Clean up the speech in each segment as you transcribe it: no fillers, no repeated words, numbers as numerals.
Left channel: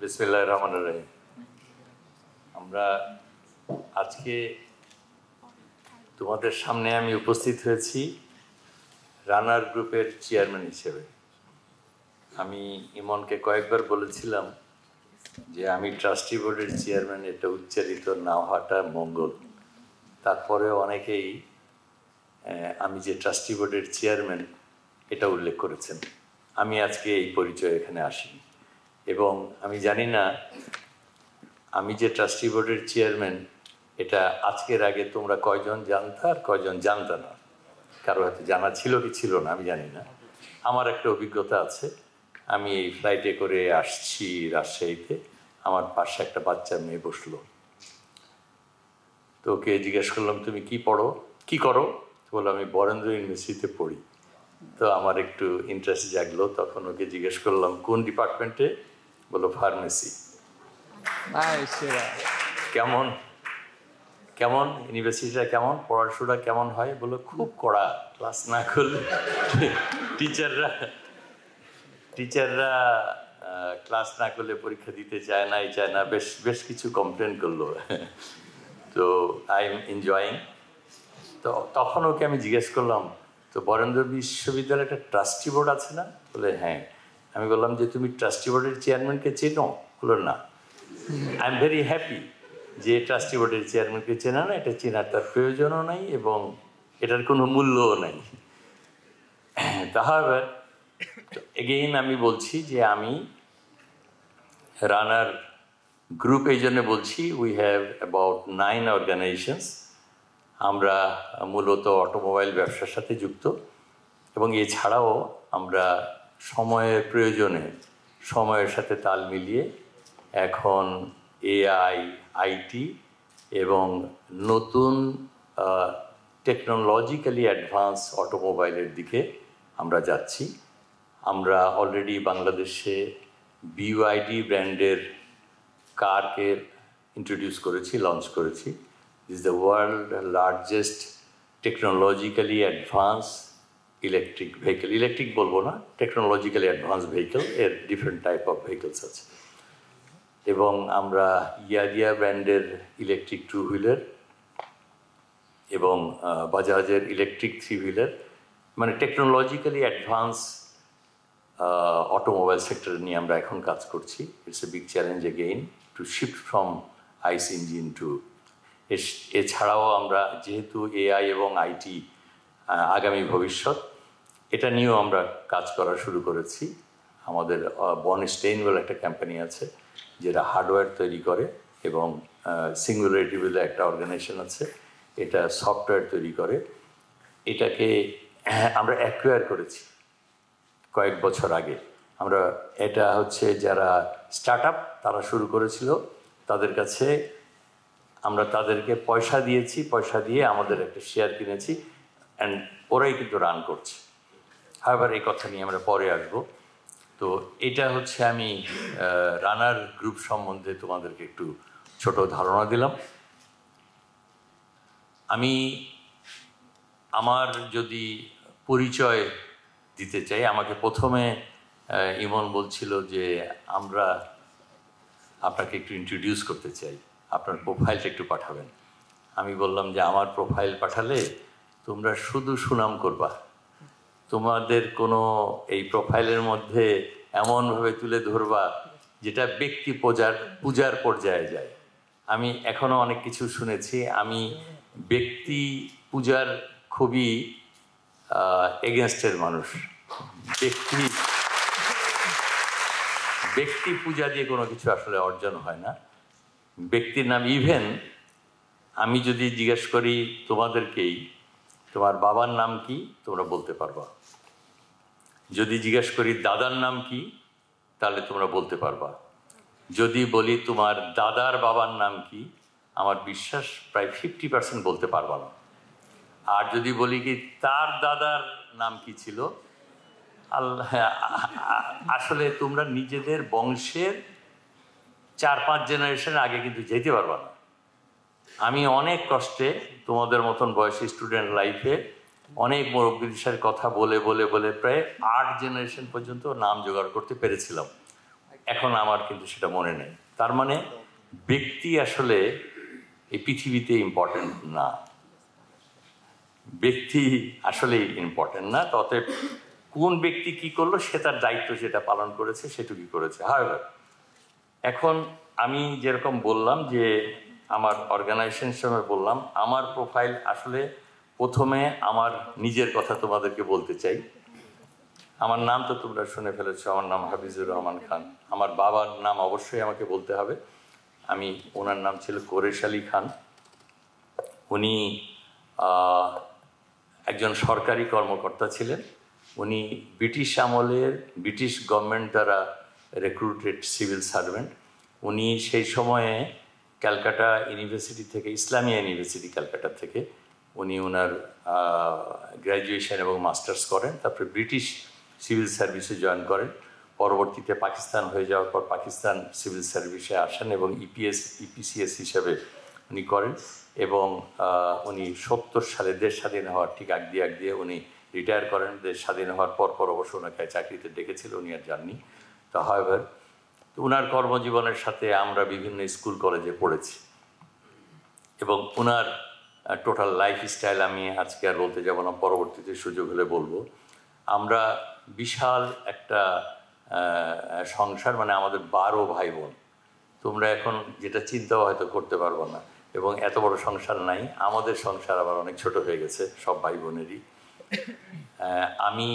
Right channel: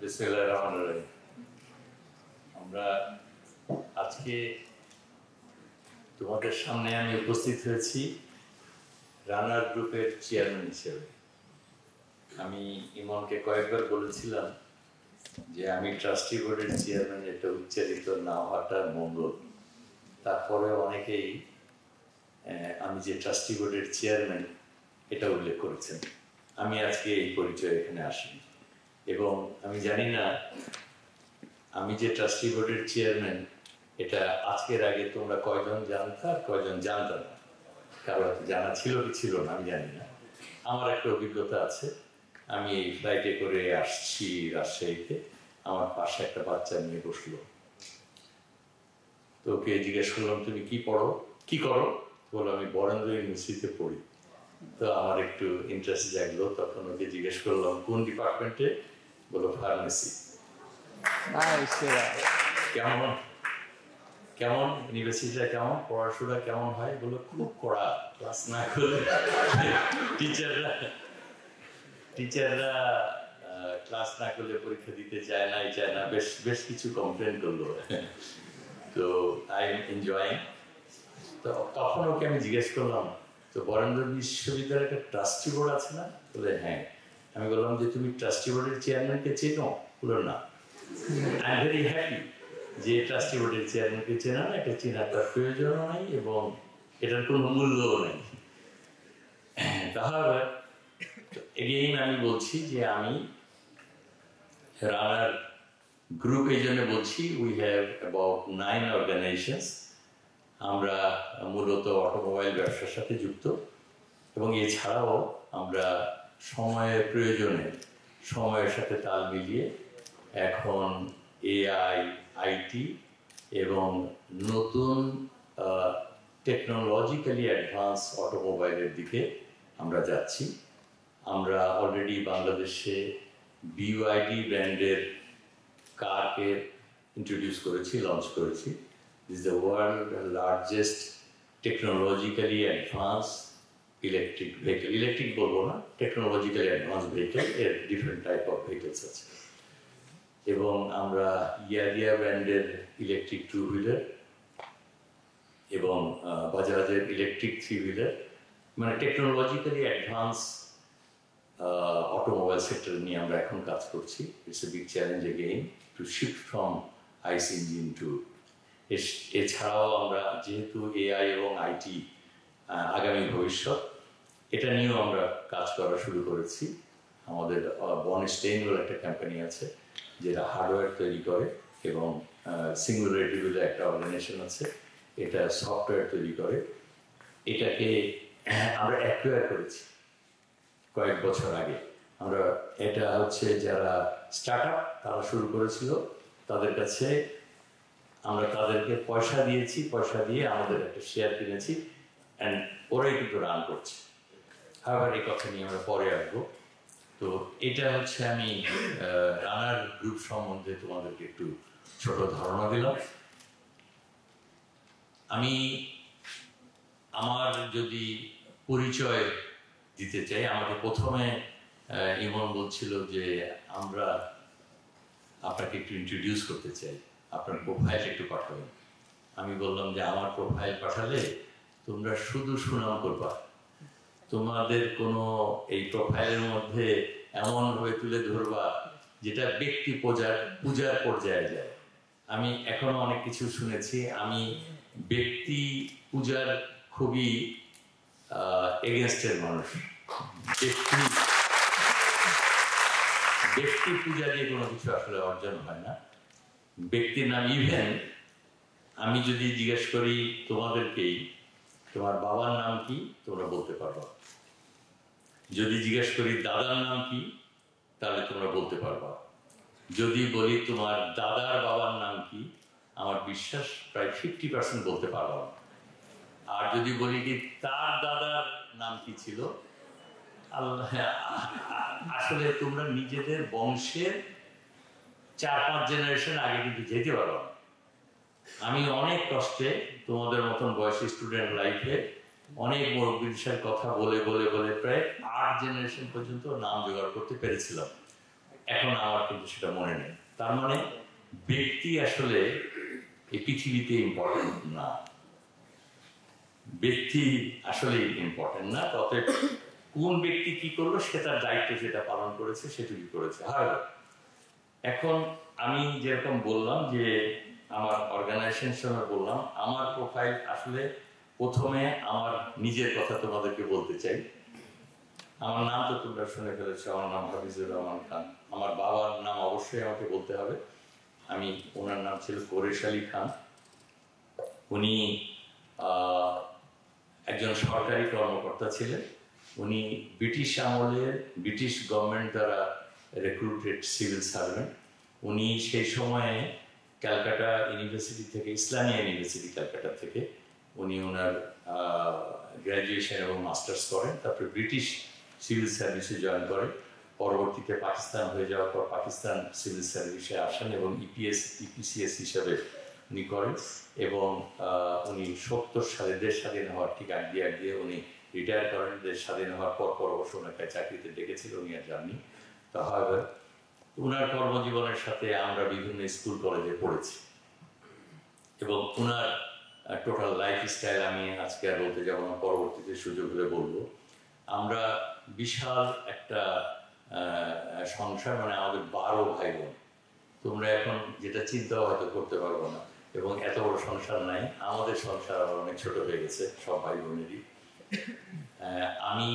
বিসমিল্লাহির রহমানির রহিম। আমরা আজকে তোমাদের সামনে আমি উপস্থিত হয়েছি রানার গ্রুপের চেয়ারম্যান হিসেবে। আমি ইমনকে কয়েকবার বলেছিলাম যে আমি ট্রাস্টি বোর্ডের চেয়ারম্যান, এটা উচ্চারিত না হওয়াটা মঙ্গল। তারপরে অনেকেই আমি যে ট্রাস্টি বোর্ডের চেয়ারম্যান এটা উল্লেখ করেছেন। আমি আজকে এই পরিচয় এখানে আসিনি, এবং আমি জানি না আমি যে ট্রাস্টি বোর্ডের চেয়ারম্যান এটা আজকের আগে তোমরা কয়জন জানতা আর কয়জন জানতা না। কারো হয়তো জানা ছিল কি ছিল না আমি জানি না। আমার একটা অভিজ্ঞতা আছে। আমি এই ফ্লাইটে করে আসছি রাজশাহীতে, আমার পাশে একটা বাচ্চা মেয়ে বসলো। তো ওকে জিজ্ঞেস করলাম তুমি কি করো? বললো আমি বরেন্দ্র ইউনিভার্সিটিতে পড়ি। তো আমার একটু ইন্টারেস্ট জাগলো। তখন ওকে জিজ্ঞেস করলাম কোন ডিপার্টমেন্টে? বললো ফার্মেসি। কেমন কেমন ইউনিভার্সিটিটা কেমন, পড়াশোনা কেমন হয়? বললো খুব কড়া, ক্লাস না করলে টিচাররা ক্লাস না করলে পরীক্ষা দিতে চায় না, বেশ কিছু কমপ্লেন করলো। তো আই এম এনজয়িং। তো তখন ওকে আমি জিজ্ঞেস করলাম তো বরেন্দ্র বিশ্ববিদ্যালয়ে একটা ট্রাস্টি বোর্ড আছে না? বলে হ্যাঁ। আমি বললাম যে তুমি ট্রাস্টি বোর্ডের চেয়ারম্যানকে চেনো? বললো না। আই এম ভেরি হ্যাপি যে ট্রাস্টি বোর্ডের চেয়ারম্যানকে চেনা না, এটা চেনার তার প্রয়োজনও নাই এবং এটার কোনো মূল্যও নাই। তাহলে এগেইন আমি বলছি যে আমি রানার গ্রুপ এই জন্য বলছি, উই হ্যাভ অ্যাবাউট 9 অর্গানাইজেশনস। আমরা মূলত অটোমোবাইল ব্যবসার সাথে যুক্ত, এবং এছাড়াও আমরা সময়ের প্রয়োজনে সময়ের সাথে তাল মিলিয়ে এখন এআই, আইটি এবং নতুন টেকনোলজিক্যালি অ্যাডভান্স অটোমোবাইলের দিকে আমরা যাচ্ছি। আমরা অলরেডি বাংলাদেশে বিওআইডি ব্র্যান্ডের কারকে ইন্ট্রোডিউস করেছি, লঞ্চ করেছি। This the world largest technologically advance electric vehicle. Electric বলবো না, টেকনোলজিক্যালি অ্যাডভান্স ভেহিকেল। এর ডিফারেন্ট টাইপ অফ ভেহিকেলস আছে। এবং আমরা ইয়ারিয়া ব্র্যান্ডের ইলেকট্রিক টু হুইলার এবং বাজাজের ইলেকট্রিক থ্রি হুইলার, মানে টেকনোলজিক্যালি অ্যাডভান্স অটোমোবাইল সেক্টর নিয়ে আমরা এখন কাজ করছি। It's a big challenge again to shift from ICE engine to. এছাড়াও আমরা যেহেতু এআই এবং আইটি আগামী ভবিষ্যৎ, এটা নিয়েও আমরা কাজ করা শুরু করেছি। আমাদের বনস্টেইন বলে একটা কোম্পানি আছে যেটা হার্ডওয়্যার তৈরি করে, এবং সিঙ্গুলারিটি বলে একটা অর্গানাইজেশন আছে, এটা সফটওয়্যার তৈরি করে। এটাকে আমরা অ্যাকুয়ার করেছি কয়েক বছর আগে। আমরা এটা হচ্ছে যারা স্টার্ট আপ তারা শুরু করেছিল, তাদের কাছে আমরা তাদেরকে পয়সা দিয়েছি, পয়সা দিয়ে আমাদের একটা শেয়ার কিনেছি, অ্যান্ড ওরাই কিন্তু রান করছে। আবার এই কথা নিয়ে আমরা পরে আসবো। তো এটা হচ্ছে আমি রানার গ্রুপ সম্বন্ধে তোমাদেরকে একটু ছোট ধারণা দিলাম। আমি আমার যদি পরিচয় দিতে চাই, আমাকে প্রথমে ইমন বলছিল যে আমরা আপনাকে একটু ইন্ট্রোডিউস করতে চাই, আপনার প্রোফাইলটা একটু পাঠাবেন। আমি বললাম যে আমার প্রোফাইল পাঠালে তোমরা শুধু সুনাম করবা, তোমাদের কোনো এই প্রোফাইলের মধ্যে এমনভাবে তুলে ধরবা যেটা ব্যক্তি পূজার পর্যায়ে যায়। আমি এখনও অনেক কিছু শুনেছি। আমি ব্যক্তি পূজার খুবই এগেনস্টের মানুষ। ব্যক্তি পূজা দিয়ে কোনো কিছু আসলে অর্জন হয় না। ব্যক্তির নাম, ইভেন আমি যদি জিজ্ঞেস করি তোমাদেরকেই তোমার বাবার নাম কি, তোমরা বলতে পারবা। যদি জিজ্ঞেস করি দাদার নাম কি, তাহলে তোমরা বলতে পারবা। যদি বলি তোমার দাদার বাবার নাম কি, আমার বিশ্বাস প্রায় 50% বলতে পারবা না। আর যদি বলি কি তার দাদার নাম কি ছিল, আসলে তোমরা নিজেদের বংশের 4-5 জেনারেশন আগে কিন্তু যেতে পারবা না। আমি অনেক কষ্টে তোমাদের মতন বয়সী স্টুডেন্ট লাইফে অনেক মুরব্বীদের সাথে কথা বলে বলে বলে প্রায় 8 জেনারেশন পর্যন্ত নাম জোগাড় করতে পেরেছিলাম। এখন আমার কিন্তু সেটা মনে নেই। তার মানে ব্যক্তি আসলে এই পৃথিবীতে ইম্পর্টেন্ট না, ব্যক্তি আসলে ইম্পর্টেন্ট না। তবে কোন ব্যক্তি কি করলো সে তার দায়িত্ব যেটা পালন করেছে সেটুকুই করেছে। হাওয়েভার এখন আমি যেরকম বললাম যে আমার অর্গানাইজেশন হিসেবে বললাম, আমার প্রোফাইল আসলে প্রথমে আমার নিজের কথা তোমাদেরকে বলতে চাই। আমার নাম তো তোমরা শুনে ফেলেছো, আমার নাম হাফিজুর রহমান খান। আমার বাবার নাম অবশ্যই আমাকে বলতে হবে। ওনার নাম ছিল কোরেশ আলী খান। উনি একজন সরকারি কর্মকর্তা ছিলেন। উনি ব্রিটিশ আমলের ব্রিটিশ গভর্নমেন্ট দ্বারা রিক্রুটেড সিভিল সার্ভেন্ট। উনি সেই সময়ে ক্যালকাটা ইউনিভার্সিটি থেকে, ইসলামিয়া ইউনিভার্সিটি ক্যালকাটা থেকে উনি ওনার গ্র্যাজুয়েশন এবং মাস্টার্স করেন। তারপরে ব্রিটিশ সিভিল সার্ভিসে জয়েন করেন। পরবর্তীতে পাকিস্তান হয়ে যাওয়ার পর পাকিস্তান সিভিল সার্ভিসে আসেন এবং ইপিসিএস হিসাবে উনি করেন। এবং উনি 70 সালে দেশ স্বাধীন হওয়ার ঠিক আগ দিয়ে উনি রিটায়ার করেন। দেশ স্বাধীন হওয়ার পর অবশ্য ওনাকে চাকরিতে ডেকেছিল, উনি আর যাননি। তো হাওয়েভার ওনার কর্মজীবনের সাথে আমরা বিভিন্ন স্কুল কলেজে পড়েছি এবং ওনার টোটাল লাইফস্টাইল আমি আজকে আর বলতে যাব না, পরবর্তীতে সুযোগ হলে বলবো। আমরা বিশাল একটা সংসার, মানে আমাদের 12 ভাই বোন। তোমরা এখন যেটা চিন্তাও হয়তো করতে পারবো না, এবং এত বড় সংসার নাই। আমাদের সংসার আবার অনেক ছোট হয়ে গেছে সব ভাই বোনেরই। আমি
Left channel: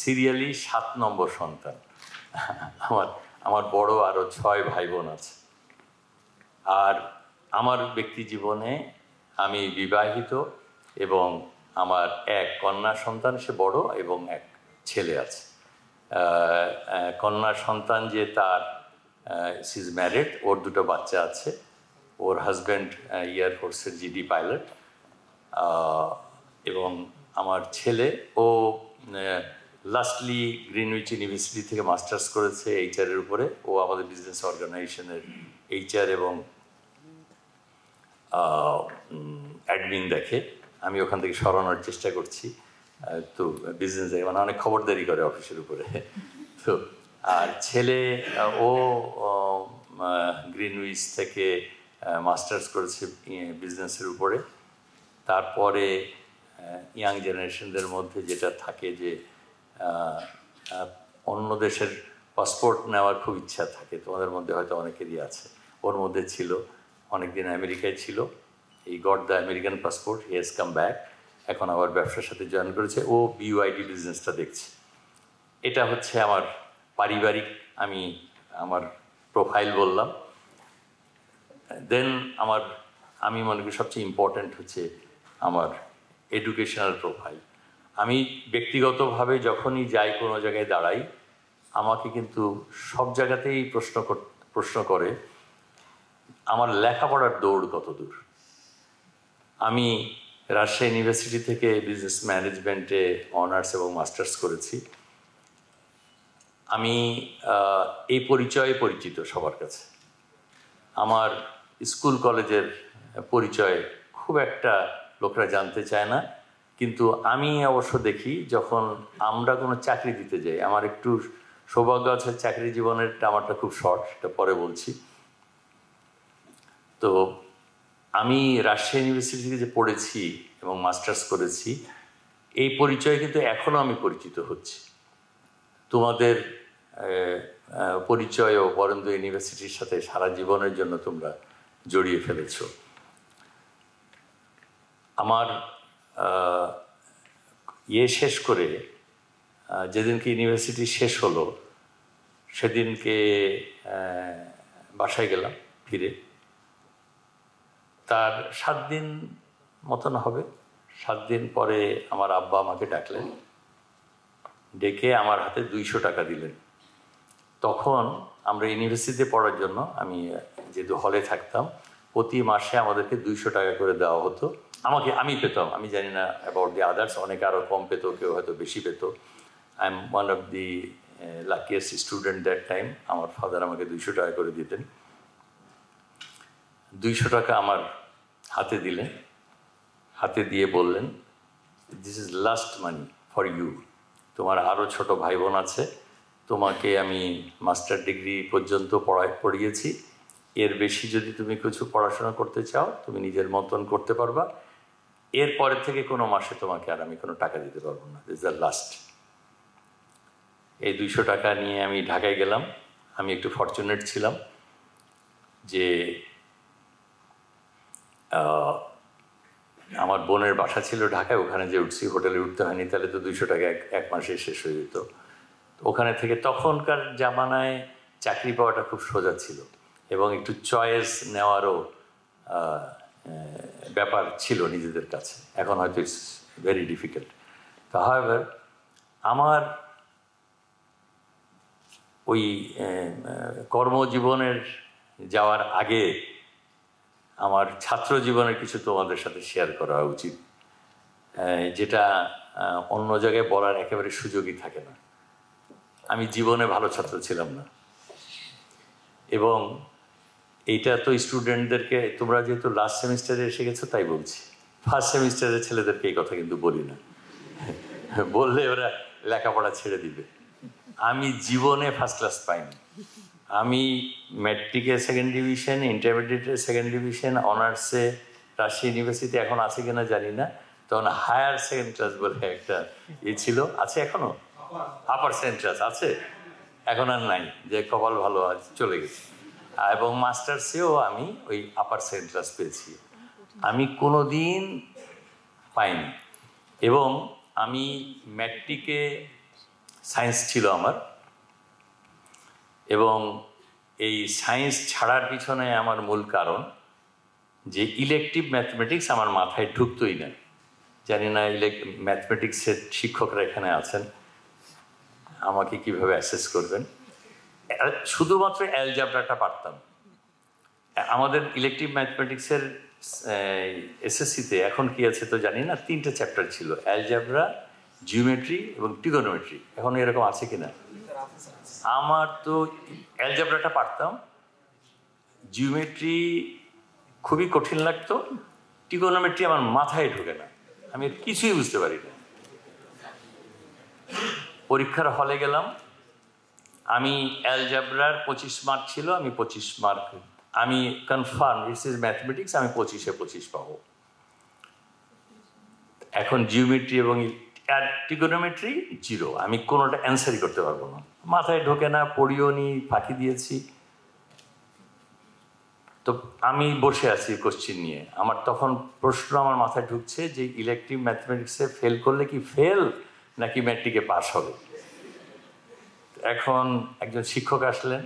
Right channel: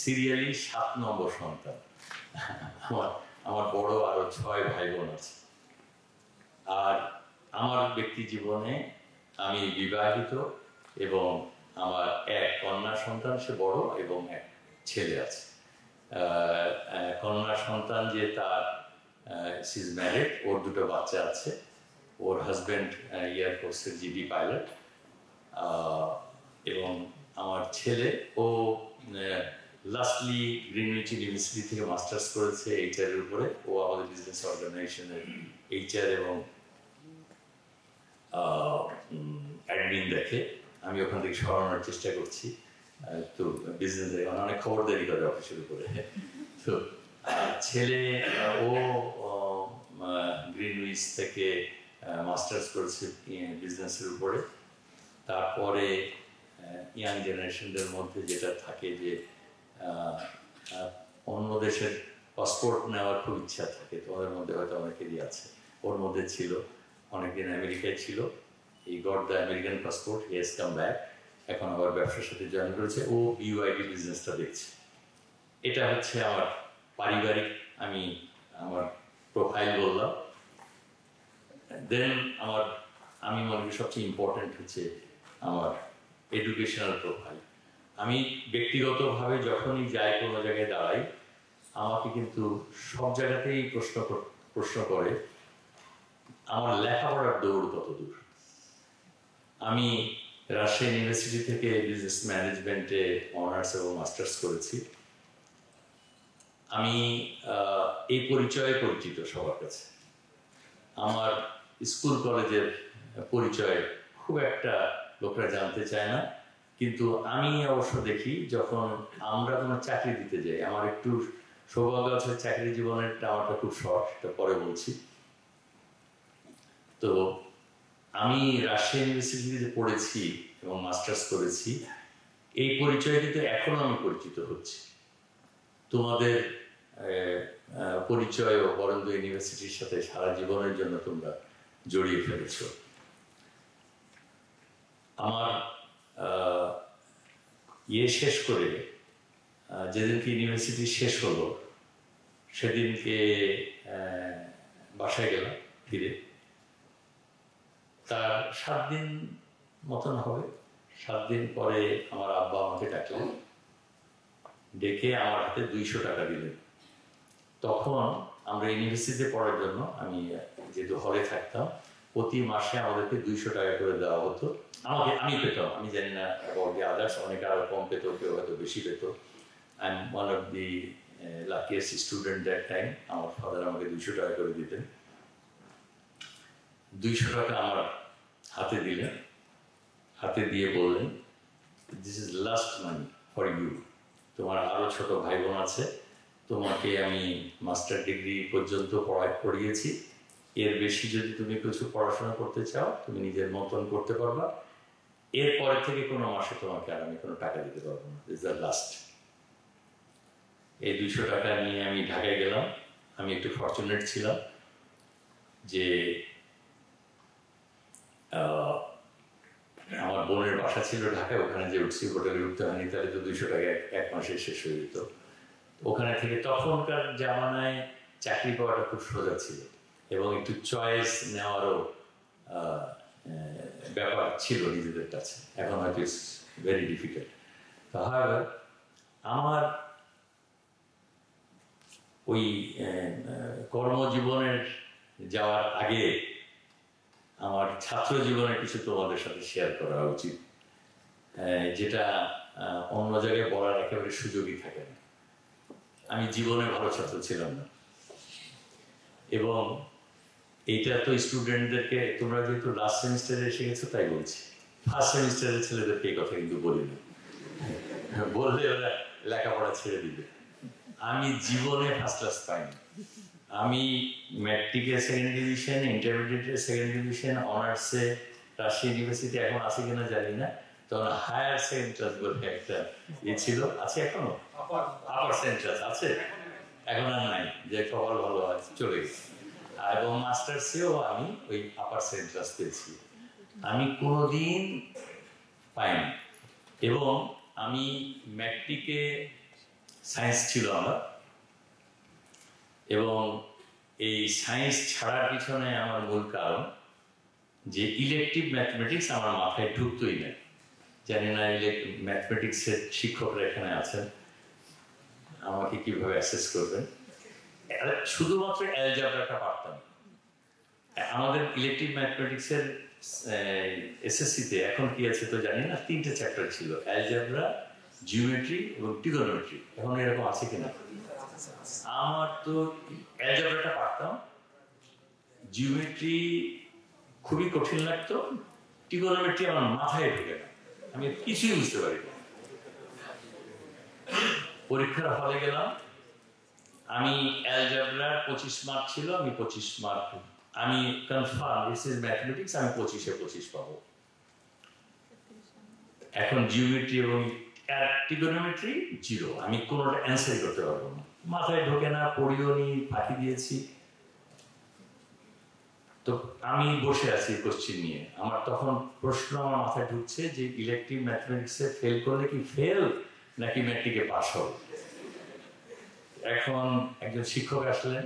সিরিয়ালি 7 নম্বর সন্তান। আমার বড় আরো 6 ভাই বোন আছে। আর আমার ব্যক্তি জীবনে আমি বিবাহিত এবং আমার এক কন্যা সন্তান, সে বড়, এবং এক ছেলে আছে। কন্যা সন্তান যে তার সি ইজ ম্যারিড, ওর 2টো বাচ্চা আছে। ওর হাজব্যান্ড এয়ারফোর্সের জিডি পাইলট। এবং আমার ছেলে, ও লাস্টলি গ্রিনউইচ ইউনিভার্সিটি থেকে মাস্টার্স করেছে এইচআরের উপরে। ও আমাদের বিজনেস অর্গানাইজেশনের এইচআর এবং অ্যাডমিন দেখে। আমি ওখান থেকে সরানোর চেষ্টা করছি। তো বিজনেস মানে অনেক খবরদারি করে অফিসের উপরে। তো আর ছেলে, ও গ্রিনউইচ থেকে মাস্টার্স করেছে বিজনেসের উপরে। তারপরে ইয়াং জেনারেশনদের মধ্যে যেটা থাকে যে অন্য দেশের পাসপোর্ট নেওয়ার খুব ইচ্ছা থাকে, তোমাদের মধ্যে হয়তো অনেকেরই আছে। ওর মধ্যে ছিল, অনেকদিন আমেরিকায় ছিল, এই got the American passport, he has come back. এখন আবার ব্যবসার সাথে জয়েন করেছে। ও বিইউআইডি বিজনেসটা দেখছে। এটা হচ্ছে আমার পারিবারিক, আমার প্রোফাইল বললাম। দেন আমি মনে করি সবচেয়ে ইম্পর্ট্যান্ট হচ্ছে আমার এডুকেশনাল প্রোফাইল। আমি ব্যক্তিগতভাবে যখনই যাই, কোনো জায়গায় দাঁড়াই, আমাকে কিন্তু সব জায়গাতেই প্রশ্ন করে আমার লেখাপড়ার দৌড় কত দূর। আমি রাজশাহী ইউনিভার্সিটি থেকে বিজনেস ম্যানেজমেন্টে অনার্স এবং মাস্টার্স করেছি। আমি এই পরিচয়ে পরিচিত সবার কাছে। আমার স্কুল কলেজের পরিচয় খুব একটা লোকরা জানতে চায় না, কিন্তু আমি অবশ্য দেখি যখন আমরা কোনো চাকরি দিতে যাই, আমার একটু সৌভাগ্য আছে, চাকরি জীবনেরটা আমারটা খুব শর্ট, সেটা পরে বলছি। তো আমি রাজশাহী ইউনিভার্সিটিতে যে পড়েছি এবং মাস্টার্স করেছি, এই পরিচয় কিন্তু এখনও আমি পরিচিত হচ্ছি। তোমাদের পরিচয়ও বরেন্দ্র ইউনিভার্সিটির সাথে সারা জীবনের জন্য তোমরা জড়িয়ে ফেলেছ। আমার শেষ করে যেদিনকে ইউনিভার্সিটি শেষ হলো, সেদিনকে বাসায় গেলাম ফিরে। তার 7 দিন মতন হবে। 7 দিন পরে আমার আব্বা আমাকে ডাকলেন, ডেকে আমার হাতে 200 টাকা দিলেন। তখন আমরা ইউনিভার্সিটিতে পড়ার জন্য, আমি যেহেতু হলে থাকতাম, প্রতি মাসে আমাদেরকে 200 টাকা করে দেওয়া হতো। আমি পেতাম, আমি জানি না অ্যাবাউট দি আদার্স, অনেকে আরও কম পেত, কেউ হয়তো বেশি পেত। I am one of the luckiest student that time. আমার ফাদার আমাকে 200 টাকা করে দিতেন। 200 টাকা আমার হাতে দিলেন, হাতে দিয়ে বললেন, this is last money for you. তোমার আরও ছোট ভাই বোন আছে, তোমাকে আমি মাস্টার ডিগ্রি পর্যন্ত পড়িয়েছি, এর বেশি যদি তুমি কিছু পড়াশোনা করতে চাও তুমি নিজের মতন করতে পারবা, এরপরের থেকে কোনো মাসে তোমাকে আর আমি কোনো টাকা দিতে পারবো না, দিস দ্য লাস্ট। এই 200 টাকা নিয়ে আমি ঢাকায় গেলাম। আমি একটু ফরচুনেট ছিলাম যে আমার বোনের বাসা ছিল ঢাকায়, ওখানে যে উঠছি, হোটেলে উঠতে হয়নি, তাহলে তো 200 টাকা এক মাসে শেষ হয়ে যেত। ওখানে থেকে তখনকার জামানায় চাকরি পাওয়াটা খুব সোজা ছিল এবং একটু চয়েস নেওয়ারও ব্যাপার ছিল নিজেদের কাছে। এখন হয়তো ইটস ভেরি ডিফিকাল্ট। তাহলে আমার ওই কর্মজীবনের যাওয়ার আগে আমার ছাত্র জীবনের কিছু তোমাদের সাথে শেয়ার করা উচিত, যেটা অন্য জায়গায় বলার একেবারে সুযোগই থাকে না। আমি জীবনে ভালো ছাত্র ছিলাম না, এবং এইটা তো স্টুডেন্টদেরকে, তোমরা যেহেতু লাস্ট সেমিস্টারে এসে গেছো তাই বলছি, ফার্স্ট সেমিস্টারের ছেলেদেরকে এই কথা কিন্তু বলি না, বললে ওরা লেখাপড়া ছেড়ে দিবে। আমি জীবনে ফার্স্ট ক্লাস পাইনি। আমি ম্যাট্রিকে সেকেন্ড ডিভিশন, ইন্টারমিডিয়েটে সেকেন্ড ডিভিশন, অনার্সে রাজশাহী ইউনিভার্সিটি এখন আছে কিনা জানি না, তখন হায়ার সেকেন্ড ক্লাস বলে একটা ছিল, আছে এখনো, আপার সেকেন্ড ক্লাস আছে, এখন আর নাই, যে কপাল ভালো আছে চলে গেছে। এবং মাস্টার্সেও আমি ওই আপার সেকেন্ড ক্লাস পেয়েছি, আমি কোনো দিন পাইনি। এবং আমি ম্যাট্রিকে সায়েন্স ছিল আমার, এবং এই সায়েন্স ছাড়ার পিছনে আমার মূল কারণ যে ইলেকটিভ ম্যাথমেটিক্স আমার মাথায় ঢুকতোই না। জানি না ম্যাথমেটিক্সের শিক্ষকরা এখানে আছেন, আমাকে কিভাবে অ্যাসেস করবেন। শুধুমাত্র অ্যালজাবরাটা পারতাম। আমাদের ইলেকটিভ ম্যাথমেটিক্সের এসএসসিতে এখন কি আছে তো জানি না, 3টে চ্যাপ্টার ছিল, অ্যালজাবরা, জিওমেট্রি এবং ট্রিগোনোমেট্রি। এখন এরকম আছে কিনা? আমার তো অ্যালজাবরাটা পারতাম, জিওমেট্রি খুবই কঠিন লাগতো, ট্রিগোনোমেট্রি আমার মাথায় ঢোকে না, আমি কিছুই বুঝতে পারি না। পরীক্ষার হলে গেলাম, আমি অ্যালজাবরার 25 মার্ক ছিল, আমি 25 মার্ক, আমি কনফার্ম দিস ইজ ম্যাথমেটিক্স, আমি 25-এ 25 পাবো। এখন জিওমেট্রি এবং ট্রিগোনোমেট্রি 0, আমি কোনোটা অ্যান্সারই করতে পারবো না, মাথায় ঢোকে না, পড়িও নি, ফাঁকি দিয়েছি। তো আমি বসে আছি কোশ্চিন নিয়ে, আমার তখন প্রশ্ন আমার মাথায় ঢুকছে যে ইলেকটিভ ম্যাথমেটিক্সে ফেল করলে কি ফেল নাকি ম্যাট্রিকে পাস হবে। এখন একজন শিক্ষক আসলেন,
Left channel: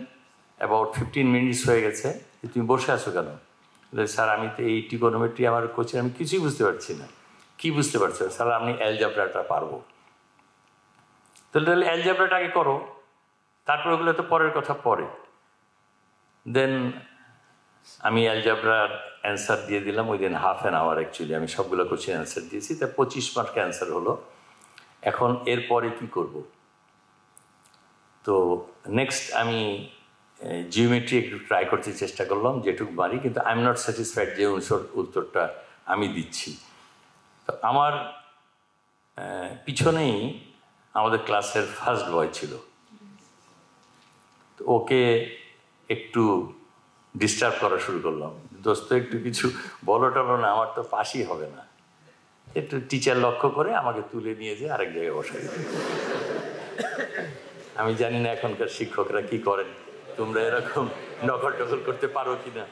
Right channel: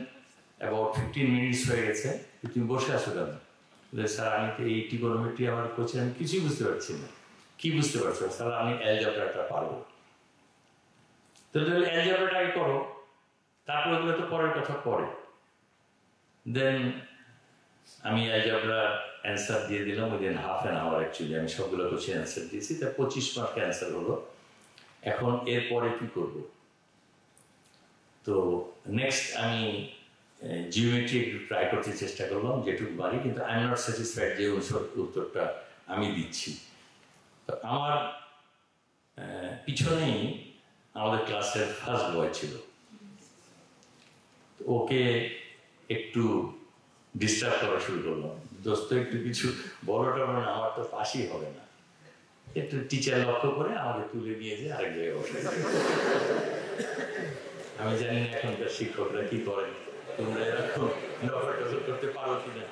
অ্যাবাউট 15 মিনিটস হয়ে গেছে, তুমি বসে আছো কেন? স্যার আমি তো এই ট্রিগোনোমেট্রি আমার কোশ্চেন আমি কিছুই বুঝতে পারছি না। কি বুঝতে পারছো? স্যার আমি অ্যালজাবরাটা পারবো। তাহলে অ্যালজাবরাটা আগে করো, তারপরে ওগুলো তো পরের কথা পরে। দেন আমি অ্যালজাবরার অ্যান্সার দিয়ে দিলাম, ওই দিন হাফ অ্যান আওয়ার অ্যাকচুয়ালি আমি সবগুলো কোশ্চেন অ্যান্সার দিয়েছি, তা 25 মার্কের অ্যান্সার হলো। এখন এরপরে কি করব? তো নেক্সট আমি জিওমেট্রি একটু ট্রাই করতে চেষ্টা করলাম যেটুকু পারি, কিন্তু আই এম নট স্যাটিসফাইড যে উত্তরটা আমি দিচ্ছি। তো আমার পিছনেই আমাদের ক্লাসের ফার্স্ট বয় ছিল, তো ওকে একটু ডিস্টার্ব করা শুরু করলাম, দোস্ত একটু কিছু বলো টলো না, আমার তো পাশই হবে না। একটু টিচার লক্ষ্য করে আমাকে তুলে নিয়ে যেয়ে আরেক জায়গায় বসে। আমি জানি না এখনকার শিক্ষকরা কি করেন, তোমরা এরকম নকল টকল করতে পারো কিনা,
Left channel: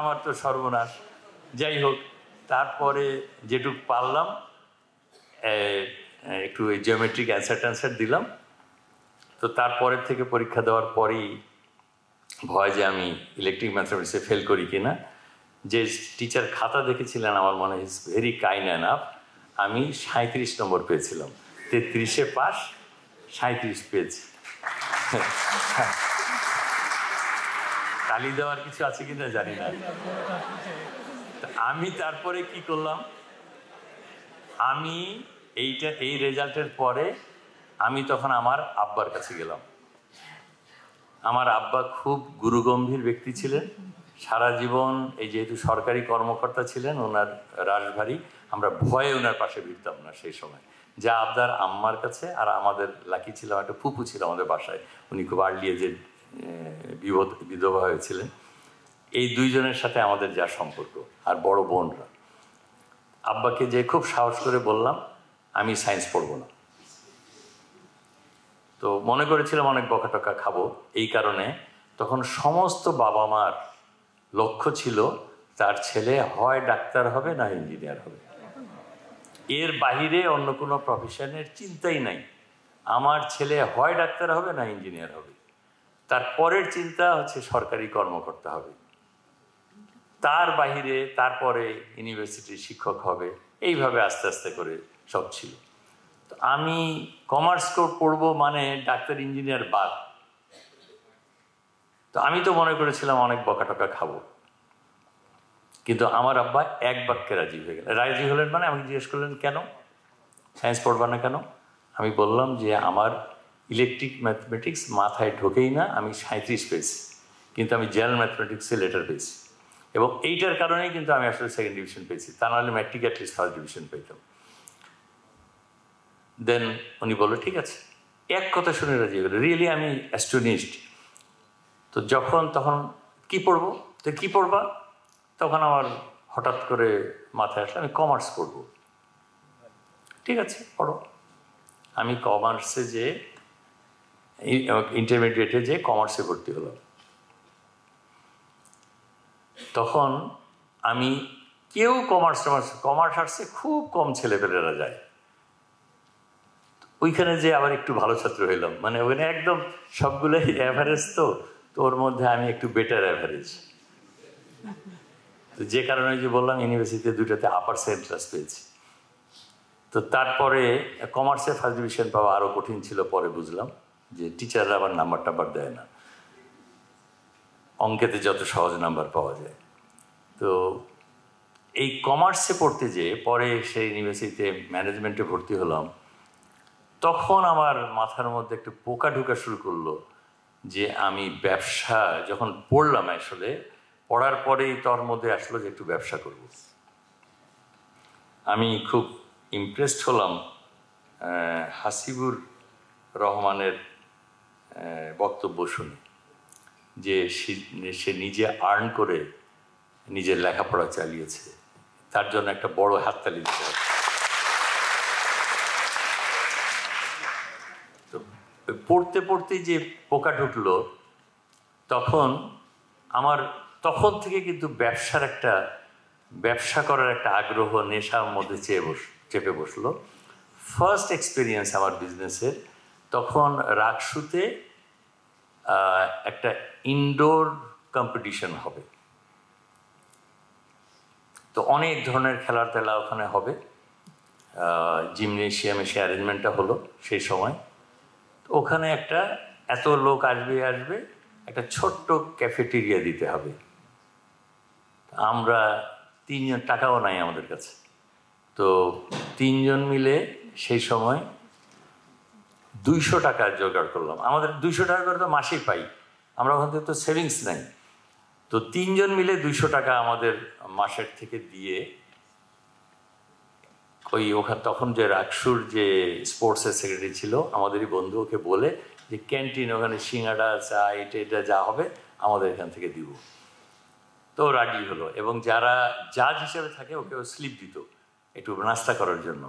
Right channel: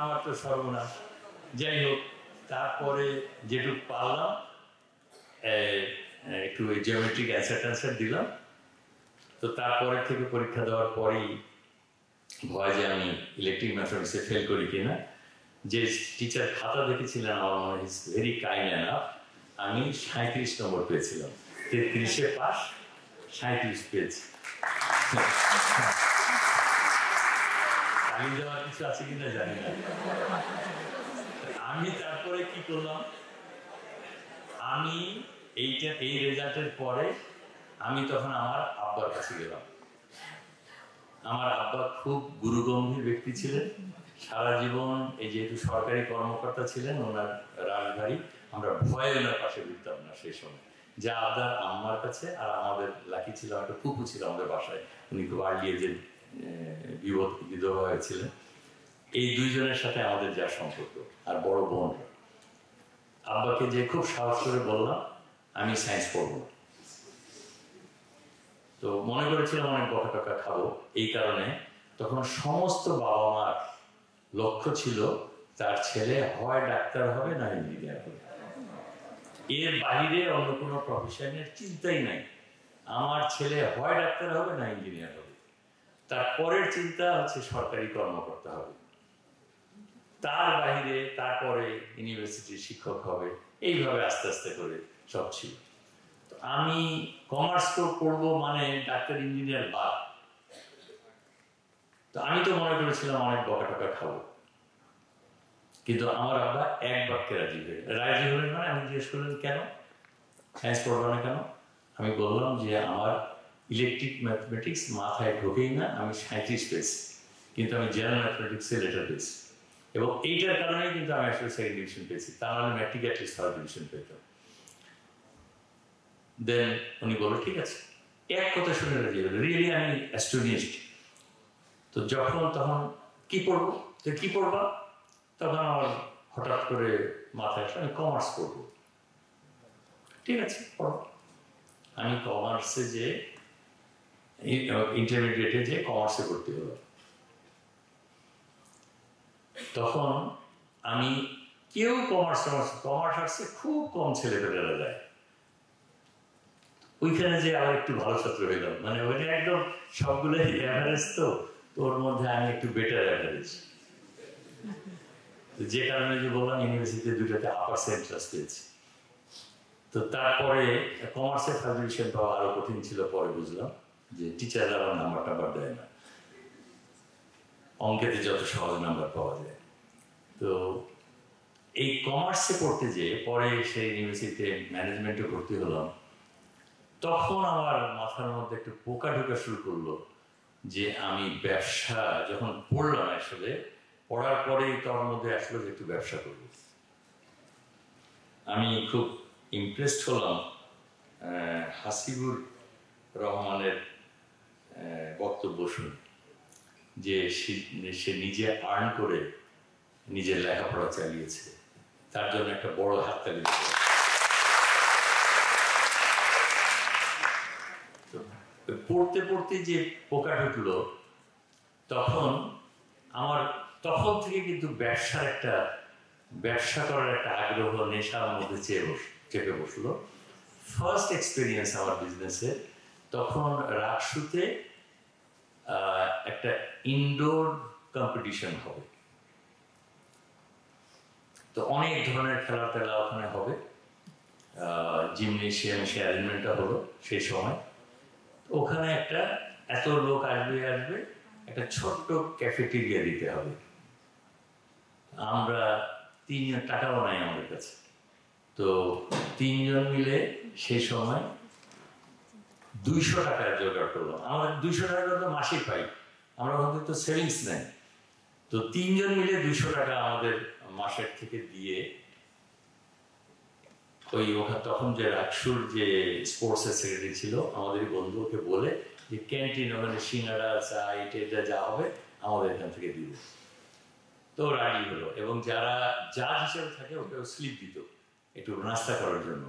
আমার তো সর্বনাশ। যাই হোক, তারপরে যেটুক পারলাম একটু জিওমেট্রিক অ্যান্সার দিলাম। তো তারপরের থেকে পরীক্ষা দেওয়ার পরেই ভয় যে আমি ইলেকট্রিক ম্যাথমেটিক্সে ফেল করি কিনা। যে টিচার খাতা দেখেছিলেন আমার মনে ইজ ভেরি কাইন্ড এনাফ, আমি 37 নম্বর পেয়েছিলাম, 33-এ পাস, 37 পেয়েছি। তালি দেওয়ার কিছু আছে কিনা জানি না। আমি তারপরে কি করলাম, আমি এই রেজাল্টের পরে আমি তখন আমার আব্বার কাছে গেলাম। আমার আব্বা খুব গুরুগম্ভীর ব্যক্তি ছিলেন, সারা জীবন এই যেহেতু সরকারি কর্মকর্তা ছিলেন, ওনার রাশভারী, আমরা ভয়ে ওনার পাশে ফিরতাম না সেই সময়, যা আবদার আম্মার কাছে, আর আমাদের লাকি ছিল একটা ফুপু ছিল আমাদের বাসায়, উনি খুব আর্লি এজে বিধবা হয়েছিলেন। এই দুইজনের সাথে আমাদের যা সম্পর্ক, আর বড় বোনরা। আব্বাকে যে খুব সাহস করে বললাম আমি সায়েন্স পড়বো না, তো মনে করেছিলাম অনেক বকা টকা খাবো। এই কারণে তখন সমস্ত বাবা মার লক্ষ্য ছিল তার ছেলে হয় ডাক্তার হবে না ইঞ্জিনিয়ার হবে, এর বাহিরে অন্য কোনো প্রফেশনের চিন্তাই নাই। আমার ছেলে হয় ডাক্তার হবে না ইঞ্জিনিয়ার হবে, তার পরের চিন্তা হচ্ছে সরকারি কর্মকর্তা হবে, তার বাহিরে তারপরে ইউনিভার্সিটির শিক্ষক হবে। এইভাবে আস্তে আস্তে করে সব ছিল। আমি কমার্স পড়বো মানে ডাক্তার ইঞ্জিনিয়ার বাদ। তো আমি তো মনে করেছিলাম অনেক বকা টকা খাবো, কিন্তু আমার আব্বা এক বাক্যে রাজি হয়ে গেলেন। রাজি হলেন মানে আমি জিজ্ঞেস করলেন কেন সায়েন্স পড়বা না কেন? আমি বললাম যে আমার ইলেকট্রিক ম্যাথমেটিক্স মাথায় ঢোকেই না, আমি 37 পেয়েছি, কিন্তু আমি জেনারেল ম্যাথমেটিক্সে লেটার পেয়েছি, এবং এইটার কারণেই কিন্তু আমি আসলে সেকেন্ড ডিভিশন পেয়েছি, তা নাহলে ম্যাট্রিক অ্যাটলিস্ট ফার্স্ট ডিভিশন পেতাম। দেন উনি বললো ঠিক আছে, এক কথা শুনে রাজি হলো। রিয়েলি আমি অ্যাস্টোনিশড। তো তখন কি পড়বো, তো কি পড়বা? তখন আমার হঠাৎ করে মাথায় আসলো আমি কমার্স পড়বো। ঠিক আছে পড়ো। আমি কমার্সে যে ইন্টারমিডিয়েটে যে কমার্সে ভর্তি হলাম। তখন আমি কেউ কমার্স আর্টসে খুব কম ছেলেপেলেরা যায়, ওইখানে যে আবার একটু ভালো ছাত্র হইলাম, মানে ওখানে একদম সবগুলোই অ্যাভারেজ। তো ওর মধ্যে আমি একটু বেটার অ্যাভারেজ, তো যে কারণে যে বললাম ইউনিভার্সিটিতে দুটোতে আপার সেন্ট্রাস পেয়েছি। তো তারপরে কমার্সে ফার্স্ট ডিভিশন পাওয়া আরও কঠিন ছিল, পরে বুঝলাম যে টিচাররা আবার নাম্বার দেয় না, অঙ্কেতে যত সহজ নাম্বার পাওয়া যায়। তো এই কমার্সে পড়তে যেয়ে পরে সেই ইউনিভার্সিটিতে ম্যানেজমেন্টে ভর্তি হলাম। তখন আমার মাথার মধ্যে একটু পোকা ঢোকা শুরু করলো যে আমি ব্যবসা যখন পড়লাম, আসলে পড়ার পরেই তোর মধ্যে আসলো যে একটু ব্যবসা করব। আমি খুব ইমপ্রেসড হলাম হাসিবুর রহমানের বক্তব্য শুনে, যে সে নিজে আর্ন করে নিজের লেখাপড়া চালিয়েছে, তার জন্য একটা বড় হাততালি দিতে হবে। পড়তে পড়তে যে পোকা ঢুকলো, তখন থেকে কিন্তু ব্যবসা করার একটা আগ্রহ নেশার মধ্যে চেপে বসলো। ফার্স্ট এক্সপিরিয়েন্স আমার বিজনেসে তখন রাকসুতে একটা ইনডোর কম্পিটিশন হবে। তো অনেক ধরনের খেলার টেলা ওখানে হবে, জিমনেশিয়ামে সে অ্যারেঞ্জমেন্টটা হলো সেই সময়। ওখানে এত লোক আসবে, একটা ছোট্ট ক্যাফেটেরিয়া দিতে হবে। আমরা 3 জন, টাকাও নাই আমাদের কাছে, তো 3 জন মিলে সেই সময় 200 টাকা জোগাড় করলাম। আমাদের 200 টাকা করে তো মাসেই পাই, আমরা ওখান থেকে তো সেভিংস নেই। তো 3 জন মিলে 200 টাকা আমাদের মাসের থেকে দিয়ে ওখানে তখন যে রাকসুর যে স্পোর্টসের সেক্রেটারি ছিল আমাদেরই বন্ধু, ওকে বলে যে ক্যান্টিন ওখানে সিঙ্গাড়া চা এটা যা হবে আমাদের এখান থেকে দিব। তো রাজি হলো, এবং যারা জাজ হিসেবে থাকে ওকে স্লিপ দিত একটু নাস্তা করার জন্য।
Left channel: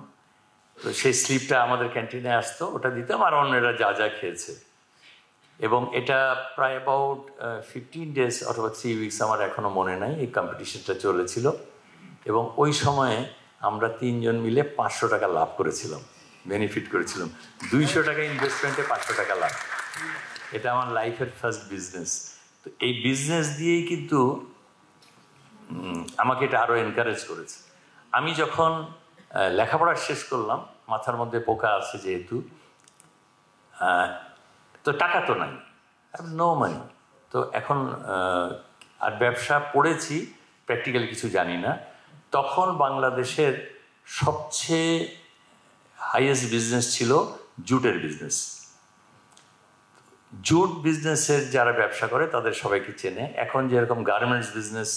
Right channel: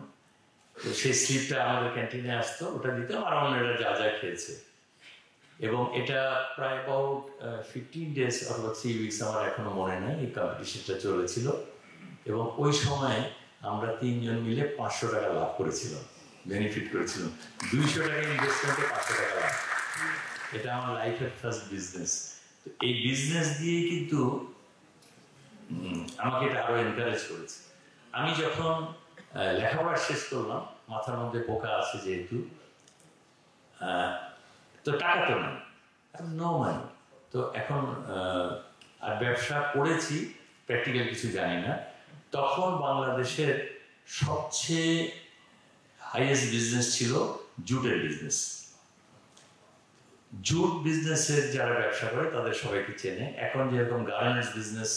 তো সেই স্লিপটা আমাদের ক্যান্টিনে আসতো, ওটা দিতাম, আর অন্যরা যা খেয়েছে। এবং এটা প্রায় অ্যাবাউট 15 ডেজ অথবা 3 উইকস, আমার এখনো মনে নাই, এই কম্পিটিশনটা চলেছিল। এবং ওই সময়ে আমরা 3 জন মিলে 500 টাকা লাভ করেছিলাম, বেনিফিট করেছিলাম। 200 টাকা ইনভেস্টমেন্টে 500 টাকা লাভ। এটা আমার লাইফের ফার্স্ট বিজনেস। তো এই বিজনেস দিয়েই কিন্তু আমাকে এটা আরও এনকারেজ করেছে। আমি যখন লেখাপড়া শেষ করলাম, মাথার মধ্যে পোকা আছে যেহেতু, তো টাকা তো নাই, নো মানি। তো এখন আর ব্যবসা পড়েছি, প্র্যাকটিক্যাল কিছু জানি না। তখন বাংলাদেশের সবচেয়ে হাইয়েস্ট বিজনেস ছিল জুটের বিজনেস। জুট বিজনেসের যারা ব্যবসা করে তাদের সবাইকে চেনে। এখন যেরকম গার্মেন্টস বিজনেস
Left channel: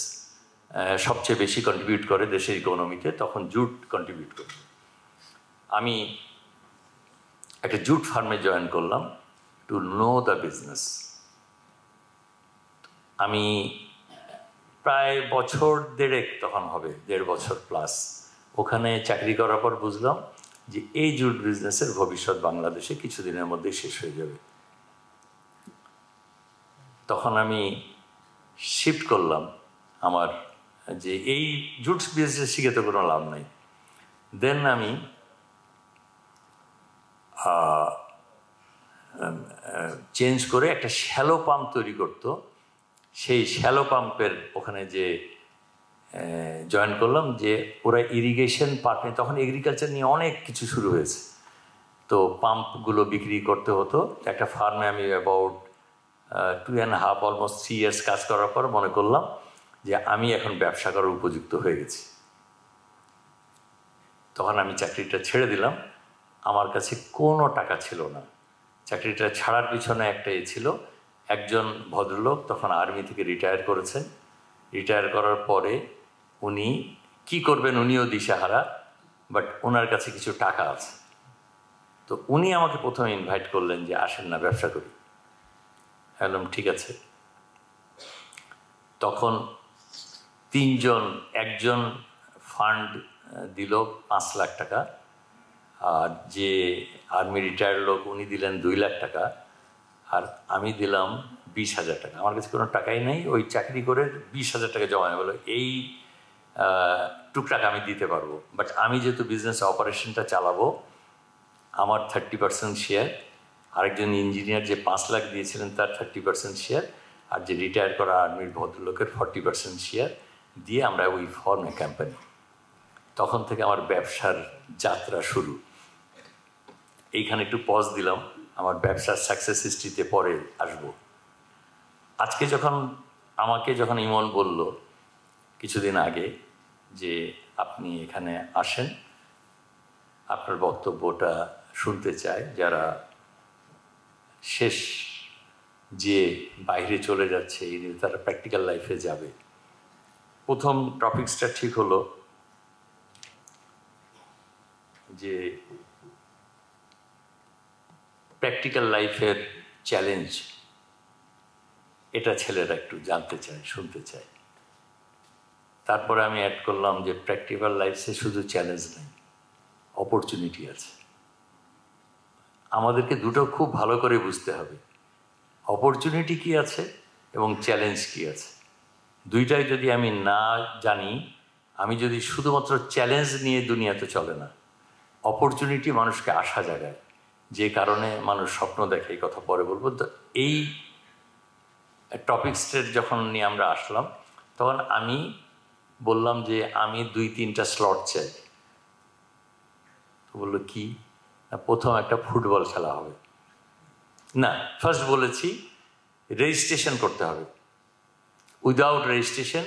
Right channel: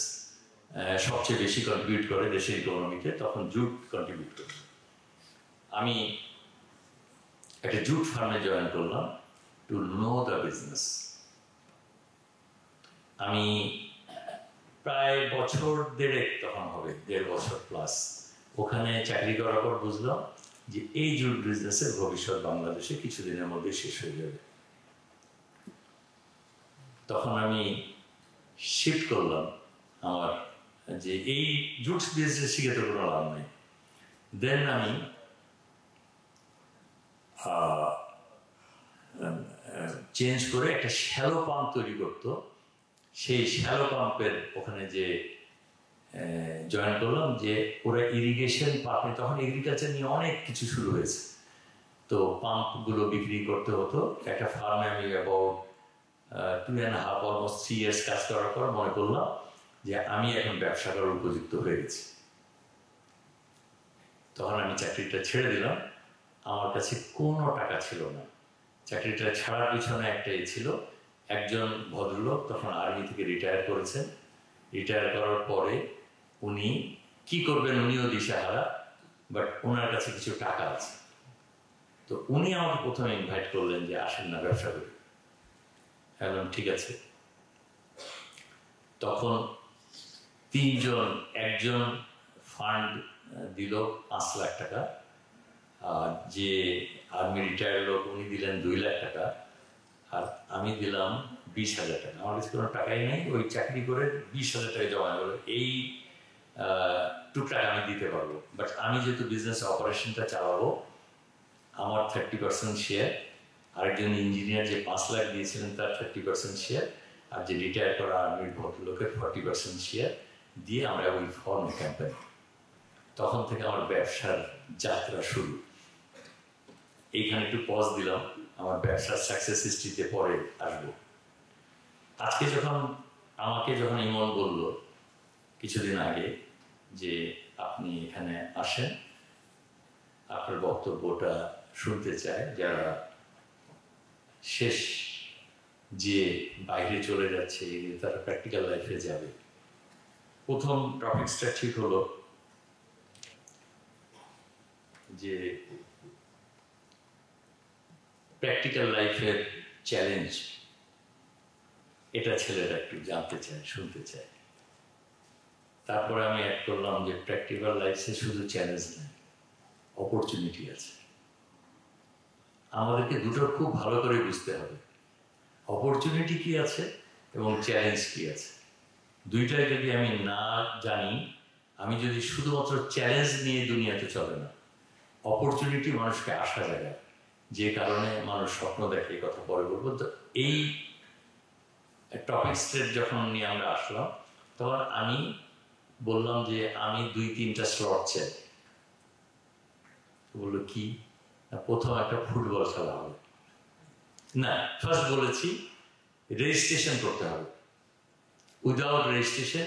সবচেয়ে বেশি কন্ট্রিবিউট করে দেশের ইকোনমিতে, তখন জুট কন্ট্রিবিউট করে। আমি একটা জুট ফার্মে জয়েন করলাম টু নো দ্য বিজনেস। আমি প্রায় বছর দেড়েক তখন হবে, 1.5 বছর প্লাস ওখানে চাকরি করার পর বুঝলাম যে এই জুট বিজনেসের ভবিষ্যৎ বাংলাদেশে কিছুদিনের মধ্যে শেষ হয়ে যাবে। তখন আমি শিফট করলাম আমার যে এই জুট বিজনেস শিখে তো কোনো লাভ নেই। দেন আমি চেঞ্জ করে একটা শ্যালো পাম্প তৈরি করতো, সেই শ্যালো পাম্পের ওখানে যে জয়েন করলাম, যে ওরা ইরিগেশন পাম্প নিয়ে, তখন এগ্রিকালচার নিয়ে অনেক কিছু শুরু হয়েছে, তো পাম্পগুলো বিক্রি করতে হতো। একটা ফার্মে আমি অ্যাবাউট 2.5 অলমোস্ট 3 ইয়ার্স কাজ করার পর মনে করলাম যে আমি এখন ব্যবসা করার উপযুক্ত হয়ে গেছি। তখন আমি চাকরিটা ছেড়ে দিলাম। আমার কাছে কোনো টাকা ছিল না। চাকরিটা ছাড়ার পিছনে একটাই ছিল, একজন ভদ্রলোক তখন আর্মি থেকে রিটায়ার করেছেন। রিটায়ার করার পরে উনি কি করবেন উনিও দিশাহারা, বাট ওনার কাছে কিছু টাকা আছে। তো উনি আমাকে প্রথমে ইনভাইট করলেন যে আসেন না ব্যবসা করি। বললাম ঠিক আছে। তখন 3 জন, একজন ফান্ড দিল 5 লাখ টাকা, আর যে আর্মি রিটায়ার্ড লোক উনি দিলেন 2 লাখ টাকা, আর আমি দিলাম 20,000 টাকা। আমার কাছে কোনো টাকাই নেই, ওই চাকরি করে 20,000 টাকা জমা হলো। এই টুকটাক আমি দিতে পারবো, বাট আমি যেহেতু বিজনেস অপারেশনটা চালাবো, আমার 30% শেয়ার, আরেকজন ইঞ্জিনিয়ার যে 5 লাখ দিয়েছিলেন তার 30% শেয়ার, আর যে রিটায়ার করা আর্মির ভদ্রলোকের 40% শেয়ার দিয়ে আমরা ওই ফর্মে কোম্পানি। তখন থেকে আমার ব্যবসার যাত্রা শুরু। এইখানে একটু পজ দিলাম, আমার ব্যবসার সাকসেস হিস্ট্রিতে পরে আসবো। আজকে আমাকে যখন ইমন বলল কিছুদিন আগে যে আপনি এখানে আসেন, আপনার বক্তব্যটা শুনতে চায়, যারা শেষ যে বাইরে চলে যাচ্ছে তারা প্র্যাকটিক্যাল লাইফে যাবে। প্রথম টপিকসটা ঠিক হলো যে প্র্যাকটিক্যাল লাইফের চ্যালেঞ্জ, এটা ছেলেরা একটু জানতে চায়, শুনতে চায়। তারপরে আমি অ্যাড করলাম যে প্র্যাকটিক্যাল লাইফে শুধু চ্যালেঞ্জ নেই, অপরচুনিটি আছে। আমাদেরকে দুটো খুব ভালো করে বুঝতে হবে, অপরচুনিটি কি আছে এবং চ্যালেঞ্জ কি আছে। দুইটাই যদি আমি না জানি, আমি যদি শুধুমাত্র চ্যালেঞ্জ নিয়ে দুনিয়াতে চলে না, অপরচুনিটি মানুষকে আশা জাগায়, যে কারণে মানুষ স্বপ্ন দেখে। এই কথা পরে বলবো। তো এই টপিকসটা যখন নিয়ে আমরা আসলাম, তখন আমি বললাম যে আমি 2-3টা স্লট চাই। বললো কি? প্রথম একটা ফুটবল খেলা হবে না, ফার্স্ট বলেছি রেজিস্ট্রেশন করতে হবে। উইদাউট রেজিস্ট্রেশন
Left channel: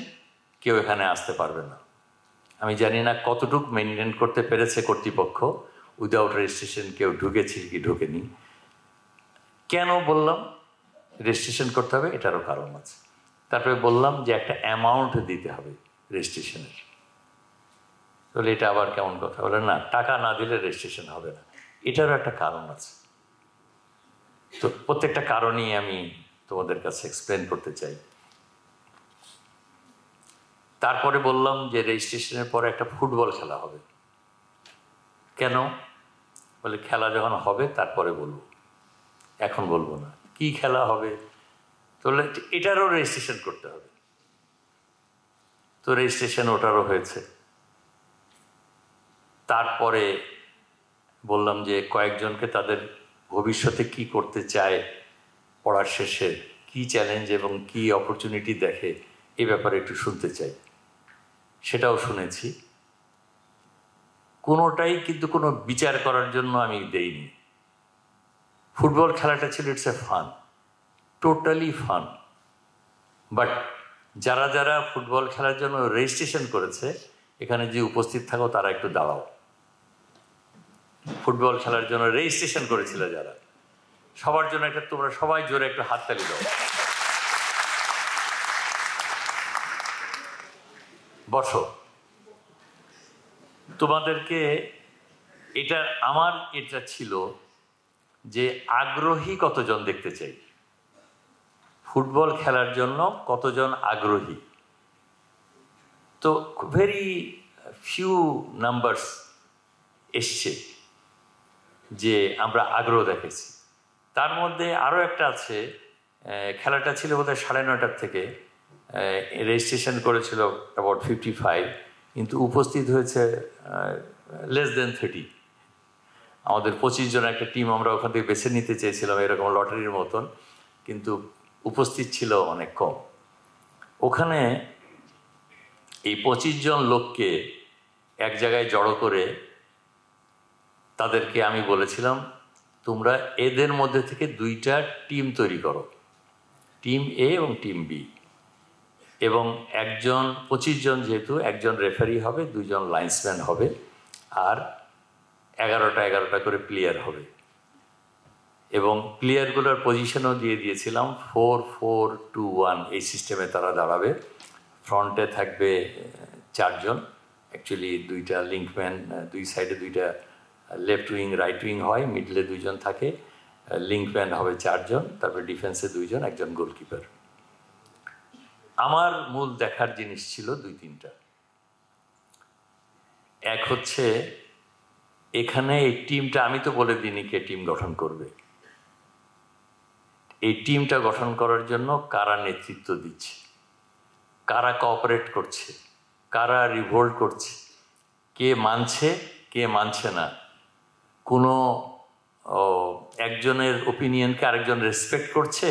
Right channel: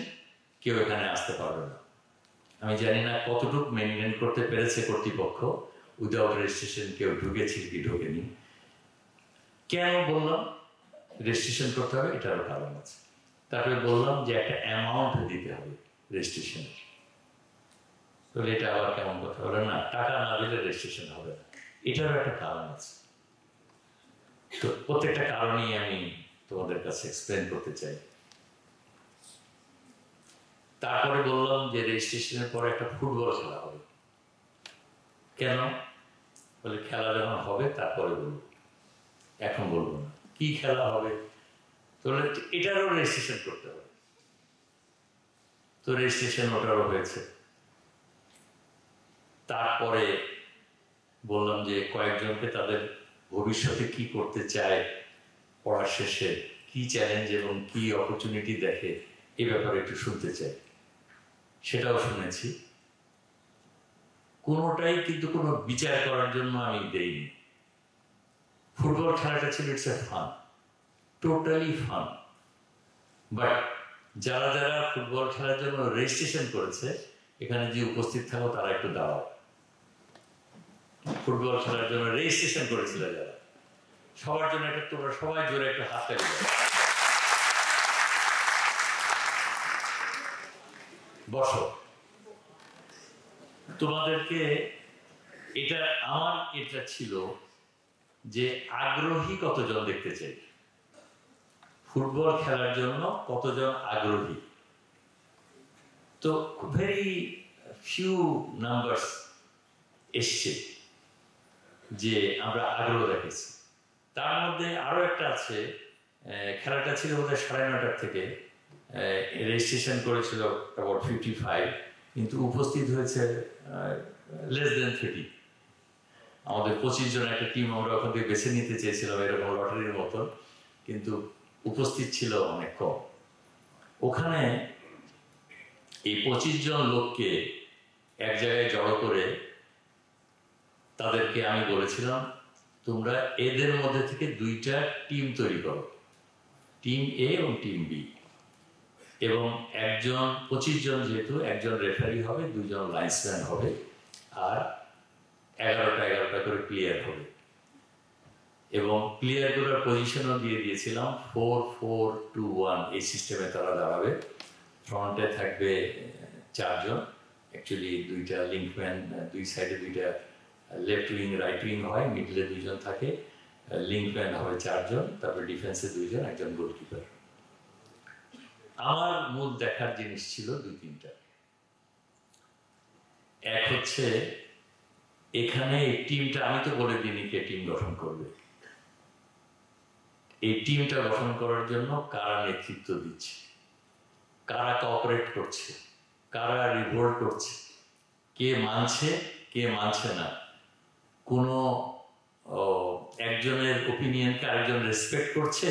কেউ এখানে আসতে পারবে না। আমি জানি না কতটুকু মেনটেন করতে পেরেছে কর্তৃপক্ষ, উইদাউট রেজিস্ট্রেশন কেউ ঢুকেছে কি ঢুকেনি। কেন বললাম রেজিস্ট্রেশন করতে হবে, এটারও কারণ আছে। তারপরে বললাম যে একটা অ্যামাউন্ট দিতে হবে রেজিস্ট্রেশনের। তাহলে এটা আবার কেমন কথা? বলে না, টাকা না দিলে রেজিস্ট্রেশন হবে না। এটারও একটা কারণ আছে। তো প্রত্যেকটা কারণেই আমি তোমাদের কাছে এক্সপ্লেন করতে চাই। তারপরে বললাম যে রেজিস্ট্রেশনের পরে একটা ফুটবল খেলা হবে। কেন? বলে খেলা যখন হবে তারপরে বলবো, এখন বলবো না। কি খেলা হবে? তাহলে এটারও রেজিস্ট্রেশন করতে হবে। তো রেজিস্ট্রেশন ওটারও হয়েছে। তারপরে বললাম যে কয়েকজনকে তাদের ভবিষ্যতে কি করতে চায়, পড়ার শেষে কি চ্যালেঞ্জ এবং কি অপরচুনিটি দেখে, এ ব্যাপারে একটু শুনতে চাই। সেটাও শুনেছি। কোনোটাই কিন্তু কোনো বিচার করার জন্য আমি দেইনি। ফুটবল খেলাটা ছিল it's a fun, totally fun. But যারা যারা ফুটবল খেলার জন্য রেজিস্ট্রেশন করেছে, এখানে যে উপস্থিত থাকো তারা একটু দাঁড়াও। ফুটবল খেলার জন্য রেজিস্ট্রেশন করেছিল যারা, সবার জন্য একটা তোমরা সবাই জোরে একটু হাততালি দাও। বসো। তোমাদেরকে এটা ছিল যে আগ্রহী কতজন দেখতে চাই, ফুটবল খেলার জন্য কতজন আগ্রহী। তো ভেরি ফিউ নাম্বারস এসছে যে আমরা আগ্রহ দেখেছি। তার মধ্যে আরও একটা আছে, খেলাটা ছিল বোধহয় 9:30 থেকে, রেজিস্ট্রেশন করেছিল অ্যাবাউট 55, কিন্তু উপস্থিত হয়েছে লেস দেন 30। আমাদের 25 জন একটা টিম আমরা ওখান থেকে বেছে নিতে চেয়েছিলাম এরকম লটারির মতন, কিন্তু উপস্থিত ছিল অনেক কম। ওখানে এই 25 জন লোককে এক জায়গায় জড়ো করে তাদেরকে আমি বলেছিলাম, তোমরা এদের মধ্যে থেকে 2টা টিম তৈরি করো, টিম এ এবং টিম বি, এবং 25 জন যেহেতু, একজন রেফারি হবে, 2 জন লাইন্সম্যান হবে, আর 11টা করে প্লেয়ার হবে। এবং প্লেয়ারগুলোর পজিশনও দিয়ে দিয়েছিলাম 4-4-2-1 এই সিস্টেমে তারা দাঁড়াবে। ফ্রন্টে থাকবে 4 জন, অ্যাকচুয়ালি 2টা লিঙ্কম্যান, 2 সাইডে 2টা লেফট উইং রাইট উইং হয়, মিডলে 2 জন থাকে, লিঙ্কম্যান হবে 4 জন, তারপরে ডিফেন্সে 2 জন, একজন গোলকিপার। আমার মূল দেখার জিনিস ছিল 2-3টা। এক হচ্ছে, এখানে এই টিমটা, আমি তো বলে দিইনি কে টিম গঠন করবে, এই টিমটা গঠন করার জন্য কারা নেতৃত্ব দিচ্ছে, কারা কোঅপারেট করছে, কারা রিভোল্ট করছে, কে মানছে কে মানছে না, কোনো একজনের ওপিনিয়নকে আরেকজন রেসপেক্ট করছে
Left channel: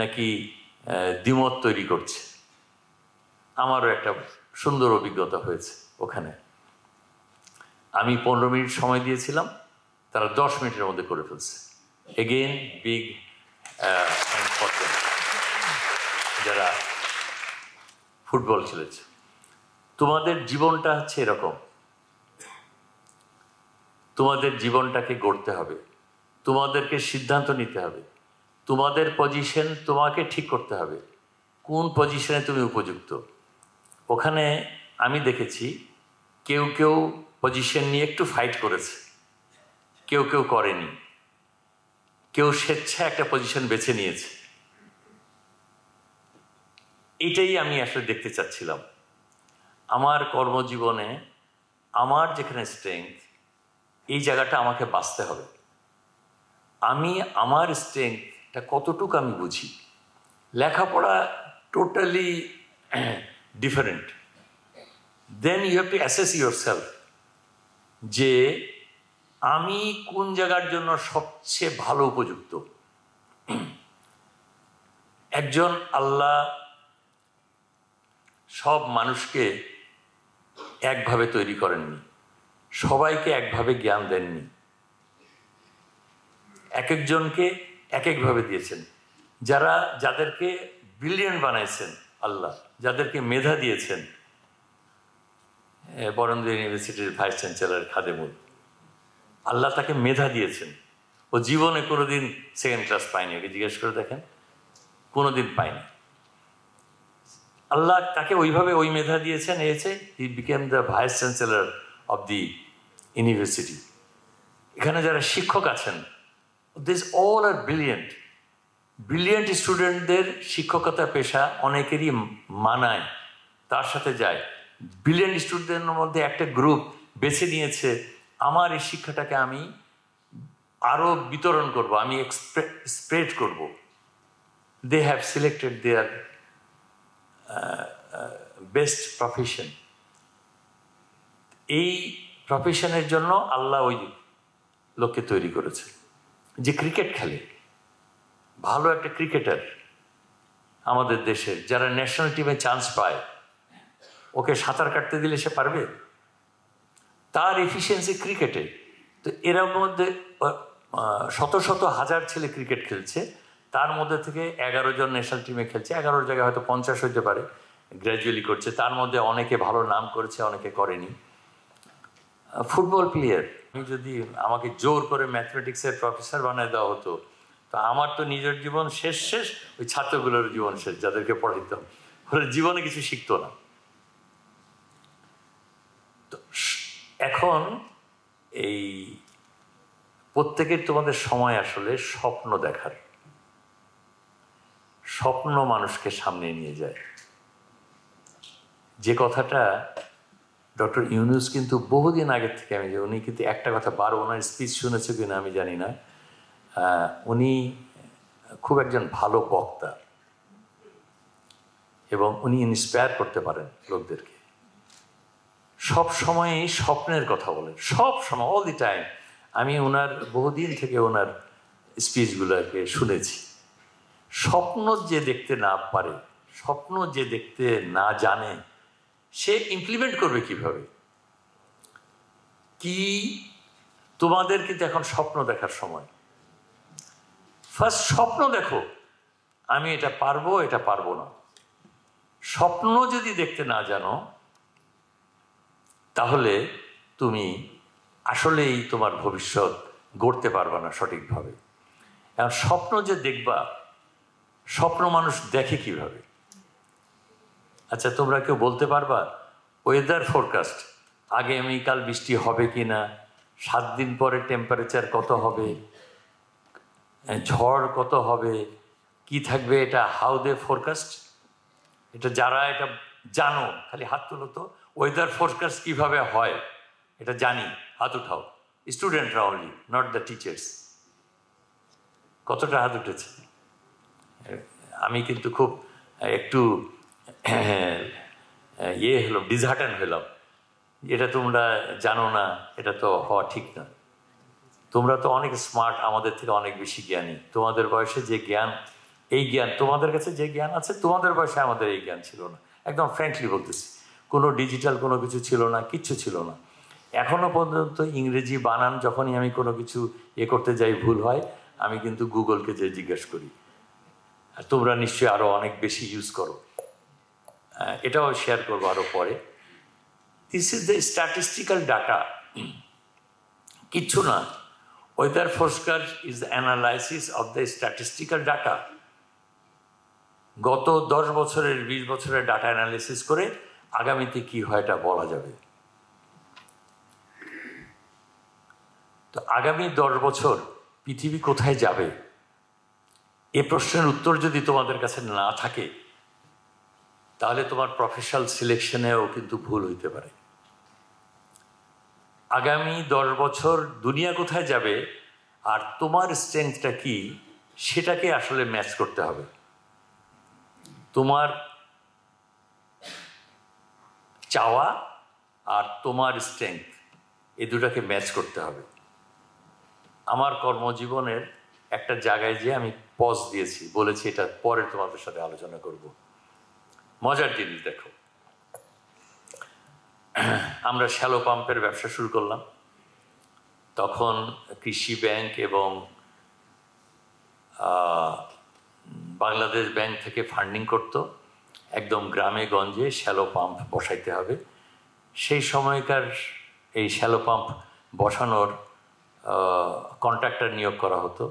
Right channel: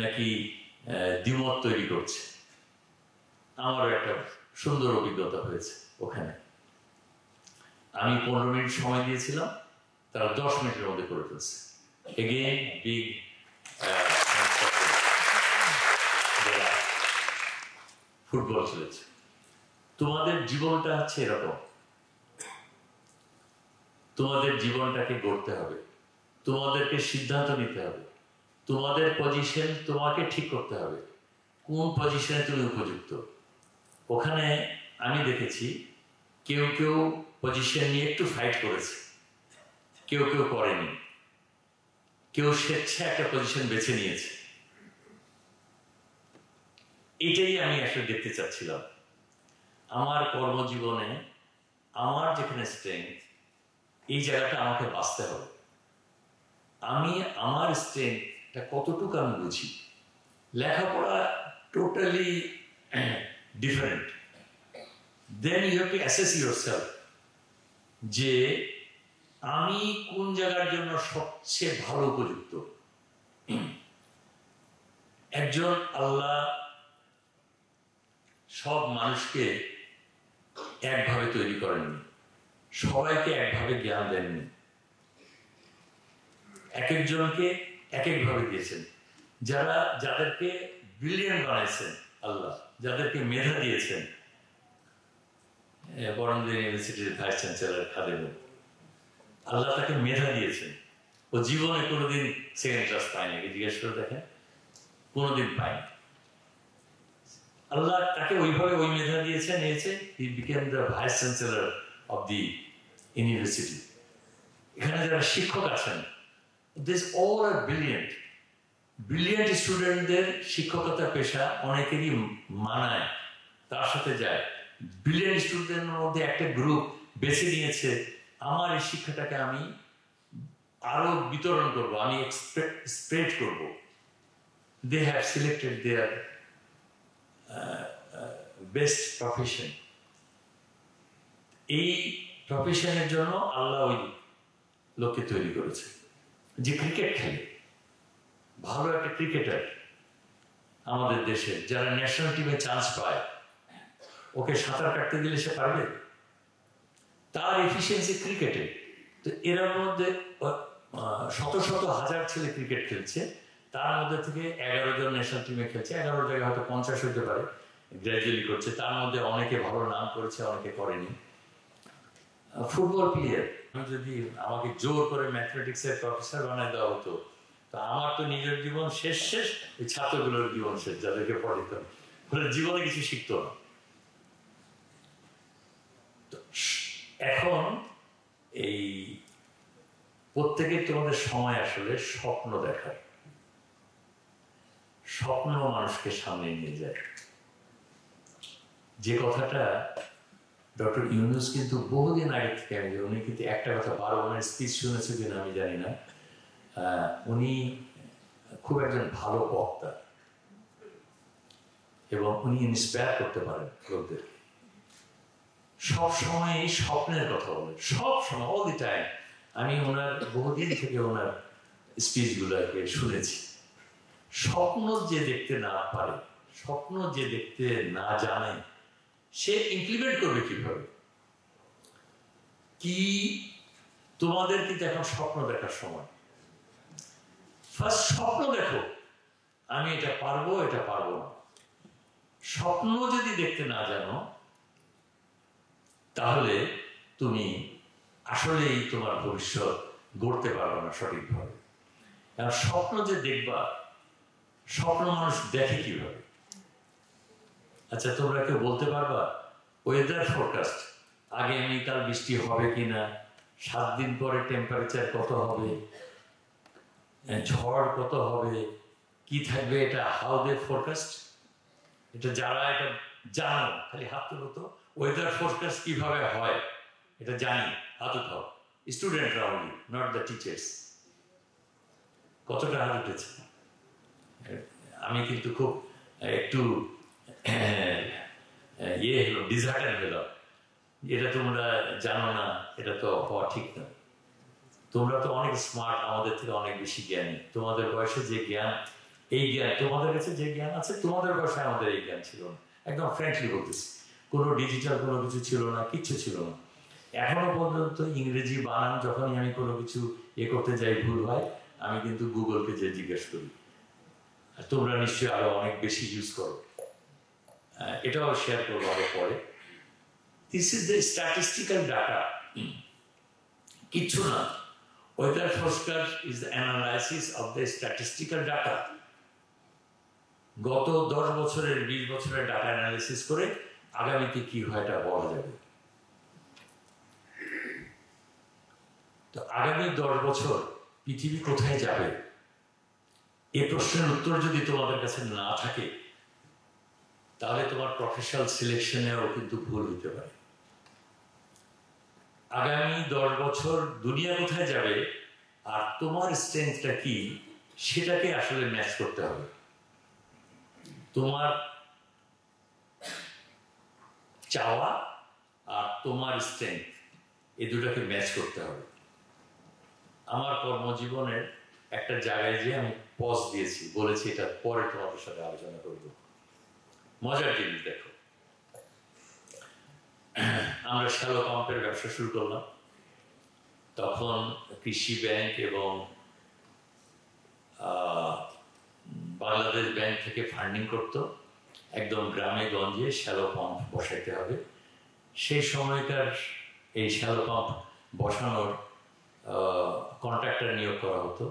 নাকি দ্বিমত তৈরি করছে। আমারও একটা সুন্দর অভিজ্ঞতা হয়েছে ওখানে। আমি 15 মিনিট সময় দিয়েছিলাম, তারা 10 মিনিটের মধ্যে করে ফেলছে। এগেইন বিগ যারা ফুটবল খেলেছে। তোমাদের জীবনটা হচ্ছে এরকম, তোমাদের জীবনটাকে গড়তে হবে, তোমাদেরকে সিদ্ধান্ত নিতে হবে, তোমাদের পজিশন তোমাকে ঠিক করতে হবে, কোন পজিশনে তুমি উপযুক্ত। ওখানে আমি দেখেছি কেউ কেউ পজিশন নিয়ে একটু ফাইট করেছে, কেউ কেউ করেনি, কেউ স্বেচ্ছা একটা পজিশন বেছে নিয়েছে। এটাই আমি আসলে দেখতে চাচ্ছিলাম আমার কর্মজীবনে। আমার যেখানে স্ট্রেংথ, এই জায়গাটা আমাকে বাঁচতে হবে। আমি আমার স্ট্রেংথটা কতটুকু আমি বুঝি। লেখাপড়া totally different. Then you have to assess yourself যে আমি কোন জায়গার জন্য সবচেয়ে ভালো উপযুক্ত। একজন আল্লাহ সব মানুষকে একভাবে তৈরি করেননি, সবাইকে একভাবে জ্ঞান দেননি, এক একজনকে এক একভাবে দিয়েছেন। যাদেরকে ব্রিলিয়েন্ট বানাইছেন আল্লাহ, যাদেরকে মেধা দিয়েছেন, বরেন্দ্র ইউনিভার্সিটির ভাইস চ্যান্সেলর খাদেমুল, আল্লাহ তাকে মেধা দিয়েছেন। ও জীবনে কোনোদিন সেকেন্ড ক্লাস পায়নি, এটা জিজ্ঞেস করে দেখেন, কোনোদিন পায়নি। আল্লাহ তাকে ওইভাবে ওই মেধা দিয়েছেন, he became the vice chancellor of the university. এখানে যারা শিক্ষক আছেন, this all R brilliant. Brilliant স্টুডেন্টদের শিক্ষকতা পেশা অনেকেরই মানায়, তার সাথে যায়। ব্রিলিয়েন্ট স্টুডেন্টদের মধ্যে একটা গ্রুপ বেছে নিয়েছে, আমার এই শিক্ষাটাকে আমি আরও বিতরণ করব, আমি স্প্রেড করব। They have selected their best profession. এই প্রফেশনের জন্য আল্লাহ ওই লোককে তৈরি করেছে যে ক্রিকেট খেলে, ভালো একটা ক্রিকেটার আমাদের দেশে, যারা ন্যাশনাল টিমে চান্স পায়, ওকে সাঁতার কাটতে দিলে সে পারবে? তার এফিসিয়েন্সি ক্রিকেটে। তো এর মধ্যে শত শত হাজার ছেলে ক্রিকেট খেলছে, তার মধ্যে থেকে 11 জন ন্যাশনাল টিমে খেলছে, 11 জায়গায় হয়তো 50 হতে পারে, গ্র্যাজুয়ালি করছে। তার মধ্যে অনেকে ভালো নাম করেছে, অনেকে করেনি। ফুটবল প্লেয়ার, আমি যদি আমাকে জোর করে ম্যাথমেটিক্সের প্রফেসর বানায় দেওয়া হতো, তো আমার তো নিজের জীবন শেষ, ওই ছাত্রগুলোর জীবন শেষ, যাদেরকে পড়াইতাম, ওরা জীবনে কিছু শিখতো না। তো এখন এই প্রত্যেকের তোমাদের সময় আসলে স্বপ্ন দেখার। স্বপ্ন মানুষকে সামনে নিয়ে যায়। যে কথাটা ডক্টর ইউনূস কিন্তু বহুদিন আগের থেকে আমি, উনি কিন্তু একটা কথা বারো, ওনার স্পিচ শুনেছে কিনা আমি জানি না, উনি খুব একজন ভালো বক্তা এবং উনি ইন্সপায়ার করতে পারেন লোকদেরকে। সব সময়ই স্বপ্নের কথা বলেন, সব সময়, অল দি টাইম। আমি ওনার বহুদিন থেকে ওনার স্পিচগুলোকে শুনেছি। স্বপ্ন যে দেখতে না পারে, স্বপ্ন যে দেখতে না জানে, সে ইমপ্লিমেন্ট করবে কিভাবে? কি তোমাদের কিন্তু এখন স্বপ্ন দেখার সময়। ফার্স্ট স্বপ্ন দেখো, আমি এটা পারবো, এটা পারবো না। স্বপ্ন যদি দেখতে না জানো, তাহলে তুমি আসলেই তোমার ভবিষ্যৎ গড়তে পারবে না সঠিকভাবে। এখন স্বপ্ন যে দেখবা, স্বপ্ন মানুষ দেখে কিভাবে? আচ্ছা, তোমরা কেউ বলতে পারবা ওয়েদার ফোরকাস্ট, আগামীকাল বৃষ্টি হবে কিনা, 7 দিন পরে টেম্পারেচার কত হবে, ঝড় কত হবে, কি থাকবে, এটা হাউ দে ফোরকাস্ট? এটা যারা এটা জানো খালি হাত তুলো তো। ওয়েদার ফোরকাস্ট কিভাবে হয় এটা জানি, হাত উঠাও। স্টুডেন্টরা অনলি, নট দ্য টিচার্স। কতটা হাত উঠেছে? আমি কিন্তু খুব একটু হলাম, ডিসহার্টেন হলাম। এটা তোমরা জানো না, এটা তো হওয়া ঠিক না। তোমরা তো অনেক স্মার্ট, আমাদের থেকে অনেক বেশি জ্ঞানী। তোমাদের বয়সে যে জ্ঞান, এই জ্ঞান তোমাদের কাছে যে জ্ঞান আছে, তোমাদের বয়সে আমাদের এই জ্ঞান ছিল না। একদম ফ্র্যাঙ্কলি বলতেছি, কোনো ডিজিটাল কোনো কিছু ছিল না, কিচ্ছু ছিল না। এখনো পর্যন্ত ইংরেজি বানান যখনই আমি কোনো কিছু করতে যাই, ভুল হয়, আমি কিন্তু গুগলকে যে জিজ্ঞেস করি। তোমরা নিশ্চয়ই আরো অনেক বেশি ইউজ করো, এটাও শেয়ার করবো আরো পরে। This is the statistical data, কিচ্ছু না। Weather forecast is the analysis of the statistical data. গত 10 বছরের 20 বছরের ডাটা অ্যানালাইসিস করে আগামীতে কি হয় এটা বলা যাবে। তো আগামী 10 বছর পৃথিবী কোথায় যাবে, এ প্রশ্নের উত্তর যদি তোমাদের কাছে না থাকে, তাহলে তোমার প্রফেশনাল সিলেকশনেও কিন্তু ভুল হইতে পারে। আগামী 10 বছর দুনিয়া কোথায় যাবে আর তোমার স্ট্রেংথটা কি, সেটাকে আসলে ম্যাচ করতে হবে। তোমার চাওয়া আর তোমার স্ট্রেংথ, এই দুটাকে ম্যাচ করতে হবে। আমার কর্মজীবনের একটা জায়গায় যে আমি পজ দিয়েছি, বলেছি এটা পরে তোমাদের সাথে আলোচনা করব। মজার জিনিস দেখো, আমরা শ্যালো পাম্পের ব্যবসা শুরু করলাম। তখন কৃষি ব্যাংক এবং বাংলাদেশ ব্যাংক থেকে ফান্ডিং করত। একদম গ্রামে গঞ্জে শ্যালো পাম্প বসাইতে হবে। সেই সময়কার এই শ্যালো পাম্প বসানোর কন্ট্রাক্টর নিয়োগ করা হতো।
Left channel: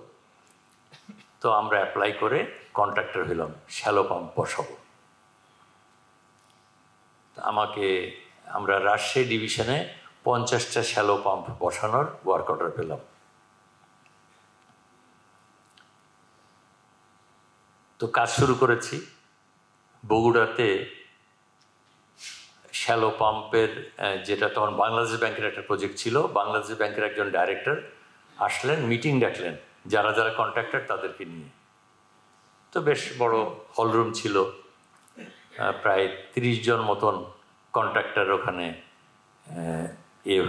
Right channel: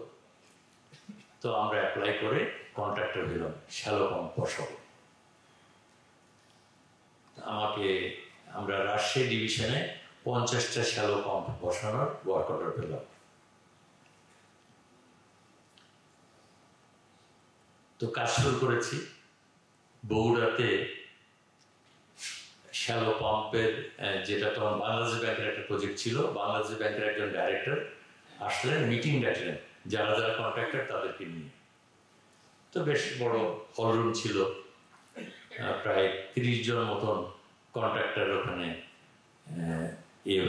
তো আমরা অ্যাপ্লাই করে কন্ট্রাক্টর হলাম, শ্যালো পাম্প বসাবো। আমরা রাজশাহী ডিভিশনে 50টা শ্যালো পাম্প বসানোর ওয়ার্ক অর্ডার পেলাম। তো কাজ শুরু করেছি। বগুড়াতে শ্যালো পাম্পের যেটা তখন বাংলাদেশ ব্যাংকের একটা প্রজেক্ট ছিল, বাংলাদেশ ব্যাংকের একজন ডাইরেক্টর আসলেন, মিটিং ডাকলেন যারা যারা কন্ট্রাক্টর তাদেরকে নিয়ে। তো বেশ বড় হলরুম ছিল, প্রায় 30 জন মতন কন্ট্রাক্টর ওখানে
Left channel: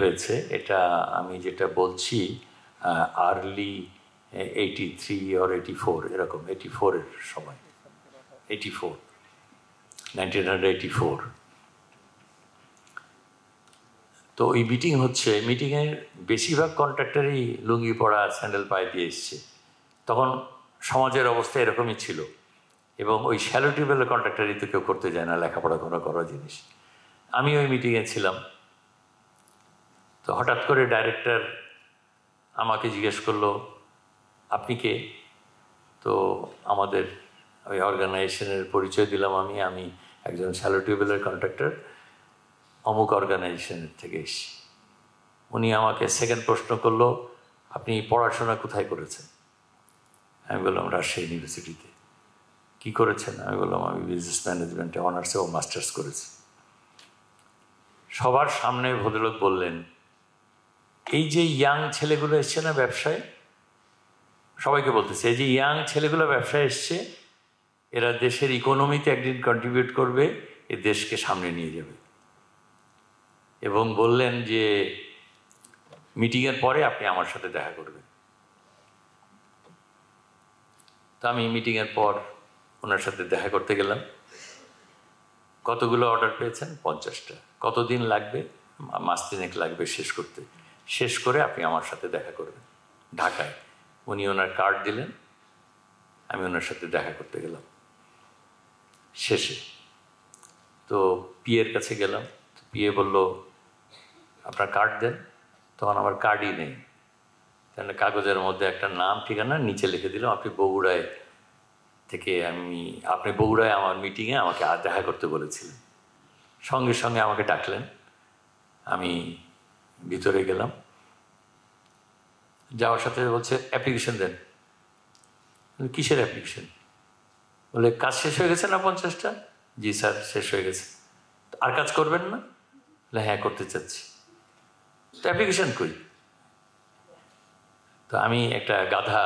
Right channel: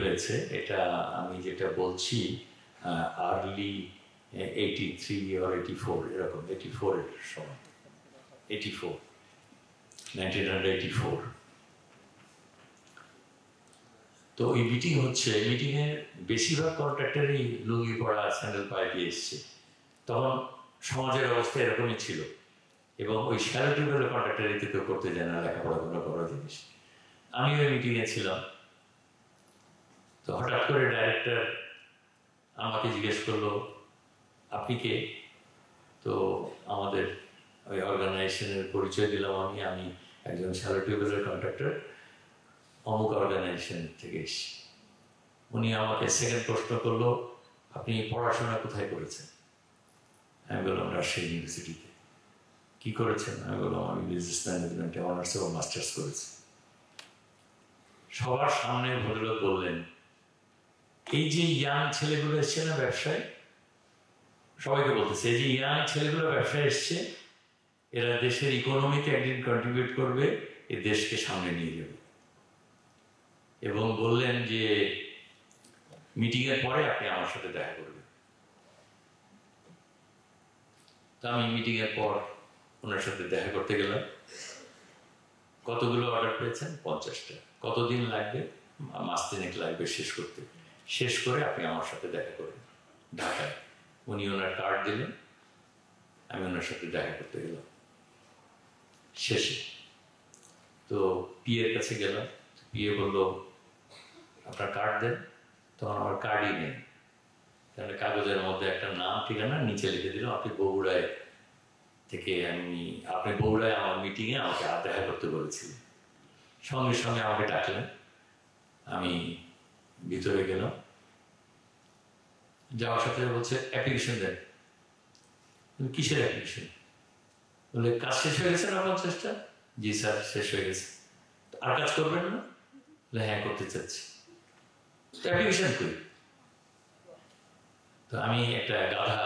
হয়েছে। এটা আমি যেটা বলছি আর্লি 83 or 84, এরকম 84-এর সময়, 1984। তো ওই মিটিং হচ্ছে, মিটিংয়ে বেশিরভাগ কন্ট্রাক্টরই লুঙ্গি পরা, স্যান্ডেল পায়ে দিয়ে এসছে। তখন সমাজের অবস্থা এরকমই ছিল। এবং ওই শ্যালো টিউবওয়েলের কন্ট্রাক্টরই তো কেউ করতে যায় না, লেখাপড়া করা জিনিস। আমি ওই মিটিংয়ে ছিলাম। তো হঠাৎ করে ডাইরেক্টর আমাকে জিজ্ঞেস করলো, আপনি কে? তো আমাদের ওই অর্গানাইজেশনের পরিচয় দিলাম। আমি একজন শ্যালো টিউবওয়েলের কন্ট্রাক্টর, অমুক অর্গানাইজেশনের থেকে এসেছি। উনি আমাকে সেকেন্ড প্রশ্ন করলো, আপনি পড়াশোনা কোথায় করেছেন? আমি বললাম রাজশাহী ইউনিভার্সিটিতে। কি করেছেন? আমি বললাম আমি বিজনেস ম্যানেজমেন্টে অনার্স এবং মাস্টার্স করেছি। সবার সামনে ভদ্রলোক বললেন, এই যে ইয়াং ছেলেগুলো এসছে না ব্যবসায়, সবাইকে বলতেছে এই যে ইয়াং ছেলেগুলো ব্যবসায় এসছে, এরা দেশের ইকোনমিতে একদিন কন্ট্রিবিউট করবে, এ দেশকে সামনে নিয়ে যাবে। এবং বললেন যে মিটিংয়ের পরে আপনি আমার সাথে দেখা করবেন। তো আমি মিটিংয়ের পর ওনার সাথে দেখা করতে গেলাম। কতগুলো অর্ডার পেয়েছেন? 50টা। কতদিন লাগবে? মাস 3 লাগবে শেষ করতে। শেষ করে আপনি আমার সাথে দেখা করবেন ঢাকায়। উনি ওনার কার্ড দিলেন, আমি ওনার সাথে দেখা করতে গেলাম। শেষে তো পিএর কাছে গেলাম, পিএ বলল আপনার কার্ড দেন। তখন আমার কার্ডই নেই, তাহলে কাগজের মধ্যে একটা নাম ঠিকানা নিচে লিখে দিলাম আপনি বগুড়ায় থেকে, আপনি বগুড়ায় আমার মিটিংয়ে আমাকে দেখা করতে বলেছিলেন। সঙ্গে সঙ্গে আমাকে ডাকলেন, আমি ভিতরে গেলাম। যাওয়ার সাথে বলছে অ্যাপ্লিকেশন দেন। কিসের অ্যাপ্লিকেশন? বলে কাজ শেষ হয়ে গেছে না 50টা? জি স্যার শেষ হয়ে গেছে। আর কাজ করবেন না? বলে হ্যাঁ করতে চাচ্ছি। তো অ্যাপ্লিকেশন কই? তো আমি একটা গাধা,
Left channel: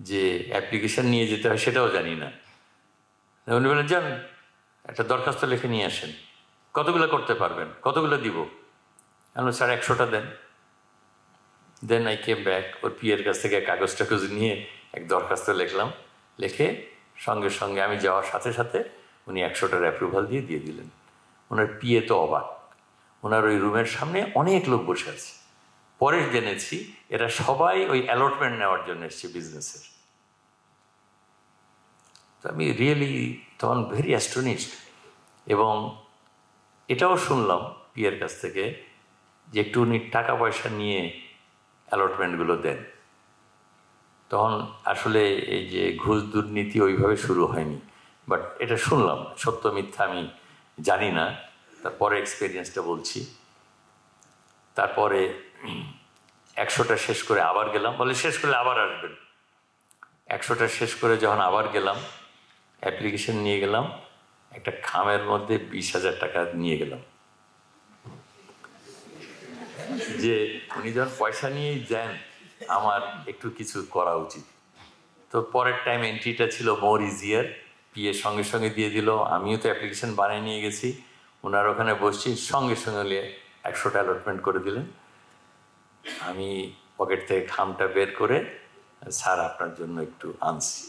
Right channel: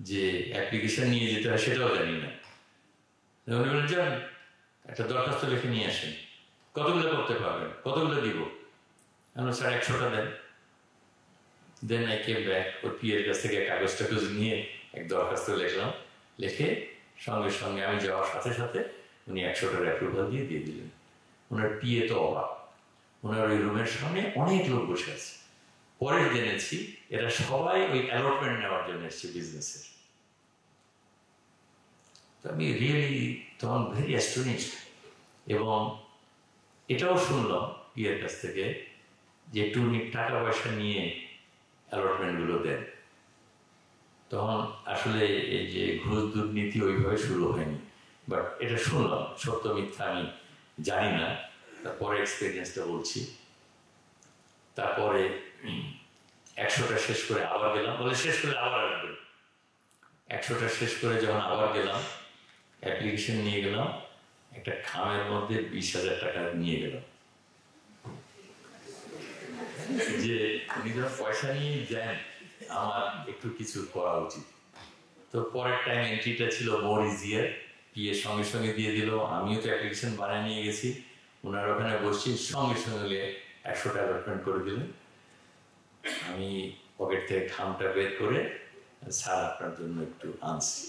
যে অ্যাপ্লিকেশন নিয়ে যেতে হয় সেটাও জানি না। উনি বলেন যান একটা দরখাস্ত লিখে নিয়ে আসেন। কতগুলো করতে পারবেন? কতগুলো দিব? আমি স্যার 100টা দেন। Then I came back. ওর পিএর কাছ থেকে কাগজ টাগজ নিয়ে এক দরখাস্ত লিখলাম। লিখে সঙ্গে সঙ্গে আমি যাওয়ার সাথে সাথে উনি 100টার অ্যাপ্রুভাল দিয়ে দিলেন। ওনার পিএ তো অবাক। ওনার ওই রুমের সামনে অনেক লোক বসে আছে। পরে জেনেছি এরা সবাই ওই অ্যালটমেন্ট নেওয়ার জন্য এসছে বিজনেসের। তো আমি রিয়েলি তখন ভেরি অ্যাস্টোনিশড। এবং এটাও শুনলাম পিএর কাছ থেকে যে একটু উনি টাকা পয়সা নিয়ে অ্যালটমেন্টগুলো দেন। তখন আসলে এই যে ঘুষ দুর্নীতি ওইভাবে শুরু হয়নি, বাট এটা শুনলাম, সত্য মিথ্যা আমি জানি না। তারপরে এক্সপিরিয়েন্সটা বলছি। তারপরে 100টা শেষ করে আবার গেলাম। বলে শেষ করলে আবার আসবেন। 100টা শেষ করে যখন আবার গেলাম, অ্যাপ্লিকেশন নিয়ে গেলাম, একটা খামের মধ্যে 20,000 টাকা নিয়ে গেলাম, যে উনি যখন পয়সা নিয়েই যান আমার একটু কিছু করা উচিত। তো পরের টাইম এন্ট্রিটা ছিল মোর ইজিয়ার। পিএ সঙ্গে সঙ্গে দিয়ে দিল। আমিও তো অ্যাপ্লিকেশন বানিয়ে নিয়ে গেছি। ওনার ওখানে বসছি, সঙ্গে সঙ্গে 100টা অ্যালটমেন্ট করে দিলেন। আমি পকেট থেকে খামটা বের করে স্যার আপনার জন্য একটু আনছি।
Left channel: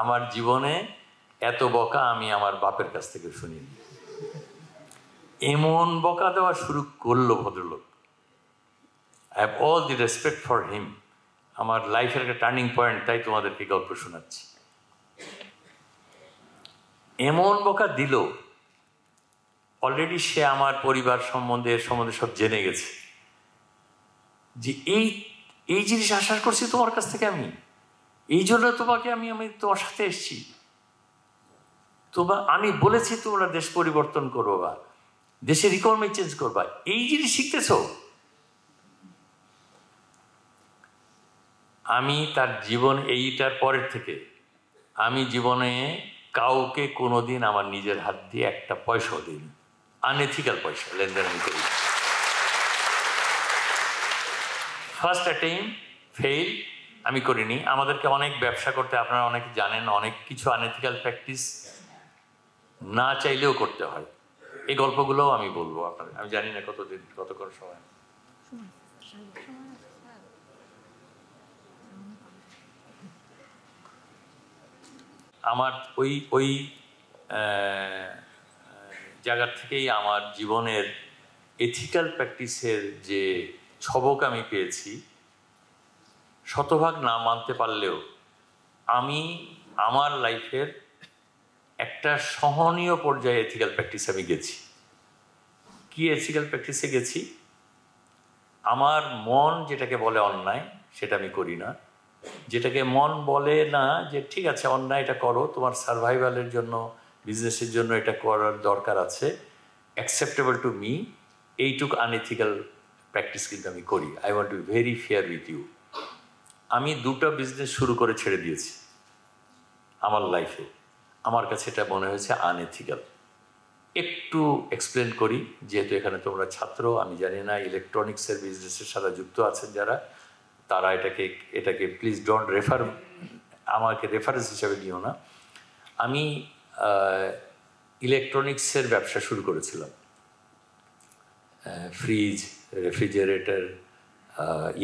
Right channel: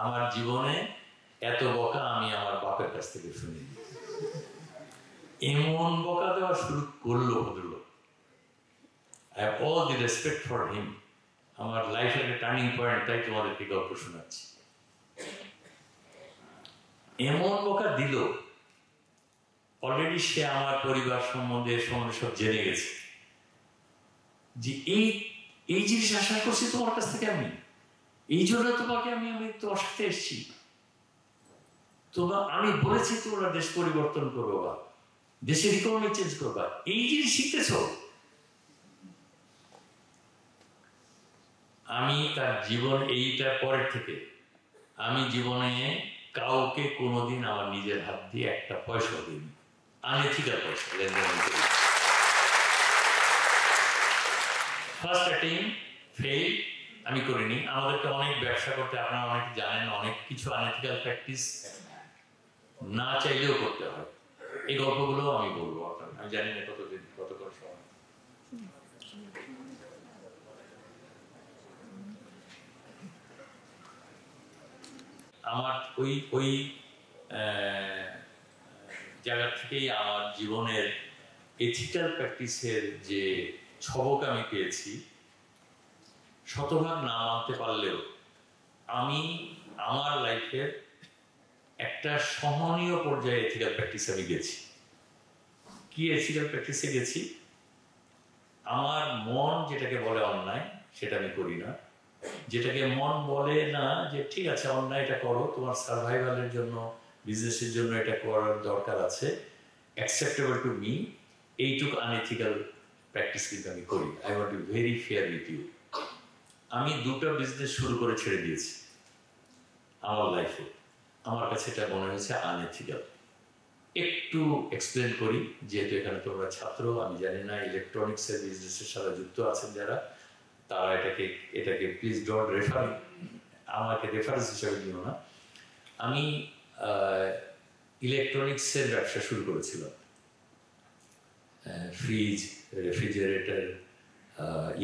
আমার জীবনে এত বকা আমি আমার বাপের কাছ থেকে শুনি। এমন বকা দেওয়া শুরু করলো ভদ্রলোক। I have all the respect for him. আমার লাইফের একটা টার্নিং পয়েন্ট, তাই তোমাদেরকে গল্প শোনাচ্ছি। এমন বকা দিল, অলরেডি সে আমার পরিবার সম্বন্ধে সব জেনে গেছে, যে এই জিনিস আশা করছি তোমার কাছ থেকে আমি, এই জন্য তোমাকে আমি তোমার সাথে এসেছি। আমি বলেছি তোমরা দেশ পরিবর্তন করবো বা দেশের ইকোনমি চেঞ্জ করবা, এই জিনিস শিখতেছ। আমি তার জীবন এইটার পরের থেকে আমি জীবনে কাউকে কোনোদিন আমার নিজের হাত দিয়ে একটা পয়সাও দিইনি, আনএথিক্যাল পয়সা লেনদেন করি। ফার্স্ট অ্যাটেম্প ফেল আমি করিনি। আমাদেরকে অনেক ব্যবসা করতে, আপনারা অনেক জানেন, অনেক কিছু আনএথিক্যাল প্র্যাকটিস না চাইলেও করতে হয়। এই গল্পগুলোও আমি বলবো আপনাদের। আমি জানি না কত করে সময়। আমার ওই জায়গা থেকেই আমার জীবনের এথিক্যাল প্র্যাকটিসের যে ছবক আমি পেয়েছি, শতভাগ না মানতে পারলেও আমি আমার লাইফের একটা সহনীয় পর্যায়ে এথিক্যাল প্র্যাকটিস আমি গেছি। কি এথিক্যাল প্র্যাকটিসে গেছি? আমার মন যেটাকে বলে অন্যায় সেটা আমি করি না। যেটাকে মন বলে না যে ঠিক আছে অন্যায় এটা করো, তোমার সার্ভাইভালের জন্য, বিজনেসের জন্য এটা করার দরকার আছে, অ্যাকসেপ্টেবল টু মি, এইটুকু আনএথিক্যাল প্র্যাকটিস কিন্তু আমি করি। I want to very fair with you. আমি 2টা বিজনেস শুরু করে ছেড়ে দিয়েছি আমার লাইফে। আমার কাছে এটা মনে হয়েছে আনএথিক্যাল। একটু এক্সপ্লেন করি, যেহেতু এখানে তোমরা ছাত্র, আমি জানি না ইলেকট্রনিক্সের বিজনেসের সাথে যুক্ত আছেন যারা, তারা এটাকে প্লিজ ডোন্ট রেফার, আমাকে রেফারেন্স হিসাবে নিও না। আমি ইলেকট্রনিক্সের ব্যবসা শুরু করেছিলাম, fridge, refrigerator,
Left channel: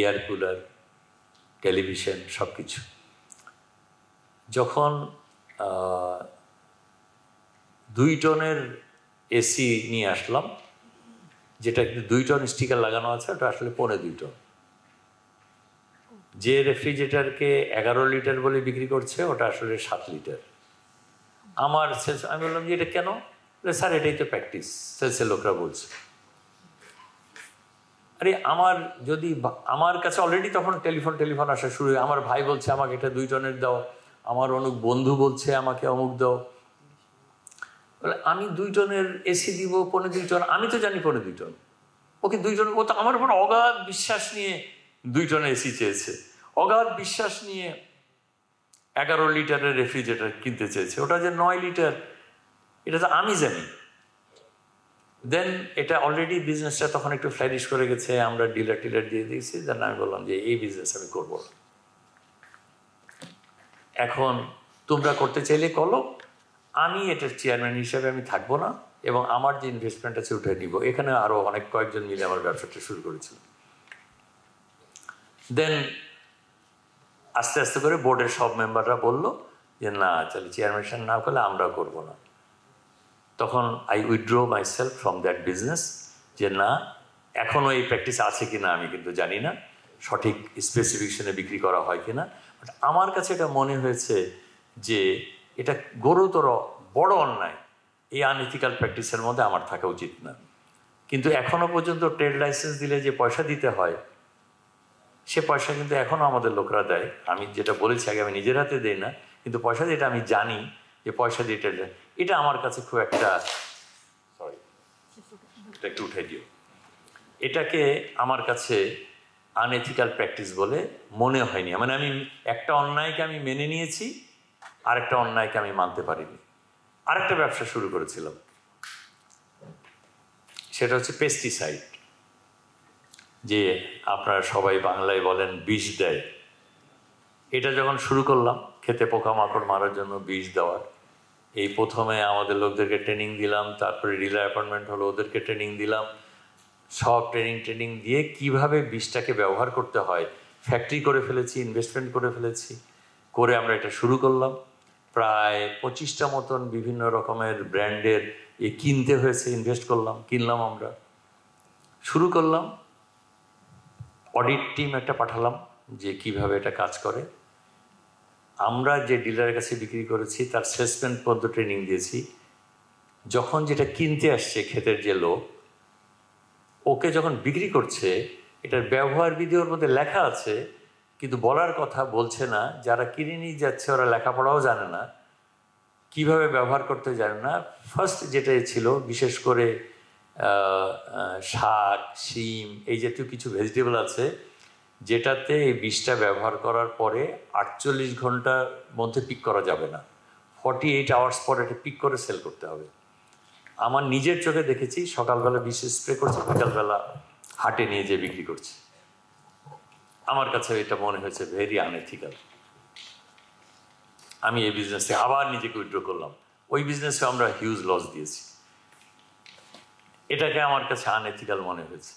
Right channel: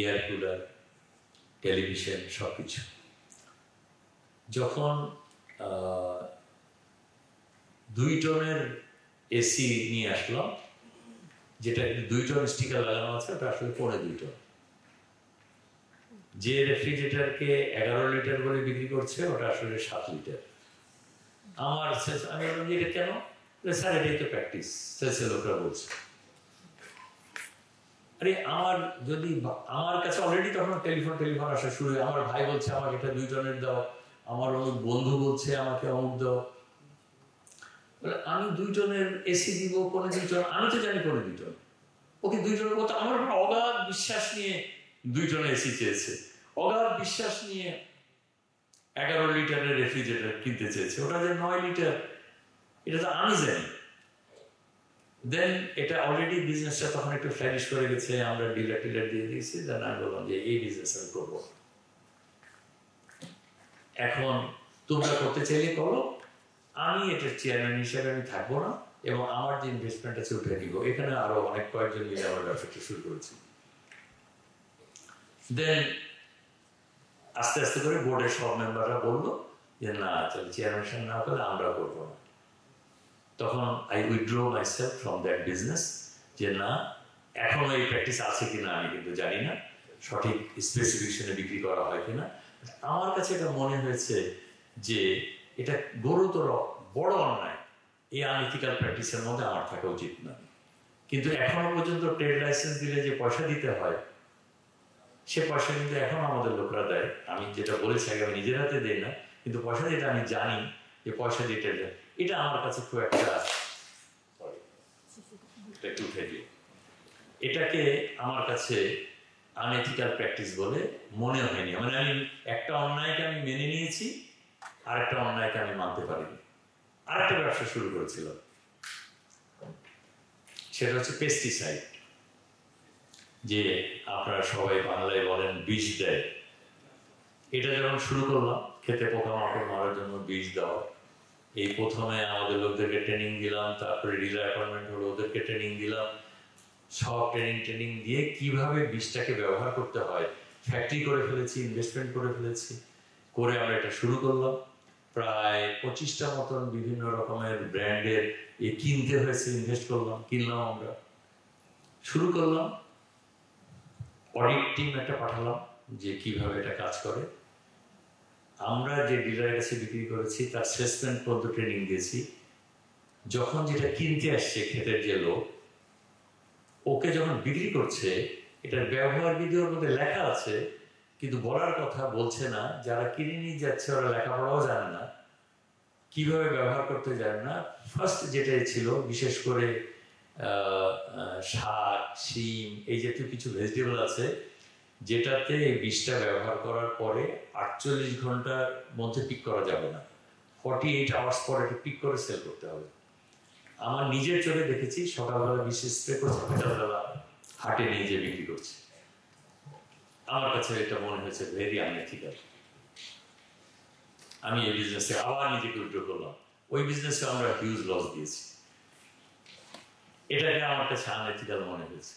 air cooler, television, সব কিছু। যখন 2 টনের এসি নিয়ে আসলাম, যেটা 2 টন স্টিকার লাগানো আছে, ওটা আসলে 2.25 টন। যে রেফ্রিজারেটরকে 11 লিটার বলে বিক্রি করছে, ওটা আসলে 7 লিটার। আমি বললাম যে এটা কেন? স্যার এটাই তো প্র্যাকটিস, সেলসের লোকরা বলছে। আরে আমার কাছে অলরেডি তখন টেলিফোন আসা শুরু হয়। আমার ভাই বলছে আমাকে এটা 2 টনের দাও, আমার অনেক বন্ধু বলছে আমাকে অমুক দাও। আমি 2 টনের এসি দিব 2.25 টন, আমি তো জানি 2.25 টন, ওকে 2 টন। ও তো আমার উপর অগাধ বিশ্বাস নিয়ে 2 টনের এসি চেয়েছে, অগাধ বিশ্বাস নিয়ে 11 লিটারের রেফ্রিজারেটর কিনতে চেয়েছে, ওটা যে 9 লিটার, এটা তো আমি জানি। দেন এটা অলরেডি বিজনেসটা তখন একটু ফ্লারিশ করে গেছে, আমরা ডিলার দিয়ে দিয়েছি। দেন আমি বললাম যে এই বিজনেস আমি করবো। এখন তোমরা করতে চাইলে করো, আমি এটার চেয়ারম্যান হিসেবে আমি থাকবো না, এবং আমার যে ইনভেস্টমেন্ট আছে উঠে দিব। এখানে আরো অনেক কয়েকজন মিলে আমার ব্যবসাটা শুরু করেছি। দেন আস্তে আস্তে করে বোর্ডের সব মেম্বাররা বললো যে না, চলো চেয়ারম্যান না করলে আমরাও করবো না। তখন I withdraw my self from that business, যে না, এখনও এই প্র্যাকটিস আছে কিনা আমি কিন্তু জানি না, সঠিক স্পেসিফিকেশনে বিক্রি করা হয় কিনা। বাট আমার কাছে এটা মনে হয়েছে যে এটা গুরুতর বড় অন্যায়, এই আনইথিক্যাল প্র্যাকটিসের মধ্যে আমার থাকা উচিত না। কিন্তু এখনো পর্যন্ত ট্রেড লাইসেন্স দিলে যে পয়সা দিতে হয়, সে পয়সা কিন্তু এখনও আমাদের লোকরা দেয়। আমি যেটা বলেছি আগে, আমি নিজের হাতে দিই না, কিন্তু পয়সা যেটা আমি জানি যে পয়সা দিতে দেয়, এটা আমার কাছে খুব একটা একটু উঠে দিও, এটাকে আমার কাছে আনএথিক্যাল প্র্যাকটিস বলে মনে হয়নি। মানে আমি একটা অন্যায়কে আমি মেনে নিয়েছি, আরেকটা অন্যায়কে আমি মানতে পারিনি। আরেকটা ব্যবসা শুরু করেছিলাম, সেটা হচ্ছে পেস্টিসাইড, যে আপনারা সবাই বাংলায় বলেন বিষ দেয়। এটা যখন শুরু করলাম, খেতে পোকামাকড় মারার জন্য বিষ দেওয়া, এই প্রথমে আমাদের লোকদেরকে ট্রেনিং দিলাম, তারপরে ডিলার অ্যাপয়েন্টমেন্ট হলো, ওদেরকে ট্রেনিং দিলাম, সব ট্রেনিং দিয়ে কিভাবে বীজটাকে ব্যবহার করতে হয় ফ্যাক্টরি করে ফেলেছি, ইনভেস্টমেন্ট করে ফেলেছি। করে আমরা এটা শুরু করলাম। প্রায় 25টা মতন বিভিন্ন রকমের ব্র্যান্ডের কিনতে হয়েছে, কিনলাম, আমরা শুরু করলাম। অডিট টিম একটা পাঠালাম যে কিভাবে এটা কাজ করে। আমরা যে ডিলারের কাছে বিক্রি করেছি তার সেলসম্যান পর্যন্ত ট্রেনিং দিয়েছি। যখন যেটা কিনতে আসছে ক্ষেতের যে লোক, ওকে যখন বিক্রি করছে, এটার ব্যবহার বিধি ওর মধ্যে লেখা আছে, কিন্তু বলার কথা বলছে না। যারা কিনে নিয়ে যাচ্ছে ওরা লেখাপড়াও জানে না, কিভাবে ব্যবহার করতে জানে না। ফার্স্ট যেটাই ছিল, বিশেষ করে শাক, শিম, এই জাতীয় কিছু ভেজিটেবল আছে যেটাতে এই বিষটা ব্যবহার করার পরে 48 ঘন্টার মধ্যে পিক করা যাবে না, 48 আওয়ার্স পরে এটা পিক করে সেল করতে হবে। আমার নিজের চোখে দেখেছি, সকালবেলা বিষ স্প্রে করছে, বিকালবেলা হাটে নিয়ে যেয়ে বিক্রি করছে। আমার কাছে এটা মনে হয়েছে ভেরি আনএথিক্যাল। আমি এই বিজনেসে আবার নিজেকে উইথড্র করলাম। ওই বিজনেসে আমরা হিউজ লস দিয়েছি, এটাকে আমার কাছে আনএথিক্যাল মনে হয়েছে।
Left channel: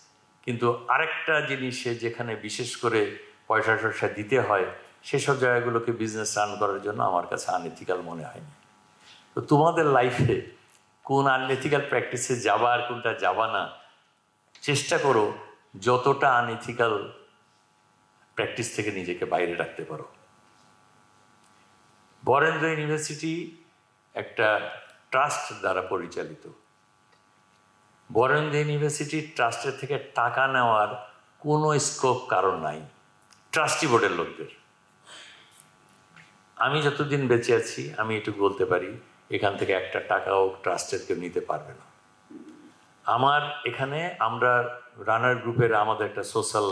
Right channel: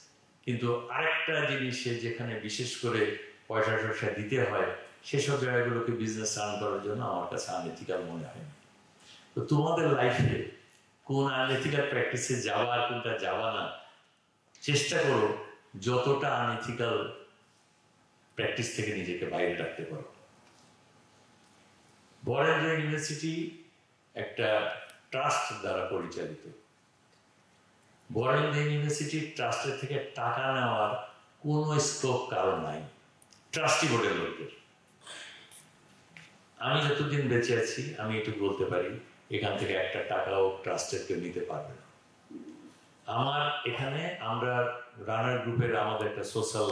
কিন্তু আরেকটা জিনিসে যেখানে বিশেষ করে পয়সা টয়সা দিতে হয়, সেসব জায়গাগুলোকে বিজনেস রান করার জন্য আমার কাছে আনএথিক্যাল মনে হয়নি। তো তোমাদের লাইফে কোন আনএথিক্যাল প্র্যাকটিসে যাবা আর কোনটা যাবা না, চেষ্টা করো যতটা আনএথিক্যাল প্র্যাকটিস থেকে নিজেকে বাইরে রাখতে পারো। বরেন্দ্র ইউনিভার্সিটি একটা ট্রাস্ট দ্বারা পরিচালিত। বরেন্দ্র ইউনিভার্সিটির ট্রাস্টের থেকে টাকা নেওয়ার কোনো স্কোপ কারণ নাই, ট্রাস্টি বোর্ডের লোকদের। আমি যতদিন বেঁচে আছি আমি এটুকু বলতে পারি, এখান থেকে একটা টাকাও ট্রাস্টের কেউ নিতে পারবে না। আমার এখানে আমরা রানার গ্রুপের আমাদের একটা সোশ্যাল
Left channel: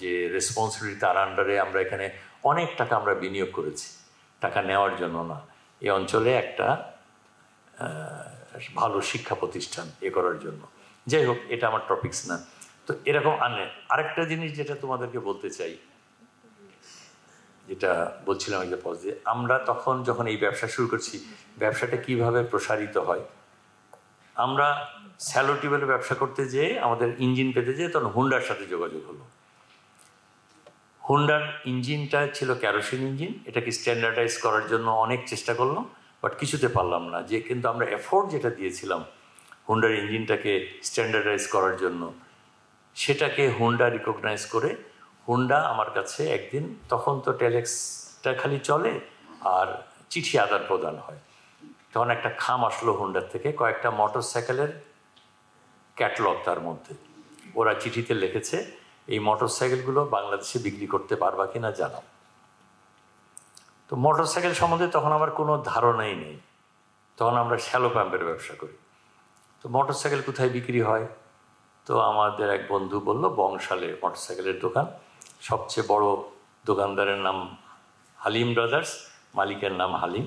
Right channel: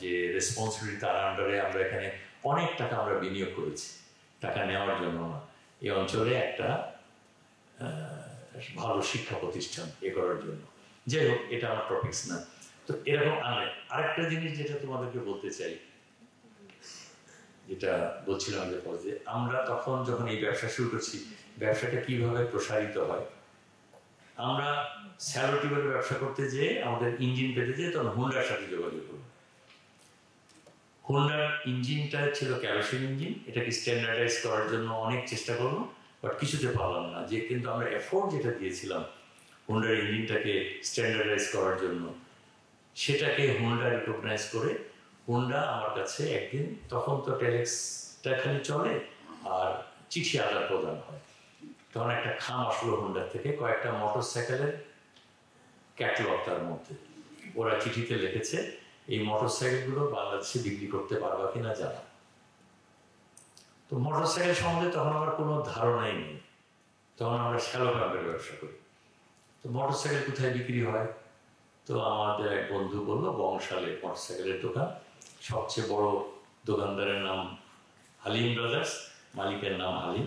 যে রেসপন্সিবিলিটি, তার আন্ডারে আমরা এখানে অনেক টাকা আমরা বিনিয়োগ করেছি, টাকা নেওয়ার জন্য না, এই অঞ্চলে একটা ভালো শিক্ষা প্রতিষ্ঠান করার জন্য। যাই হোক, এটা আমার টপিকস না। তো এরকম আরেকটা জিনিস যেটা তোমাদেরকে বলতে চাই, যেটা বলছিলাম যে আমরা তখন যখন এই ব্যবসা শুরু করছি, ব্যবসাটা কিভাবে প্রসারিত হয়। আমরা স্যালো টিউবের ব্যবসা করতে যেয়ে আমাদের ইঞ্জিন পেতে যেয়ে তখন হুন্ডার সাথে যোগাযোগ হলো। হুন্ডার ইঞ্জিনটা ছিল ক্যারোসিন ইঞ্জিন, এটাকে স্ট্যান্ডার্ডাইজ করার জন্য অনেক চেষ্টা করলাম, বাট কিছুতে পারলাম না। যে কিন্তু আমরা এফোর্ট যেটা দিয়েছিলাম হুন্ডার ইঞ্জিনটাকে স্ট্যান্ডার্ডাইজ করার জন্য, সেটাকে হুন্ডা রিকগনাইজ করে হুন্ডা আমার কাছে একদিন, তখন তো টেলেক্সটা খালি চলে আর চিঠি আদান প্রদান হয়, তখন একটা খাম আসলো হুন্ডার থেকে, কয়েকটা মোটর সাইকেলের ক্যাটলগ, তার মধ্যে ওরা চিঠিতে লিখেছে এই মোটর সাইকেলগুলো বাংলাদেশে বিক্রি করতে পারবা কিনা জানাও। তো মোটর সাইকেল সম্বন্ধে তখন আমার কোনো ধারণাই নেই, তখন আমরা শ্যালো পাম্পের ব্যবসা করি। তো মোটর সাইকেল কোথায় বিক্রি হয়, তো আমাদের এক বন্ধু বলল বংশালে মোটর সাইকেলের দোকান, সবচেয়ে বড় দোকানদারের নাম হালিম ব্রাদার্স, মালিকের নাম হালিম।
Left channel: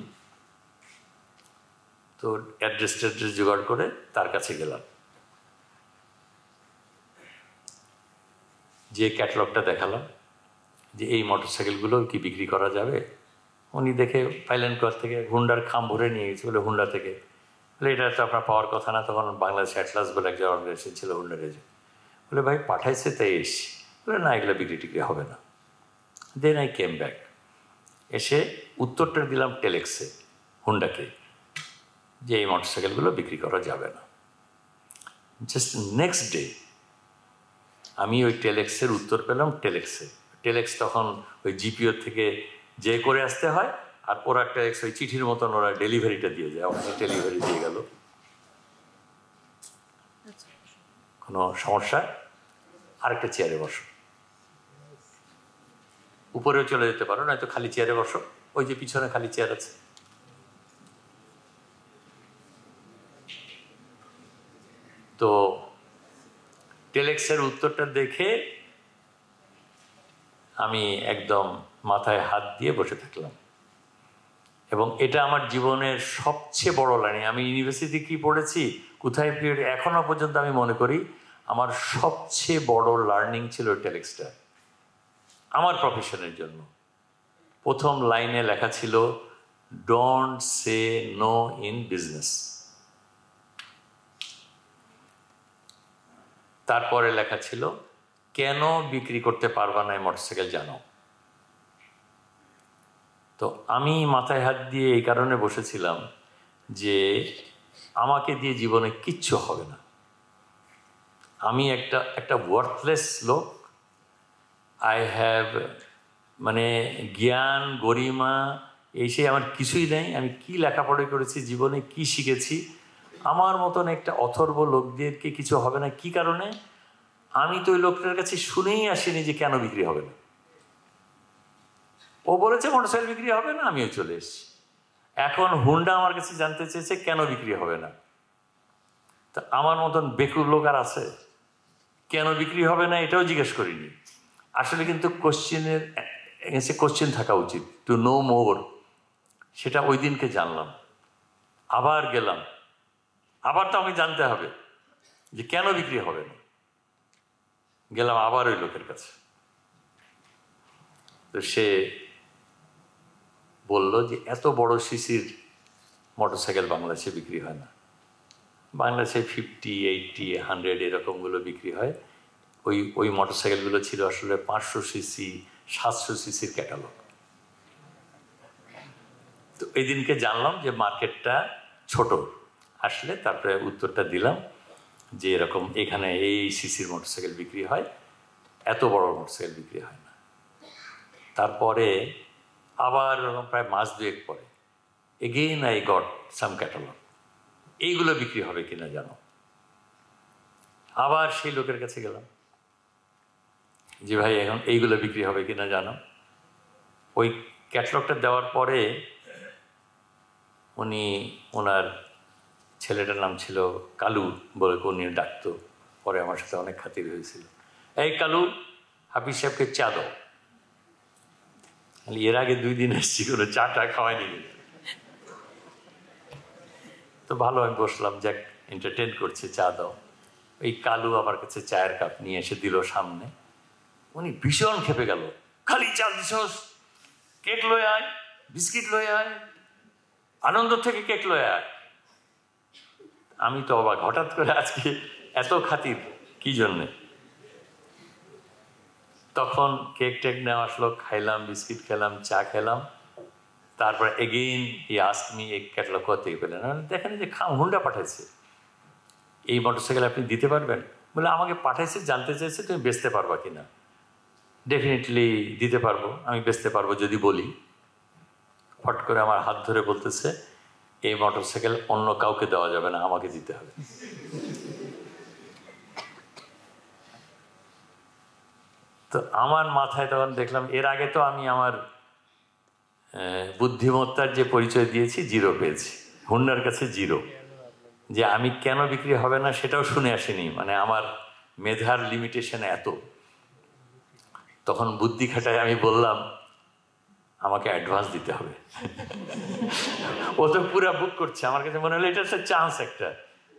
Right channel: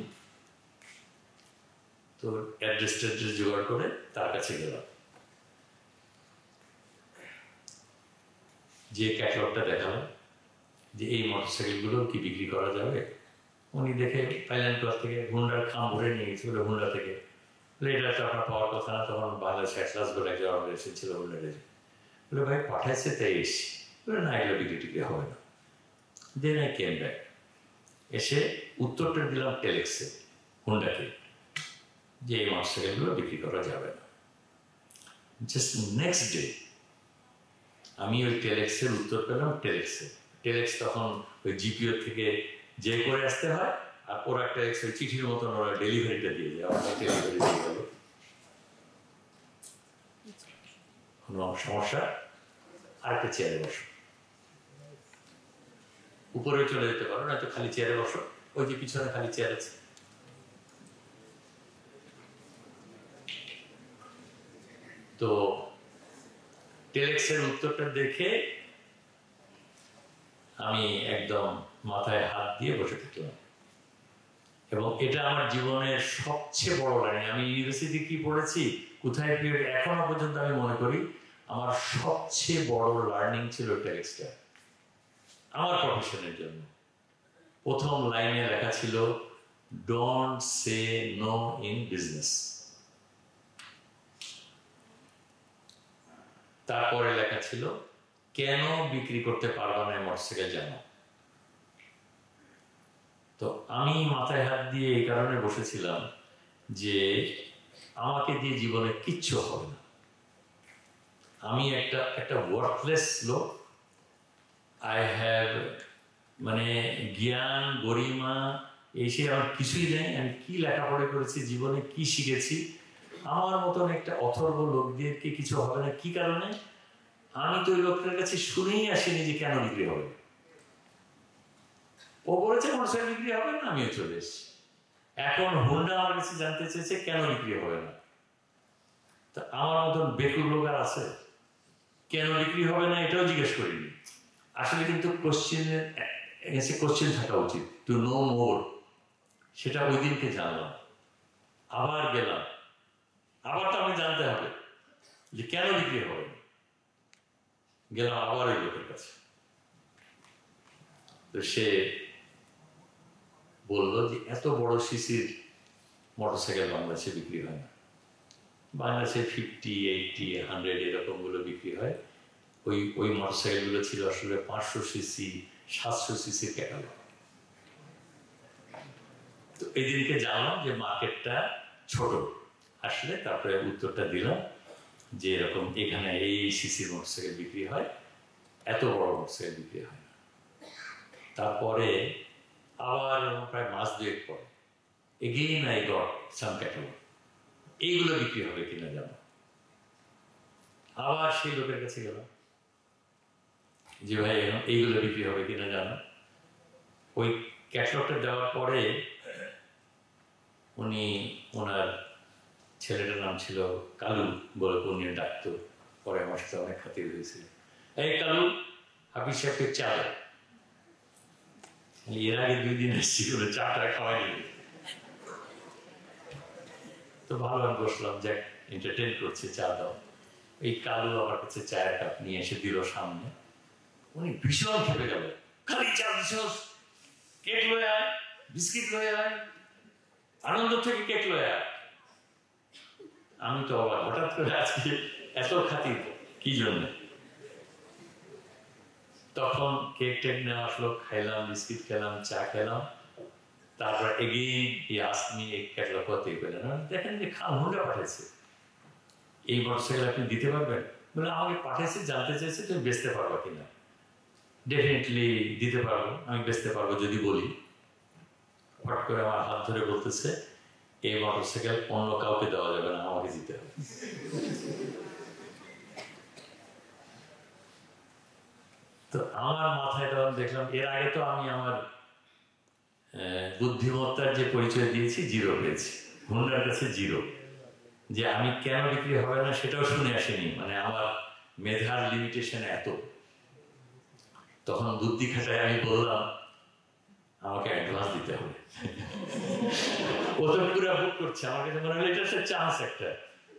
তো অ্যাড্রেস জোগাড় করে তার কাছে গেলাম, যে ক্যাটালগটা দেখালাম যে এই মোটর সাইকেলগুলো কি বিক্রি করা যাবে। উনি দেখে পাইলেন কোথা থেকে, হুন্ডার খাম ভরে নিয়ে গেছে বলে হুন্ডা থেকে। বলে এটা তো আপনার পাওয়ার কথা না, তখন বাংলাদেশ অ্যাটলাস বলে এক জায়গা অর্গানাইজেশন ছিল হুন্ডার এজে। বলে ভাই পাঠাইছে তাই এসছি। বলে না, এগুলো বিক্রি টিক্রি হবে না। দেন আই কেম ব্যাক, এসে উত্তরটা দিলাম টেলেক্সে, হুন্ডাকে, যে এই মোটর সাইকেলগুলো বিক্রি করা যাবে না। জাস্ট নেক্সট ডে আমি ওই টেলেক্সের উত্তর পেলাম টেলেক্সে। টেলেক্স তখন ওই জিপিও থেকে যে করে আসতে হয়, আর ওরা টেলেক্স ওই চিঠির মতন ওরা ডেলিভারিটা দিয়ে যায়, ওখানে ডেলিভারি দিয়ে গেল। কোনো সমস্যা? আরেকটা চেয়ারে বসো, উপরেও চলে যেতে পারো, নয়তো খালি চেয়ারে বসো, ওই যে পিছনে খালি চেয়ার আছে। তো টেলেক্সের উত্তরটা দেখে আমি একদম মাথায় হাত দিয়ে বসে থাকলাম, এবং এটা আমার জীবনের সবচেয়ে বড় লাইন। আমি ইউনিভার্সিটি কি পড়েছি, কোথায় এখনো পর্যন্ত আমি মনে করি আমার সবচেয়ে বড় লার্নিং ছিল টেলেক্সটা আমার প্রফেশনের জন্য। প্রথম লাইনে লেখা ছিল don't say no in business. তারপরে লেখা ছিল কেন বিক্রি করতে পারবা না মোটরসাইকেল জানো। তো আমি মাথায় হাত দিয়ে এই কারণে বসেছিলাম যে আমাকে দিয়ে জীবনে কিচ্ছু হবে না, আমি একটা ওয়ার্থলেস লোক। আই হ্যাভ মানে জ্ঞান গরিমা এই সেই আমার কিছুই নেই। আমি কি লেখাপড়া করেছি, জীবনে কি শিখেছি, আমার মতন একটা অথর্ব লোক দিয়ে কিছু হবে না। কি কারণে? আমি তো ওই লোকটার কাছে শুনেই আসিনি যে কেন বিক্রি হবে না। ও বলেছে মোটরসাইকেল বিক্রি হবে না, আমিও চলে এসেছি। এখন হুন্ডা আমার কাছে জানতে চেয়েছে কেন বিক্রি হবে না। তা আমার মতন বেকুর লোক আর আছে? কেন বিক্রি হবে না এটাও জিজ্ঞেস করিনি। আসলে কিন্তু কোশ্চেনের কোশ্চেন থাকা উচিত, টু নো মোর। সেটা ওই দিনকে জানলাম। আবার গেলাম, আবার তো আমি জানতে হবে যে কেন বিক্রি হবে না। গেলাম আবার ওই লোকের কাছে, তো সে বলল যে এত বড় সিসির মোটরসাইকেল বাংলাদেশে বিক্রি হয় না। বাংলাদেশে 50, 80, 100 এরকমগুলো বিক্রি হয়। ওই মোটরসাইকেলগুলো ছিল আসলে 500 সিসি 700 সিসির ক্যাটালগ। তো এই দিনকে জানলাম যে মার্কেটটা ছোট। আসলে তারপরে উত্তরটা দিলাম যে এরকম এখানে এই সিসির মোটরসাইকেল বিক্রি হয়, এত বড় মোটরসাইকেল বিক্রি হয় না। তারপরে আবার প্রায় মাস দুয়েক পরে again I got some catalogue, এইগুলো বিক্রি হবে কিনা জানো। আবার সেই লোকের কাছে গেলাম যে ভাই এখন এইগুলো বিক্রি হবে কিনা জানো। ওই ক্যাটালগটা দেওয়ার পরে উনি ওনার ছেলেটার নাম ছিল কালু বলে কোন ডাকতো, পরে আমার সাথে অনেক খাতির হয়েছিল। এই কালু, হাফিজ সাহেবকে চা দাও। এর আগে 2 দিন এসেছি, কোনো চাটা খাওয়াই দিল। তো ভালো, আমি বসলাম, যাক এন্টারটেন করছে, চা দাও। এই কালু আমার কাছে চায়ের কাপ নিয়ে এসে দিল সামনে। উনি ভীষণ খেপে গেল, খালি চা দিছস, কেক লয়ে আয়, বিস্কিট লয়ে আয়, আনন্দ থেকে কেক লয়ে আয়। আমি তো অবাক, হঠাৎ করে আজকে এত খাতির কি জন্যে? তখন কেক টেক নেওয়া আসলো, খাইলাম, বিস্কিট খেলাম, চা খেলাম। তারপর এগেইন হি আস্কড মি এই ক্যাটালগ করতে পেলেন, দেখেন যে হুন্ডা পাঠাইছে, এই মোটরসাইকেল আপনি দিতে পারবেন? বলে আমাকে পাঠাইছে, জানতে চাইছে তুমি বেচতে পারবা কিনা। ডেফিনেটলি দিতে পারবো, আমি বেচতে পারবো যদি বলি। হট করে আমার হাত ধরে বলতেছে, এই মোটরসাইকেল অন্য কাউকে দেওয়া যাবে না, আমাকে দিতে হবে। তো আমার মাথায় তখন দেখলাম, এর আগে তো আমি আমার বুদ্ধিমত্তার যে পরিচয় দিয়েছি, 0 পেয়েছি, হুন্ডার কাছে 0। যে আমি কেন বিক্রি হবে না সেটাও শুনে আসিনি, মানে আমার মেধার লিমিটেশন এত। তখন বুদ্ধি খাটায় আমি বললাম, আমাকে অ্যাডভান্স দিতে হবে। ও তো পুরো বুক করছে, আমার কাছে মনে হলো এটা হচ্ছে চান্স একটা।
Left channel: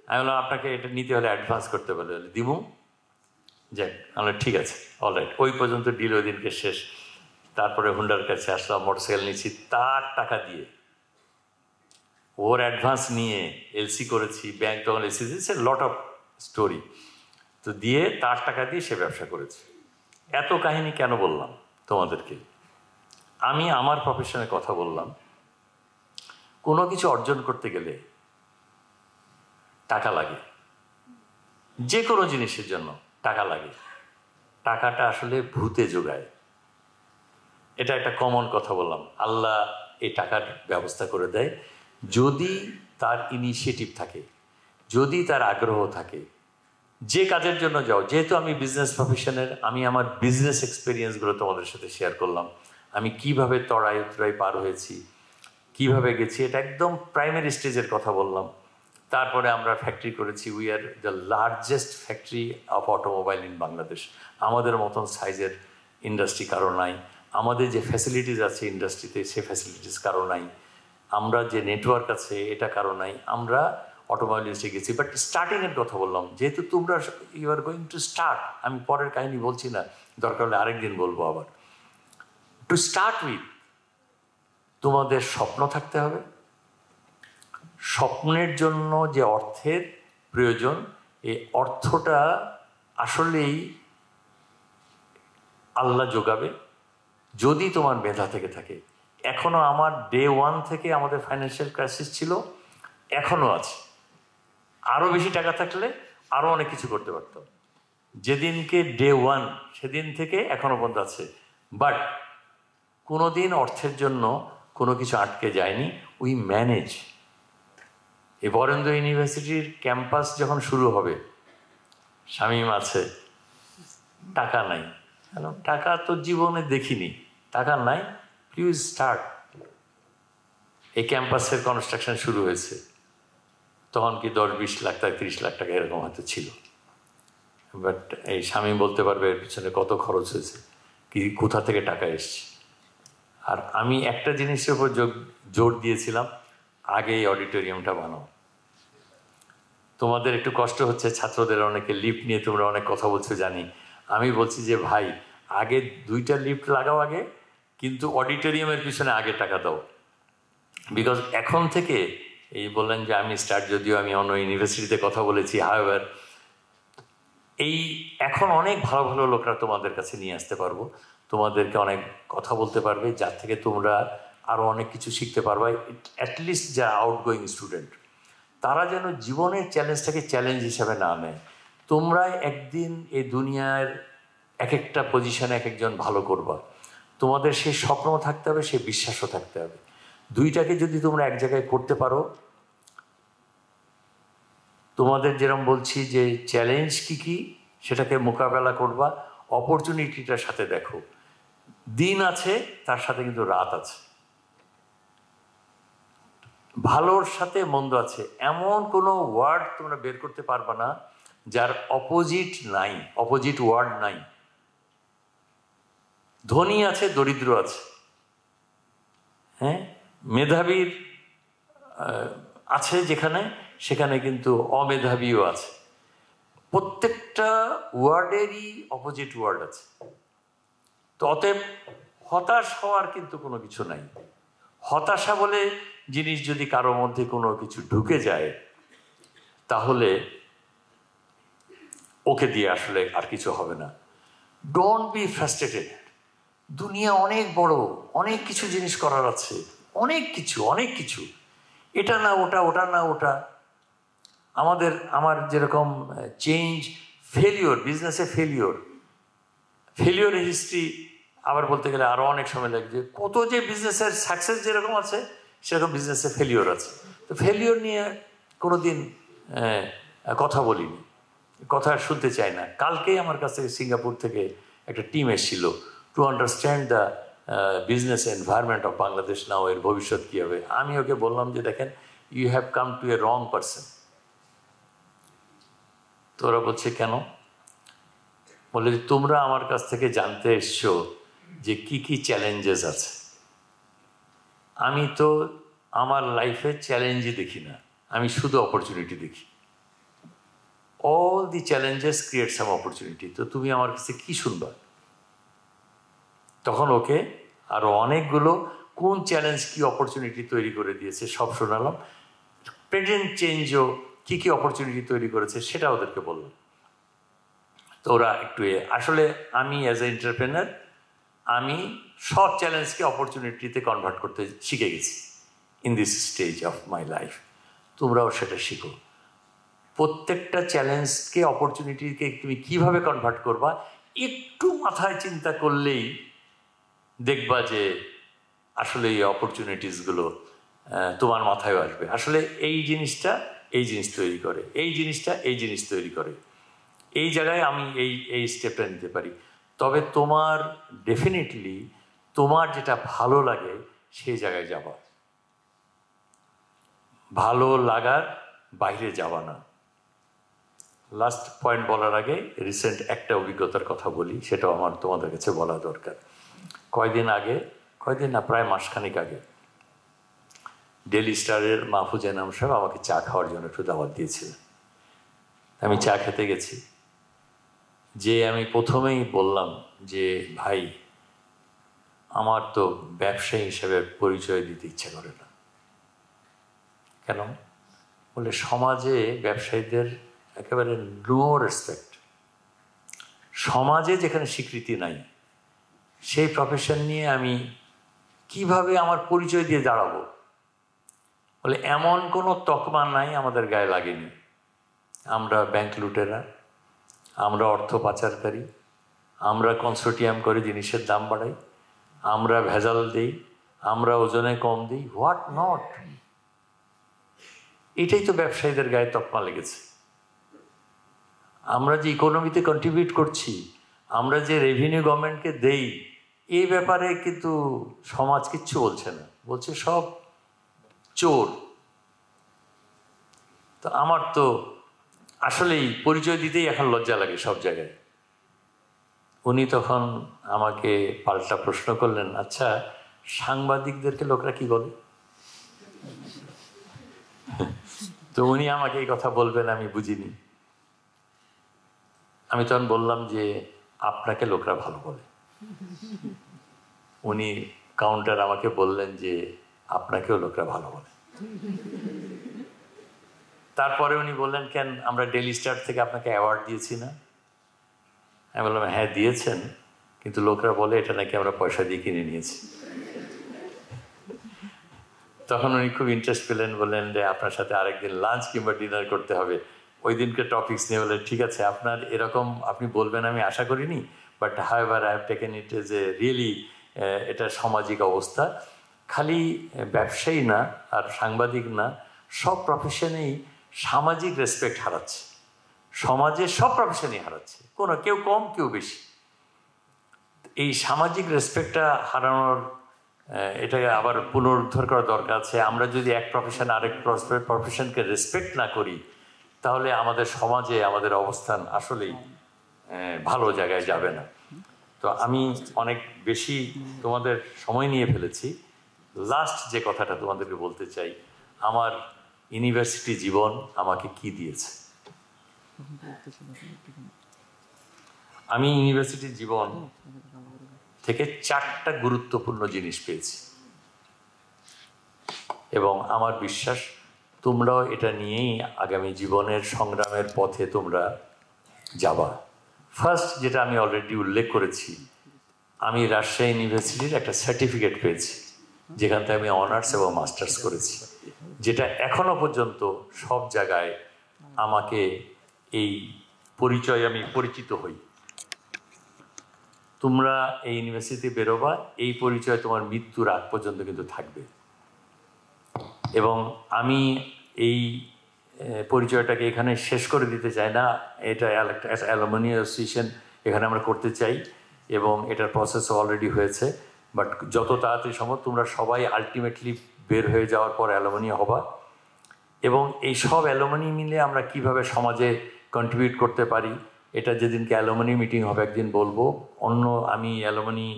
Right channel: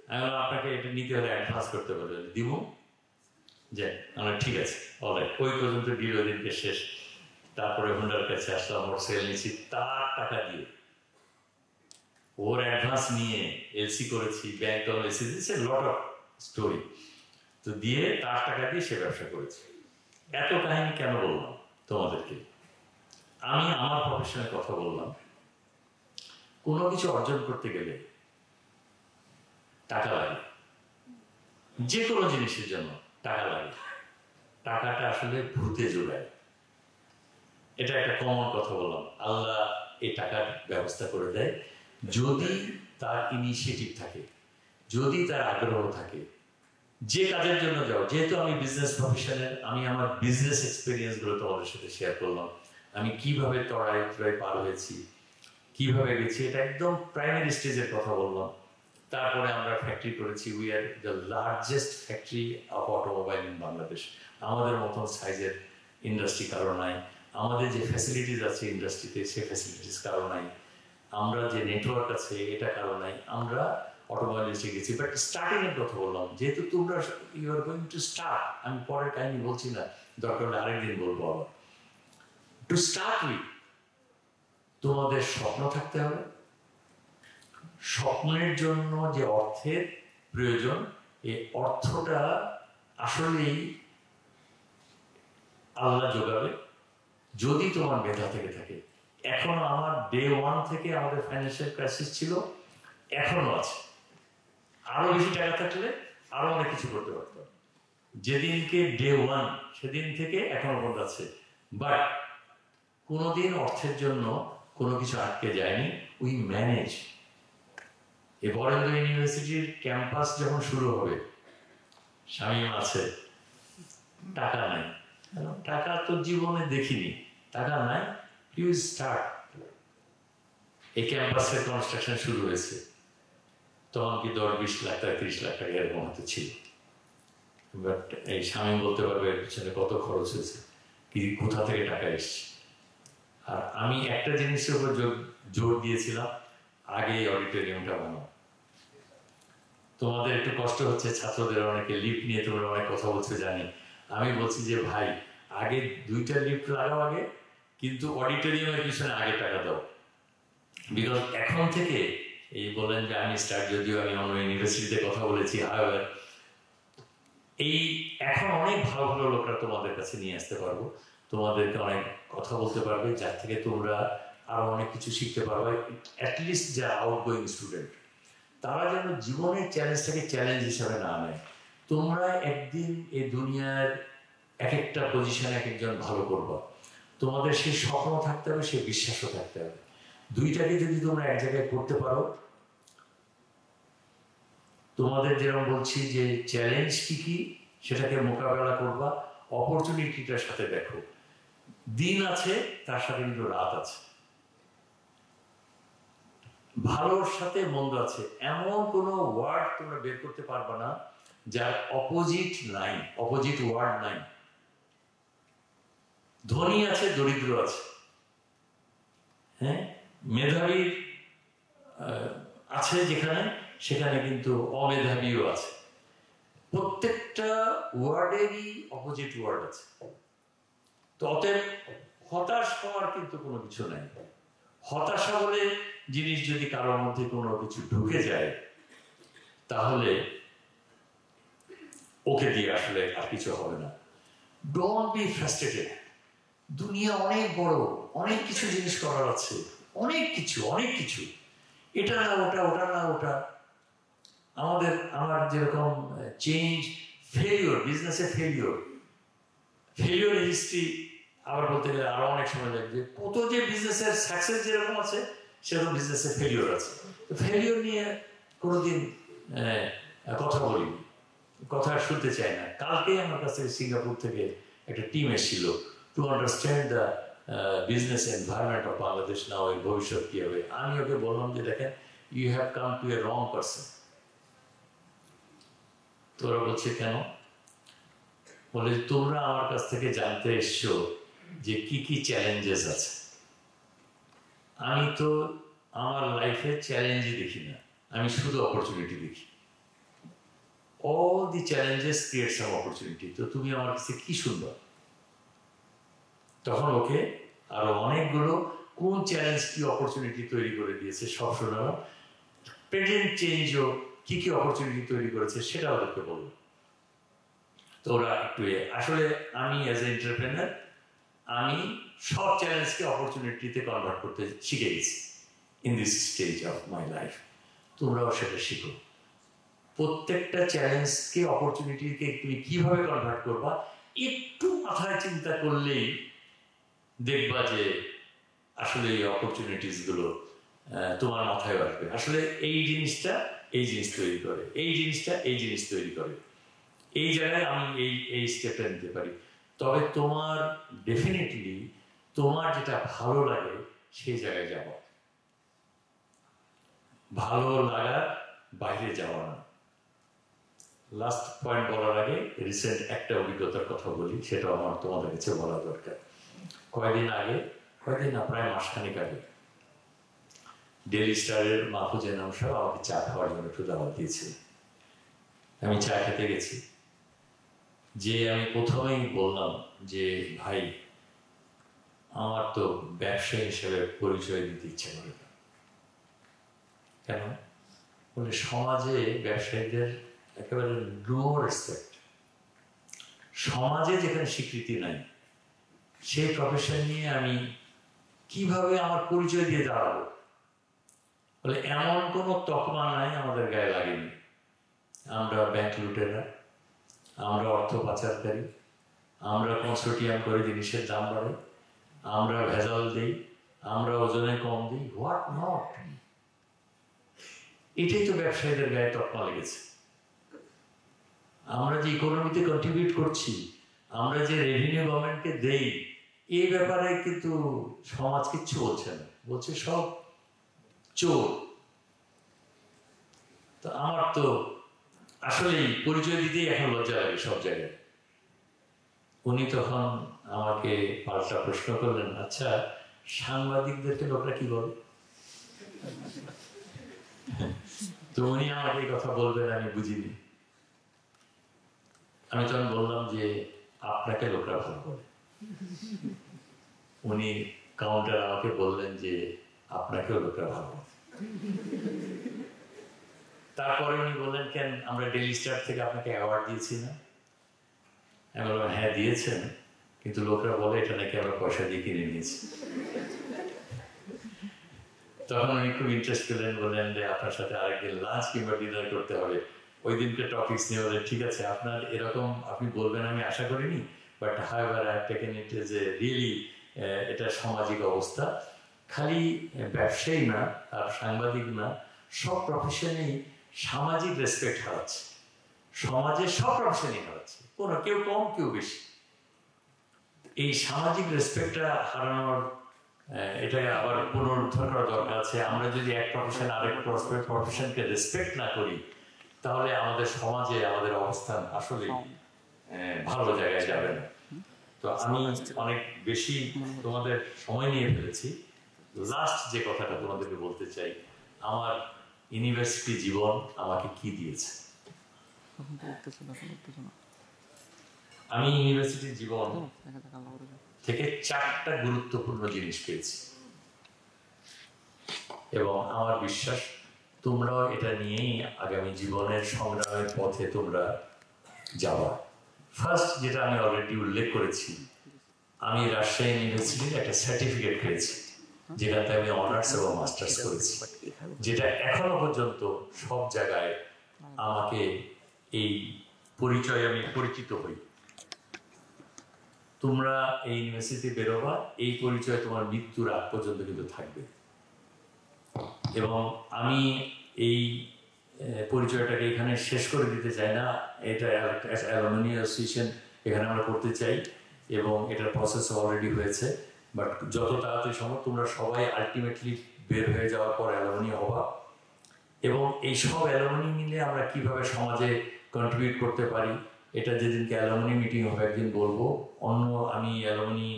আমি বললাম, আপনাকে এটা নিতে হলে অ্যাডভান্স করতে পারবে, দিব? যাই, আমরা ঠিক আছে, অলরাইট। ওই পর্যন্ত ডিল ওই দিনকে শেষ। তারপরে হুন্ডার কাছে আসলাম, মোটরসাইকেল নিচ্ছি তার টাকা দিয়ে, ওর অ্যাডভান্স নিয়ে এলসি করেছি, ব্যাংক তখন এলসি দিয়েছে, লট অফ স্টোরি। তো দিয়ে তার টাকা দিয়ে সে ব্যবসা করেছে। এত কাহিনী কেন বললাম তোমাদেরকে? আমি আমার প্রফেশনের কথা বললাম। কোনো কিছু অর্জন করতে গেলে টাকা লাগে, যে কোনো জিনিসের জন্য টাকা লাগে। টাকাটা আসলে ভূতে যোগায়, এটা একটা কমন কথা বললাম। আল্লাহ এই টাকার ব্যবস্থা করে দেয় যদি তার ইনিশিয়েটিভ থাকে, যদি তার আগ্রহ থাকে। যে কাজের জন্য যাও, যেহেতু আমি বিজনেস প্রফেশনের, আমি আমার বিজনেস এক্সপিরিয়েন্সগুলো তোমাদের সাথে শেয়ার করলাম। আমি কিভাবে তরাই পার হয়েছি, কিভাবে গেছি, এটা একদম প্রাইমারি স্টেজের কথা বললাম। তারপরে আমরা ফ্যাক্টরি করেছি, we are the largest factory of automobile in Bangladesh. আমাদের মতন সাইজের ইন্ডাস্ট্রি কারো নাই, আমাদের যে ফ্যাসিলিটিস আছে ইন্ডাস্ট্রিতে সে ফ্যাসিলিটিস কারো নাই, আমরা যে নেটওয়ার্ক আছে এটা কারো নাই। আমরা অটোমোবাইল ইন্ডাস্ট্রি গেছি, বাট স্টার্টিংয়ের কথা বললাম। যেহেতু তোমরা you are going to start, আমি পরের কাহিনী বলছি না, দরকার হলে আরেকদিন বলবো আবার। টু স্টার্ট উইথ তোমাদের স্বপ্ন থাকতে হবে। স্বপ্নের জন্য যে অর্থের প্রয়োজন, এই অর্থটা আসলেই আল্লাহ যোগাবে যদি তোমার মেধা থেকে থাকে। এখনো আমার ডে 1 থেকে আমাদের ফাইন্যান্সিয়াল ক্রাইসিস ছিল, এখনো আছে। আরো বেশি টাকা থাকলে আরো অনেক কিছু করতে পারতাম। যেদিনকে ডে 1 সেদিন থেকে এখনো পর্যন্ত আছে। বাট কোনোদিন অর্থের জন্য কোনো কিছু আটকে যায়নি, উই ম্যানেজ। এই বরেন্দ্র ইউনিভার্সিটির ক্যাম্পাস যখন শুরু হবে, শামীম আছে, টাকা নাই। টাকা তো জীবনে দেখিনি, টাকা নাই, প্লিজ স্টার্ট। এই ক্যাম্পাসের কনস্ট্রাকশন শুরু হয়েছে, তখন কি 10-20 লাখ টাকা, 30 লাখ টাকা এরকম হয়তো ছিল। বাট এই শামীম বলতে পারবে এর পিছনে কত খরচ হয়েছে, কি কোথা থেকে টাকা এসছে। আর আমি একটা জিনিসের উপর জোর দিয়েছিলাম, আগে এই অডিটোরিয়ামটা বানাও। তোমাদের একটু কষ্ট হচ্ছে, ছাত্রদের অনেকে লিফট নিয়ে তোমরা অনেক কথা বলছো জানি। আমি বলছি যে ভাই, আগে 2টা লিফট লাগাও আগে, কিন্তু অডিটোরিয়ামের পিছনে আগে টাকা দাও। বিকজ এখন থেকে এই বললেন যে আমি স্টার্ট, যদিও আমি অন্য ইউনিভার্সিটিতে কথা বলেছি, হাওয়েভার এই এখন অনেক ভালো ভালো লোকরা তোমাদের কাছে নিয়ে আসতে পারবো, তোমাদেরকে অনেক কথা বলতে পারবে, যার থেকে তোমরা আরও অনেক কিছু শিখতে পারবে। অ্যাটলিস্ট যা আউটগোয়িং স্টুডেন্ট, তারা যেন জীবনের চ্যালেঞ্জটাকে চ্যালেঞ্জ হিসাবে না নেয়। তোমরা একদিন এই দুনিয়ার এক একটা পজিশনে এক একজন ভালো করবা, তোমাদের সেই স্বপ্ন থাকতে হবে, সেই বিশ্বাসও থাকতে হবে। দুইটাকে যদি তোমরা এক জায়গায় করতে পারো, তোমাদের যেরকম বলছি যে চ্যালেঞ্জ কী কী সেটাকে মোকাবেলা করবা, অপরচুনিটিটার সাথে দেখো। দিন আছে, তার সাথে কিন্তু রাত আছে। ভালোর সাথে মন্দ আছে, এমন কোনো ওয়ার্ড তোমরা বের করতে পারবে না যার অপোজিট নাই, অপোজিট ওয়ার্ড নাই। ধনী আছে, দরিদ্র আছে, হ্যাঁ, মেধাবীর আছে যেখানে, সেখানে কিন্তু অমেধাবীও আছে। প্রত্যেকটা ওয়ার্ডেরই অপোজিট ওয়ার্ড আছে। তো অতএব হতাশ হওয়ার কিন্তু কোনো কিছু নাই। হতাশা বলে জিনিস যদি কারোর মধ্যে কোনো কিছু ঢুকে যায়, তাহলে ওকে দিয়ে আসলে আর কিছু হবে না। Don't be frustrated. দুনিয়া অনেক বড়, অনেক কিছু জিনিস করার আছে, অনেক কিছু, এটা না ওটা, ওটা না ওটা। আমার যেরকম চেঞ্জ, ফেলিওর, বিজনেসে ফেলিওর হিস্ট্রি আবার বলতে গেলে আরো অনেক সময় লাগবে। কত যে বিজনেসের সাকসেস যেরকম আছে, সেরকম বিজনেসে ফেলিওর আছে। তো ফেলিওর নিয়ে কোনোদিন কথা বলিনি, কথা শুনতে চাই না। কালকেই আমার কাছে সিঙ্গাপুর থেকে একটা টিম এসেছিল to understand the business environment of Bangladesh now, এর ভবিষ্যৎ কী হবে। আমি ওকে বললাম যে দেখেন, you have come to a wrong person. তো ওরা বলছে কেন? বলে তোমরা আমার কাছ থেকে জানতে এসছো যে কি কি চ্যালেঞ্জেস আছে। আমি তো আমার লাইফে চ্যালেঞ্জই দেখি না, আমি শুধু অপরচুনিটি দেখি। All the challenges create some opportunity. তো তুমি আমার কাছে কি শুনবা? তখন ওকে আরো অনেকগুলো কোন চ্যালেঞ্জ কি অপরচুনিটি তৈরি করে দিয়েছে সব শোনালাম। প্রেজেন্ট চেঞ্জও কি কি অপরচুনিটি তৈরি করেছে সেটা ওদেরকে বললাম। তো ওরা একটু আসলে আমি অ্যাজ এ এন্টারপ্রেনার, আমি সব চ্যালেঞ্জকে অপরচুনিটিতে কনভার্ট করতে শিখে গেছি in this stage of my life. তোমরাও সেটা শিখো। প্রত্যেকটা চ্যালেঞ্জকে অপরচুনিটিকে তুমি কিভাবে কনভার্ট করবা, একটু মাথায় চিন্তা করলেই দেখবা যে আসলে এই অপরচুনিটিসগুলো তোমার মাথায় আসবে। আসলে এই জিনিসটা এই জিনিস তৈরি করে, এই জিনিসটা এই জিনিস তৈরি করে, এই জায়গায় আমি এই স্টেপটা নিতে পারি। তবে তোমার ডেফিনেটলি তোমার যেটা ভালো লাগে সেই জায়গায় যাবা, ভালো লাগার বাইরে যাওয়া না। লাস্ট পয়েন্ট বলার আগে রিসেন্ট একটা অভিজ্ঞতার কথা বলি, সেটাও আমার তোমাদের কাছে বলা দরকার। কয়দিন না, প্রায় মাসখানিক আগে ডেইলি স্টারের মাহফুজা ইনাম সাহেব আমাকে চা খাওয়ার জন্য একটু দাওয়াত দিয়েছিলেন। আমি চা খেতে গেছি, যে আমি প্রথমেই বললাম যে ভাই, আমার তো ব্যবসায়ী হিসেবে পরিচয় দিতে ইচ্ছে করে না। কেন? বলে সমাজে ব্যবসায়ীদের একেবারে নো রেসপেক্ট। সমাজে যেখানে স্বীকৃতি নাই, সেই প্রফেশন নিয়ে আমি কিভাবে আমার পরিচয় দিয়ে দাঁড়াবো? বলে এমন কোনো তকমা নাই আমাদের গায়ে লাগেনি। আমরা ব্যাংক লুটেরা, আমরা অর্থ পাচারকারী, আমরা কনসোর্টিয়াম করে জিনিসের দাম বাড়াই, আমরা ভেজাল দিই, আমরা ওজনে কম দিই, হোয়াট নট। এটাই তো ব্যবসায়ীদের গায়ে তকমা লেগেছে। আমরা যে ইকোনমিতে কন্ট্রিবিউট করছি, আমরা যে রেভিনিউ গভর্নমেন্টকে দেই, এই ব্যাপারে কিন্তু সমাজ কিচ্ছু বলছে না, বলছে সব চোর। তো আমার তো আসলেই পরিচয় দিতেই এখন লজ্জা লাগে সব জায়গায়। উনি তখন আমাকে পাল্টা প্রশ্ন করলেন, আচ্ছা সাংবাদিকদেরকে লোকরা কি বলে? তো উনি আমাকে এই কথা বলবেন আমি বুঝিনি। আমি তখন বললাম যে আপনাকে লোকরা ভালো বলে। উনি কাউন্টার আমাকে বললেন যে আপনাকেও লোকরা ভালো বলে। তারপরে উনি বললেন, কেন আমরা ডেইলি স্টার থেকে আপনাকে অ্যাওয়ার্ড দিয়েছি না? আমি বললাম হ্যাঁ দিয়েছেন, কিন্তু লোকরা বলে এটা নাকি আমরা পয়সা দিয়ে কিনে নিয়েছি। তখন উনি খুব ইন্টারেস্ট পেলেন, বললেন যে আপনার সাথে আরেকদিন লাঞ্চ কিংবা ডিনার করতে হবে। ওই দিনকে টপিকস নিয়ে বললেন ঠিক আছে, আপনার এরকম আপনি বলবেন আমি আশা করিনি, but however I have taken it as a really, এটা সামাজিক অবস্থা। খালি ব্যবসায়ী না আর সাংবাদিক না, সব প্রফেশনেই সামাজিক রেসপেক্ট হারাচ্ছে। সমাজে সব প্রফেশনই হারাচ্ছে, কেউ কম কেউ বেশি। এই সামাজিক রেসপেক্টটা হারানোর এটা আবার পুনরুদ্ধার করা দরকার আছে। আমরা যদি এক প্রফেশন আরেক প্রফেশনকে রেসপেক্ট না করি, তাহলে আমাদের সমাজে আমাদের অবস্থান আসলেই ভালো জায়গায় যাবে না। তো আমি অনেক বেশি তোমাদের সময় নিয়ে ফেলেছি। লাস্ট যে কথাটা তোমাদেরকে বলতে চাই, আমার ইউনিভার্সিটি জীবন আমাকে কি দিয়েছে। আমি ইউনিভার্সিটি জীবন থেকে 4টা গুরুত্বপূর্ণ জিনিস পেয়েছি, এবং আমার বিশ্বাস তোমরাও এটা নিয়েই আগামী জীবনের সংগ্রামের পথে তোমরা যাবা। ফার্স্ট, যেটা আমি অলরেডি উল্লেখ করেছি, আমি রাজশাহী ইউনিভার্সিটির একটা সার্টিফিকেট পেয়েছি, যেখান থেকে আমি অনার্স এবং মাস্টার্স করেছি, যেটা এখনো পর্যন্ত সব জায়গায় আমাকে এই পরিচয় আমি পরিচিত হই। তোমরা এই ইউনিভার্সিটি বেরোবা, এই পরিচয় তোমার মৃত্যুর আগ পর্যন্ত কিন্তু থাকবে। এবং আমি এই পরিচয়টাকে এখানে শেষ করে দিতে চাই না। এটা অ্যালুমিনি অ্যাসোসিয়েশন এখানে আমরা করতে চাই, এবং এটার প্রসেস অলরেডি হয়েছে। বাট যত তাড়াতাড়ি সম্ভব তোমরা সবাই আলটিমেটলি বের হয়ে যাওয়ার পর অ্যালুমিনি হবা, এবং এই সব অ্যালুমিনি মিলে আমরা কিভাবে সমাজে কন্ট্রিবিউট করতে পারি, এটা যেদিনকে অ্যালুমিনি মিটিং হবে একদিন বলবো। আমি অ্যালুমিনি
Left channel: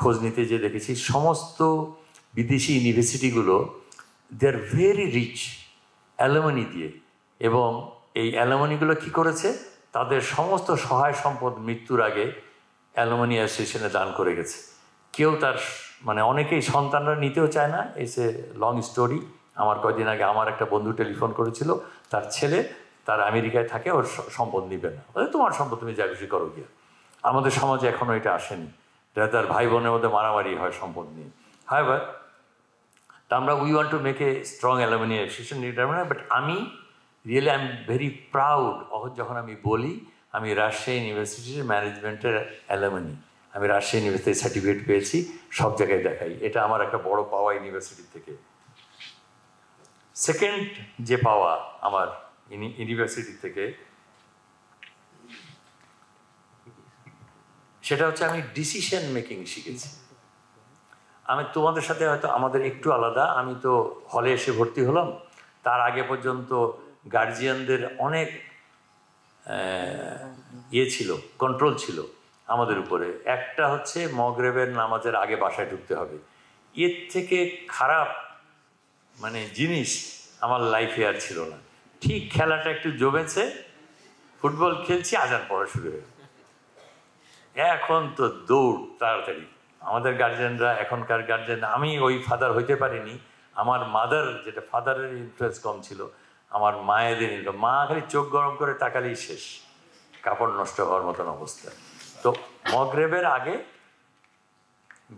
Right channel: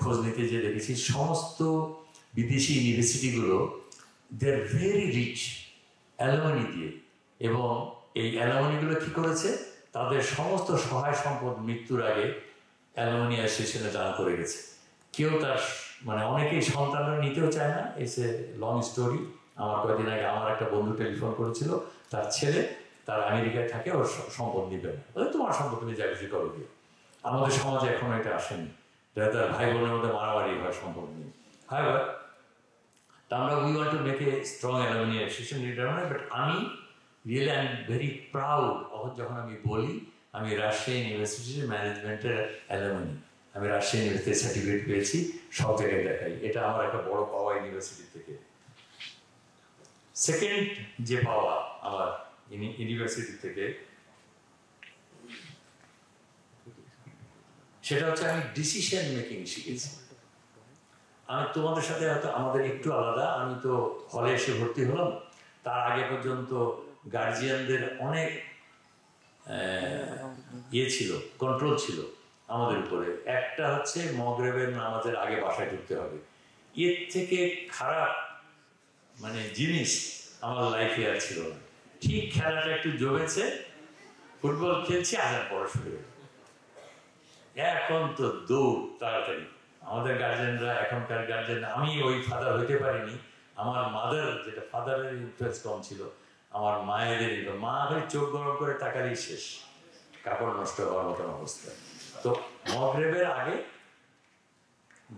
খোঁজ নিতে যে দেখেছি, সমস্ত বিদেশি ইউনিভার্সিটিগুলো দে আর ভেরি রিচ অ্যালুমিনি দিয়ে, এবং এই অ্যালুমিনিগুলো কী করেছে, তাদের সমস্ত সহায় সম্পদ মৃত্যুর আগে অ্যালুমিনি অ্যাসোসিয়েশনে দান করে গেছে। কেউ তার অনেকেই সন্তানরা নিতেও চায় না। It's a long story. আমার কয়েকদিন আগে আমার একটা বন্ধু টেলিফোন করেছিল, তার ছেলে তার আমেরিকায় থাকে, ওর সম্পদ নিবে না, তোমার সম্পদ তুমি যা খুশি করো গিয়ে। আমাদের সমাজে এখনও এটা আসেনি, তার ভাই বোনের মধ্যে মারামারি হয় সম্পদ নিয়ে। হাইবার আমরা we want to make a strong alumni association, but আমি really I am very proud যখন আমি বলি আমি রাজশাহী ইউনিভার্সিটির ম্যানেজমেন্টের অ্যালুমিনি, আমি রাজশাহী ইউনিভার্সিটির সার্টিফিকেট পেয়েছি, সব জায়গায় দেখাই। এটা আমার একটা বড় পাওয়া ইউনিভার্সিটি থেকে। সেকেন্ড যে পাওয়া আমার ইউনিভার্সিটি থেকে, সেটা হচ্ছে আমি ডিসিশন মেকিং শিখেছি। আমি তোমাদের সাথে হয়তো আমাদের একটু আলাদা। আমি তো হলে এসে ভর্তি হলাম, তার আগে পর্যন্ত গার্জিয়ানদের অনেক ছিল, কন্ট্রোল ছিল আমাদের উপরে। একটা হচ্ছে মগরিবের নামাজের আগে বাসায় ঢুকতে হবে। এর থেকে খারাপ জিনিস আমার লাইফে আর ছিল না। ঠিক খেলাটা একটু জমেছে, ফুটবল খেলছি, আজান পড়া শুরু হয়ে, এখন তো দৌড় তাড়াতাড়ি। আমাদের গার্জেনরা, এখনকার গার্জেন, আমি ওই ফাদার হইতে পারিনি। আমার মাদার, যেটা ফাদারের ইনফ্লুয়েন্স কম ছিল, আমার মায়েদের মা খালি চোখ গরম করে তাকালেই শেষ, কাপড় নষ্ট হওয়ার মতন অবস্থা। তো মগরিবের আগে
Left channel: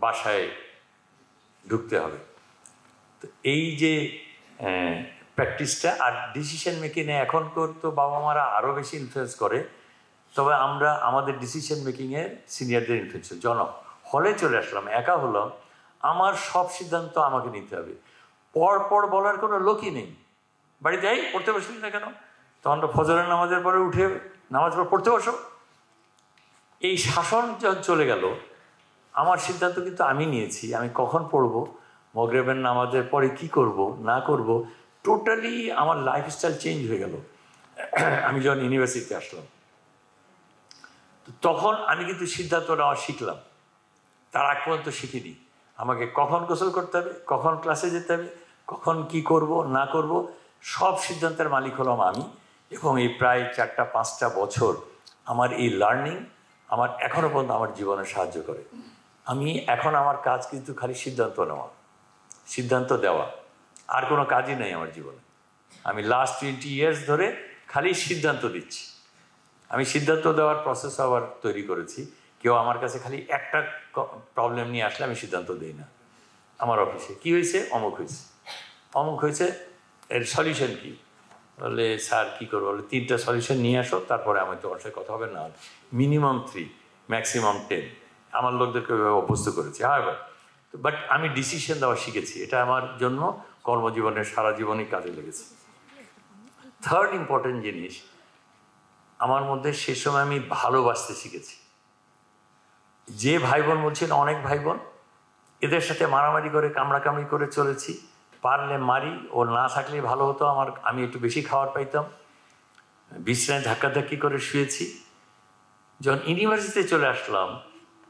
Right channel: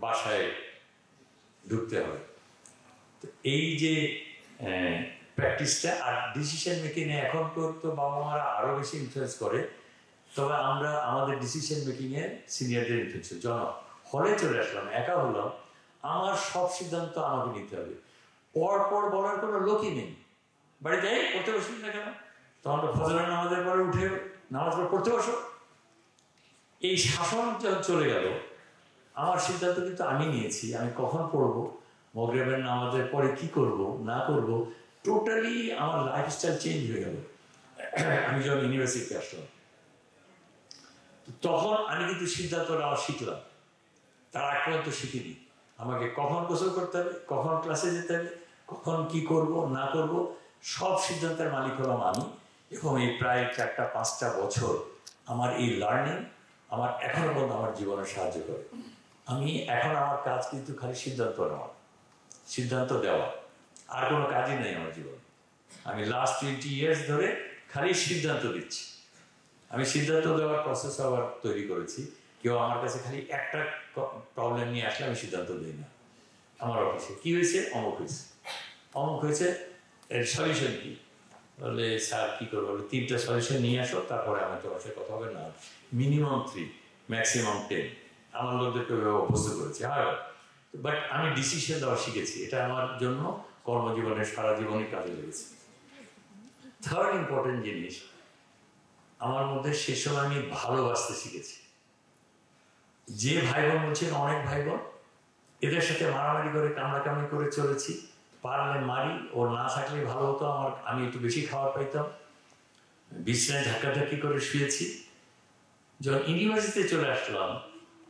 বাসায় ঢুকতে হবে। তো এই যে প্র্যাকটিসটা, আর ডিসিশন মেকিংয়ে এখন তো বাবা মারা আরও বেশি ইনফ্লুয়েন্স করে, তবে আমরা আমাদের ডিসিশন মেকিংয়ে সিনিয়রদের ইনফ্লুয়েন্স। হলে চলে আসলাম, একা হলাম, আমার সব সিদ্ধান্ত আমাকে নিতে হবে। পর বলার কোনো লোকই নেই। বাড়িতে পড়তে বসলি না কেন, তখন তো ফজরের নামাজের পরে উঠে নামাজ পড়তে বসো। এই শাসন যখন চলে গেল, আমার সিদ্ধান্ত কিন্তু আমি নিয়েছি, আমি কখন পড়বো, মগরিবের নামাজের পরে কি করব না করব, টোটালি আমার লাইফস্টাইল চেঞ্জ হয়ে গেল। আমি যখন ইউনিভার্সিটিতে আসলাম, তখন আমি কিন্তু সিদ্ধান্ত নেওয়া শিখলাম, তার আগ পর্যন্ত শিখিনি। আমাকে কখন গোসল করতে হবে, কখন ক্লাসে যেতে হবে, কখন কি করব না করব, সব সিদ্ধান্তের মালিক হলাম আমি। এবং এই প্রায় 4-5টা বছর আমার এই লার্নিং আমার এখনও পর্যন্ত আমার জীবনে সাহায্য করে। আমি এখন আমার কাজ কিন্তু খালি সিদ্ধান্ত নেওয়া, সিদ্ধান্ত দেওয়া, আর কোনো কাজই নেই আমার জীবনে। আমি লাস্ট 20 ইয়ার্স ধরে খালি সিদ্ধান্ত দিচ্ছি। আমি সিদ্ধান্ত দেওয়ার প্রসেস আবার তৈরি করেছি। কেউ আমার কাছে খালি একটা প্রবলেম নিয়ে আসলে আমি সিদ্ধান্ত দিই না। আমার অফিসে কী হয়েছে, অমুক হয়েছে, এর সলিউশন কী, বলে স্যার কী করবো, বলে 3টা সলিউশন নিয়ে আসো, তারপরে আমার তোমার সাথে কথা হবে। না, মিনিমাম 3, ম্যাক্সিমাম 10। আমার লোকদেরকে অভ্যস্ত করেছি। বাট আমি ডিসিশন দেওয়া শিখেছি, এটা আমার জন্য কর্মজীবনের সারা জীবনই কাজে লেগেছে। থার্ড ইম্পর্টেন্ট জিনিস আমার মধ্যে, সে সময় আমি ভালোবাসতে শিখেছি। যে ভাই বোন বলছেন, অনেক ভাই বোন, এদের সাথে মারামারি করে কামড়াকামড়ি করে চলেছি, পারলে মারি, ও না থাকলে ভালো হতো, আমি একটু বেশি খাবার পাইতাম, বিছানায় ধাক্কাধাক্কি করে শুয়েছি। যখন ইউনিভার্সিটিতে চলে আসলাম,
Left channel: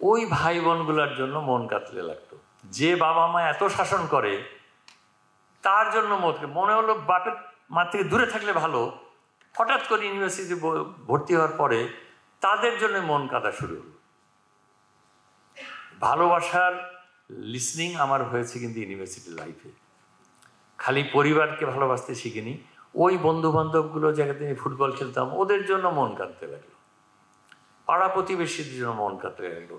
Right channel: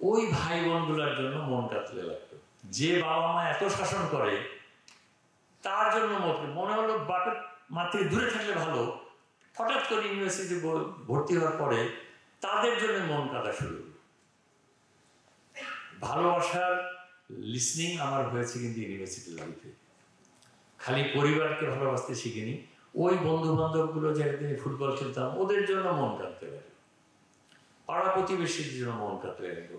ওই ভাই বোনগুলোর জন্য মন কাতরে লাগতো। যে বাবা মা এত শাসন করে তার জন্য মনে হলো বাপের মা থেকে দূরে থাকলে ভালো। হঠাৎ করে ইউনিভার্সিটি ভর্তি হওয়ার পরে তাদের জন্য মন কাঁদা শুরু হলো। ভালোবাসার লিসনিং আমার হয়েছে কিন্তু ইউনিভার্সিটি লাইফে। খালি পরিবারকে ভালোবাসতে শিখিনি, ওই বন্ধু বান্ধবগুলো জায়গাতে ফুটবল খেলতাম, ওদের জন্য মন কাঁদতে লাগলো, পাড়া প্রতিবেশীর জন্য মন কাঁদতে লাগলো।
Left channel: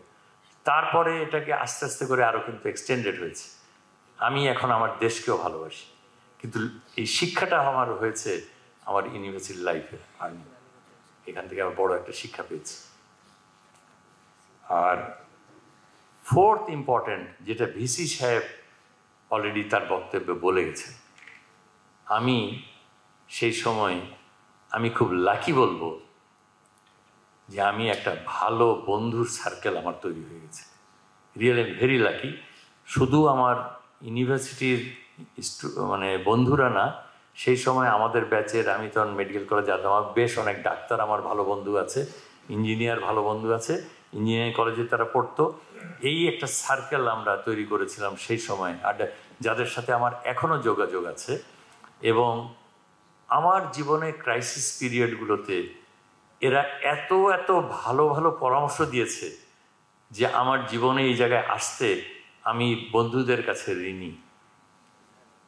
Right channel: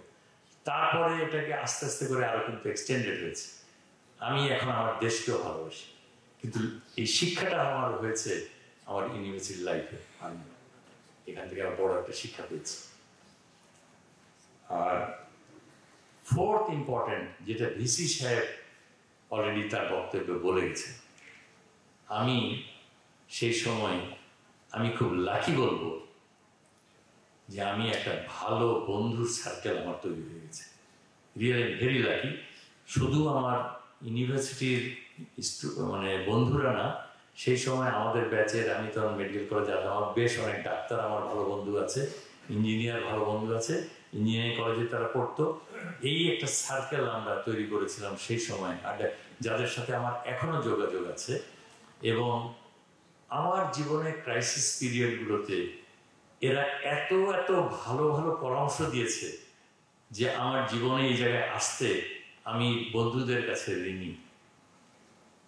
তারপরে এটাকে আস্তে আস্তে করে আরো কিন্তু এক্সটেন্ডেড হয়েছে। আমি এখন আমার দেশকেও ভালোবাসি, কিন্তু এই শিক্ষাটা আমার হয়েছে আমার ইউনিভার্সিটি লাইফে। আমি এখান থেকে আমার বড় একটা শিক্ষা পেয়েছি। আর ফোর্থ ইম্পর্টেন্ট, যেটা ভিসি সাহেব অলরেডি তার বক্তব্যে বলে গেছে, আমি সেই সময় আমি খুব লাকি বলবো যে আমি একটা ভালো বন্ধুর সার্কেল আমার তৈরি হয়ে গেছে। Really very lucky. শুধু আমার ইউনিভার্সিটির মানে বন্ধুরা না, সেই সময় আমাদের ব্যাচের, আমি তখন মেডিকেল কলেজে যেতাম, আমার বেশ অনেক ডাক্তার আমার ভালো বন্ধু আছে, ইঞ্জিনিয়ার ভালো বন্ধু আছে, ইঞ্জিনিয়ারিং কলেজে তারা পড়তো। এই একটা সার্কেল আমরা তৈরি করেছিলাম সেই সময়, আর যাদের সাথে আমার এখনো যোগাযোগ আছে। এবং আমার জীবনে ক্রাইসিস পিরিয়ডগুলোতে এরা এত এত ভালো ভালো পরামর্শ দিয়েছে যে আমার জীবনে এই জায়গায় আসতে আমি বন্ধুদের কাছে ঋণী,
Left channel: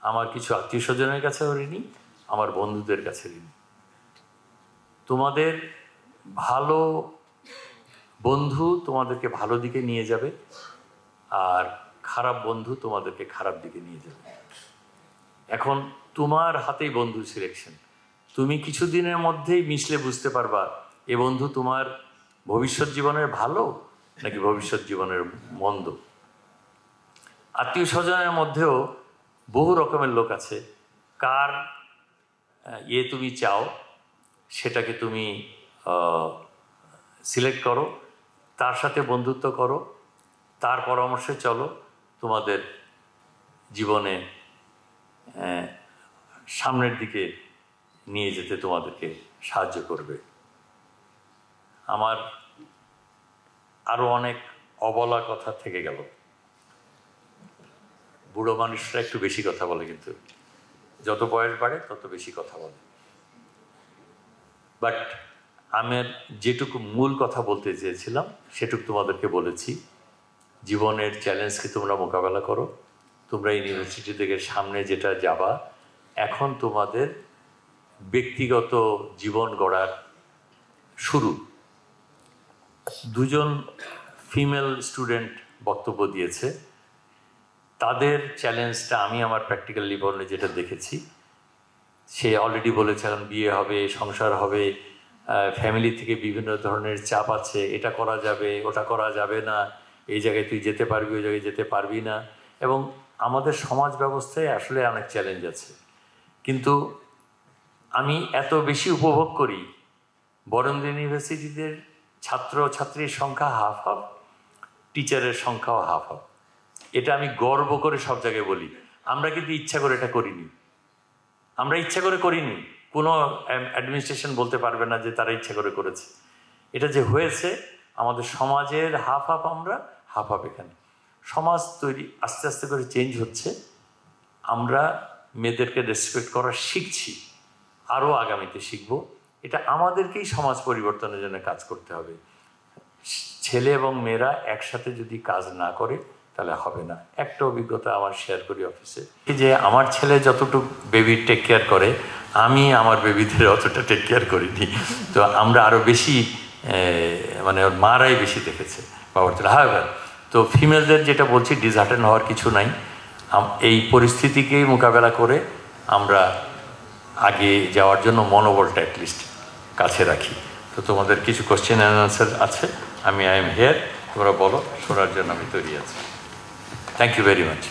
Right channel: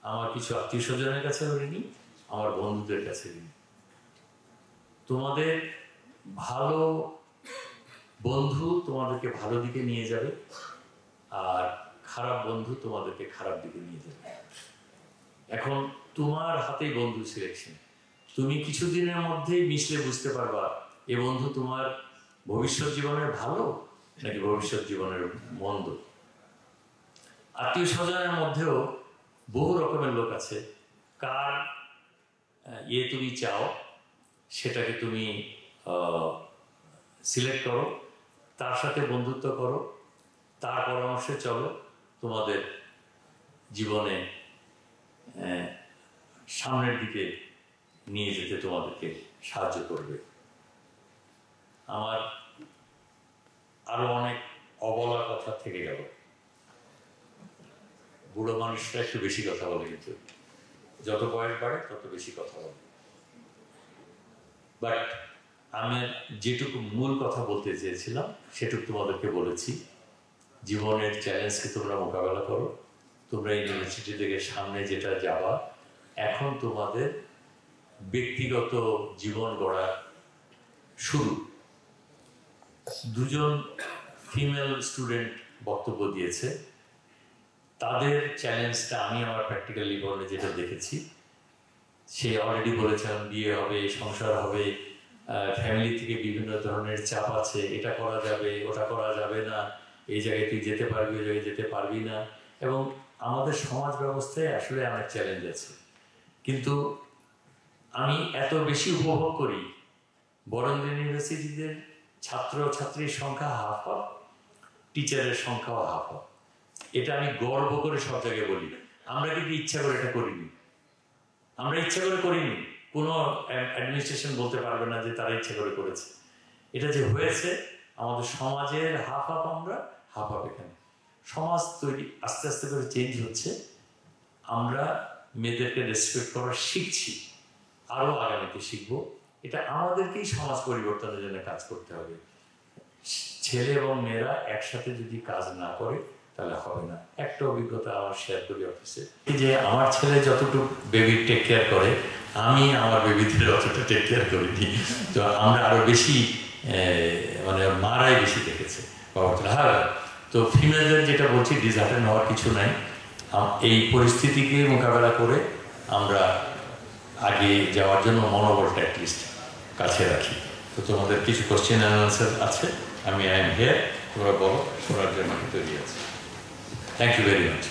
আমার কিছু আত্মীয় স্বজনের কাছেও ঋণী, আমার বন্ধুদের কাছে ঋণী। তোমাদের ভালো বন্ধু তোমাদেরকে ভালো দিকে নিয়ে যাবে, আর খারাপ বন্ধু তোমাদেরকে খারাপ দিকে নিয়ে যাবে। এখন তোমার হাতেই বন্ধু সিলেকশন। তুমি কিছুদিনের মধ্যেই মিশলে বুঝতে পারবা এ বন্ধু তোমার ভবিষ্যৎ জীবনের ভালো নাকি ভবিষ্যৎ জীবনের মন্দ। আত্মীয় স্বজনের মধ্যেও বহু রকমের লোক আছে, কার তুমি চাও সেটাকে তুমি সিলেক্ট করো, তার সাথে বন্ধুত্ব করো, তার পরামর্শে চলো, তোমাদের জীবনে সামনের দিকে নিয়ে যেতে তোমাদেরকে সাহায্য করবে। আমার আরো অনেক অবলা কথা থেকে গেল। বুড়ো মানুষরা একটু বেশি কথা বলে, কিন্তু যত বয়স বাড়ে তত বেশি কথা বলে। বাট আমার যেটুকু মূল কথা বলতে চেয়েছিলাম সেটুকু তোমাদেরকে বলেছি। জীবনের চ্যালেঞ্জকে তোমরা মোকাবেলা করো। তোমরা ইউনিভার্সিটি থেকে সামনে যেটা যাবা, এখন তোমাদের ব্যক্তিগত জীবন গড়ার শুরু। দুজন ফিমেল স্টুডেন্ট বক্তব্য দিয়েছে, তাদের চ্যালেঞ্জটা আমি আমার প্র্যাকটিক্যাল জীবনে যেটা দেখেছি, সে অলরেডি বলেছিলাম বিয়ে হবে, সংসার হবে, ফ্যামিলি থেকে বিভিন্ন ধরনের চাপ আছে, এটা করা যাবে, ওটা করা যাবে না, এই জায়গায় তুই যেতে পারবি, ওই জায়গায় যেতে পারবি না। এবং আমাদের সমাজ ব্যবস্থায় আসলে অনেক চ্যালেঞ্জ আছে। কিন্তু আমি এত বেশি উপভোগ করি বরেন্দ্র ইউনিভার্সিটিদের ছাত্র ছাত্রীর সংখ্যা হাফ হাফ, টিচারের সংখ্যাও হাফ হাফ। এটা আমি গর্ব করে সব জায়গায় বলি। আমরা কিন্তু ইচ্ছা করে এটা করিনি, আমরা ইচ্ছা করে করিনি। কোনো অ্যাডমিনিস্ট্রেশন বলতে পারবে না যে তারা ইচ্ছা করে করেছে। এটা যে হয়েছে আমাদের সমাজের হাফ হাফ, আমরা হাফ হাফ। এখানে সমাজ তৈরি আস্তে আস্তে করে চেঞ্জ হচ্ছে। আমরা মেয়েদেরকে রেসপেক্ট করা শিখছি, আরও আগামীতে শিখবো। এটা আমাদেরকেই সমাজ পরিবর্তনের জন্য কাজ করতে হবে। ছেলে এবং মেয়েরা একসাথে যদি কাজ না করে তাহলে হবে না। একটা অভিজ্ঞতা আমার শেয়ার করি অফিসে, যে আমার ছেলে যতটুকু বেবির টেক কেয়ার করে, আমি আমার বেবিদের অতটা টেক কেয়ার করিনি। তো আমরা আরও বেশি মানে মারাই বেশি দেখেছে বাবার। হ্যাঁ, তো ফিমেলদের যেটা বলছি, ডিসহার্টেন হওয়ার কিছু নাই। এই পরিস্থিতিকেই মোকাবেলা করে আমরা আগে যাওয়ার জন্য মনোবলটা অ্যাটলিস্ট কাছে রাখি। তো তোমাদের কিছু কোশ্চেন অ্যান্ড আনসার আছে, আমি আই এম হিয়ার, তোমরা বলো, শোনার জন্য আমি তৈরি আছি। Thank you very much.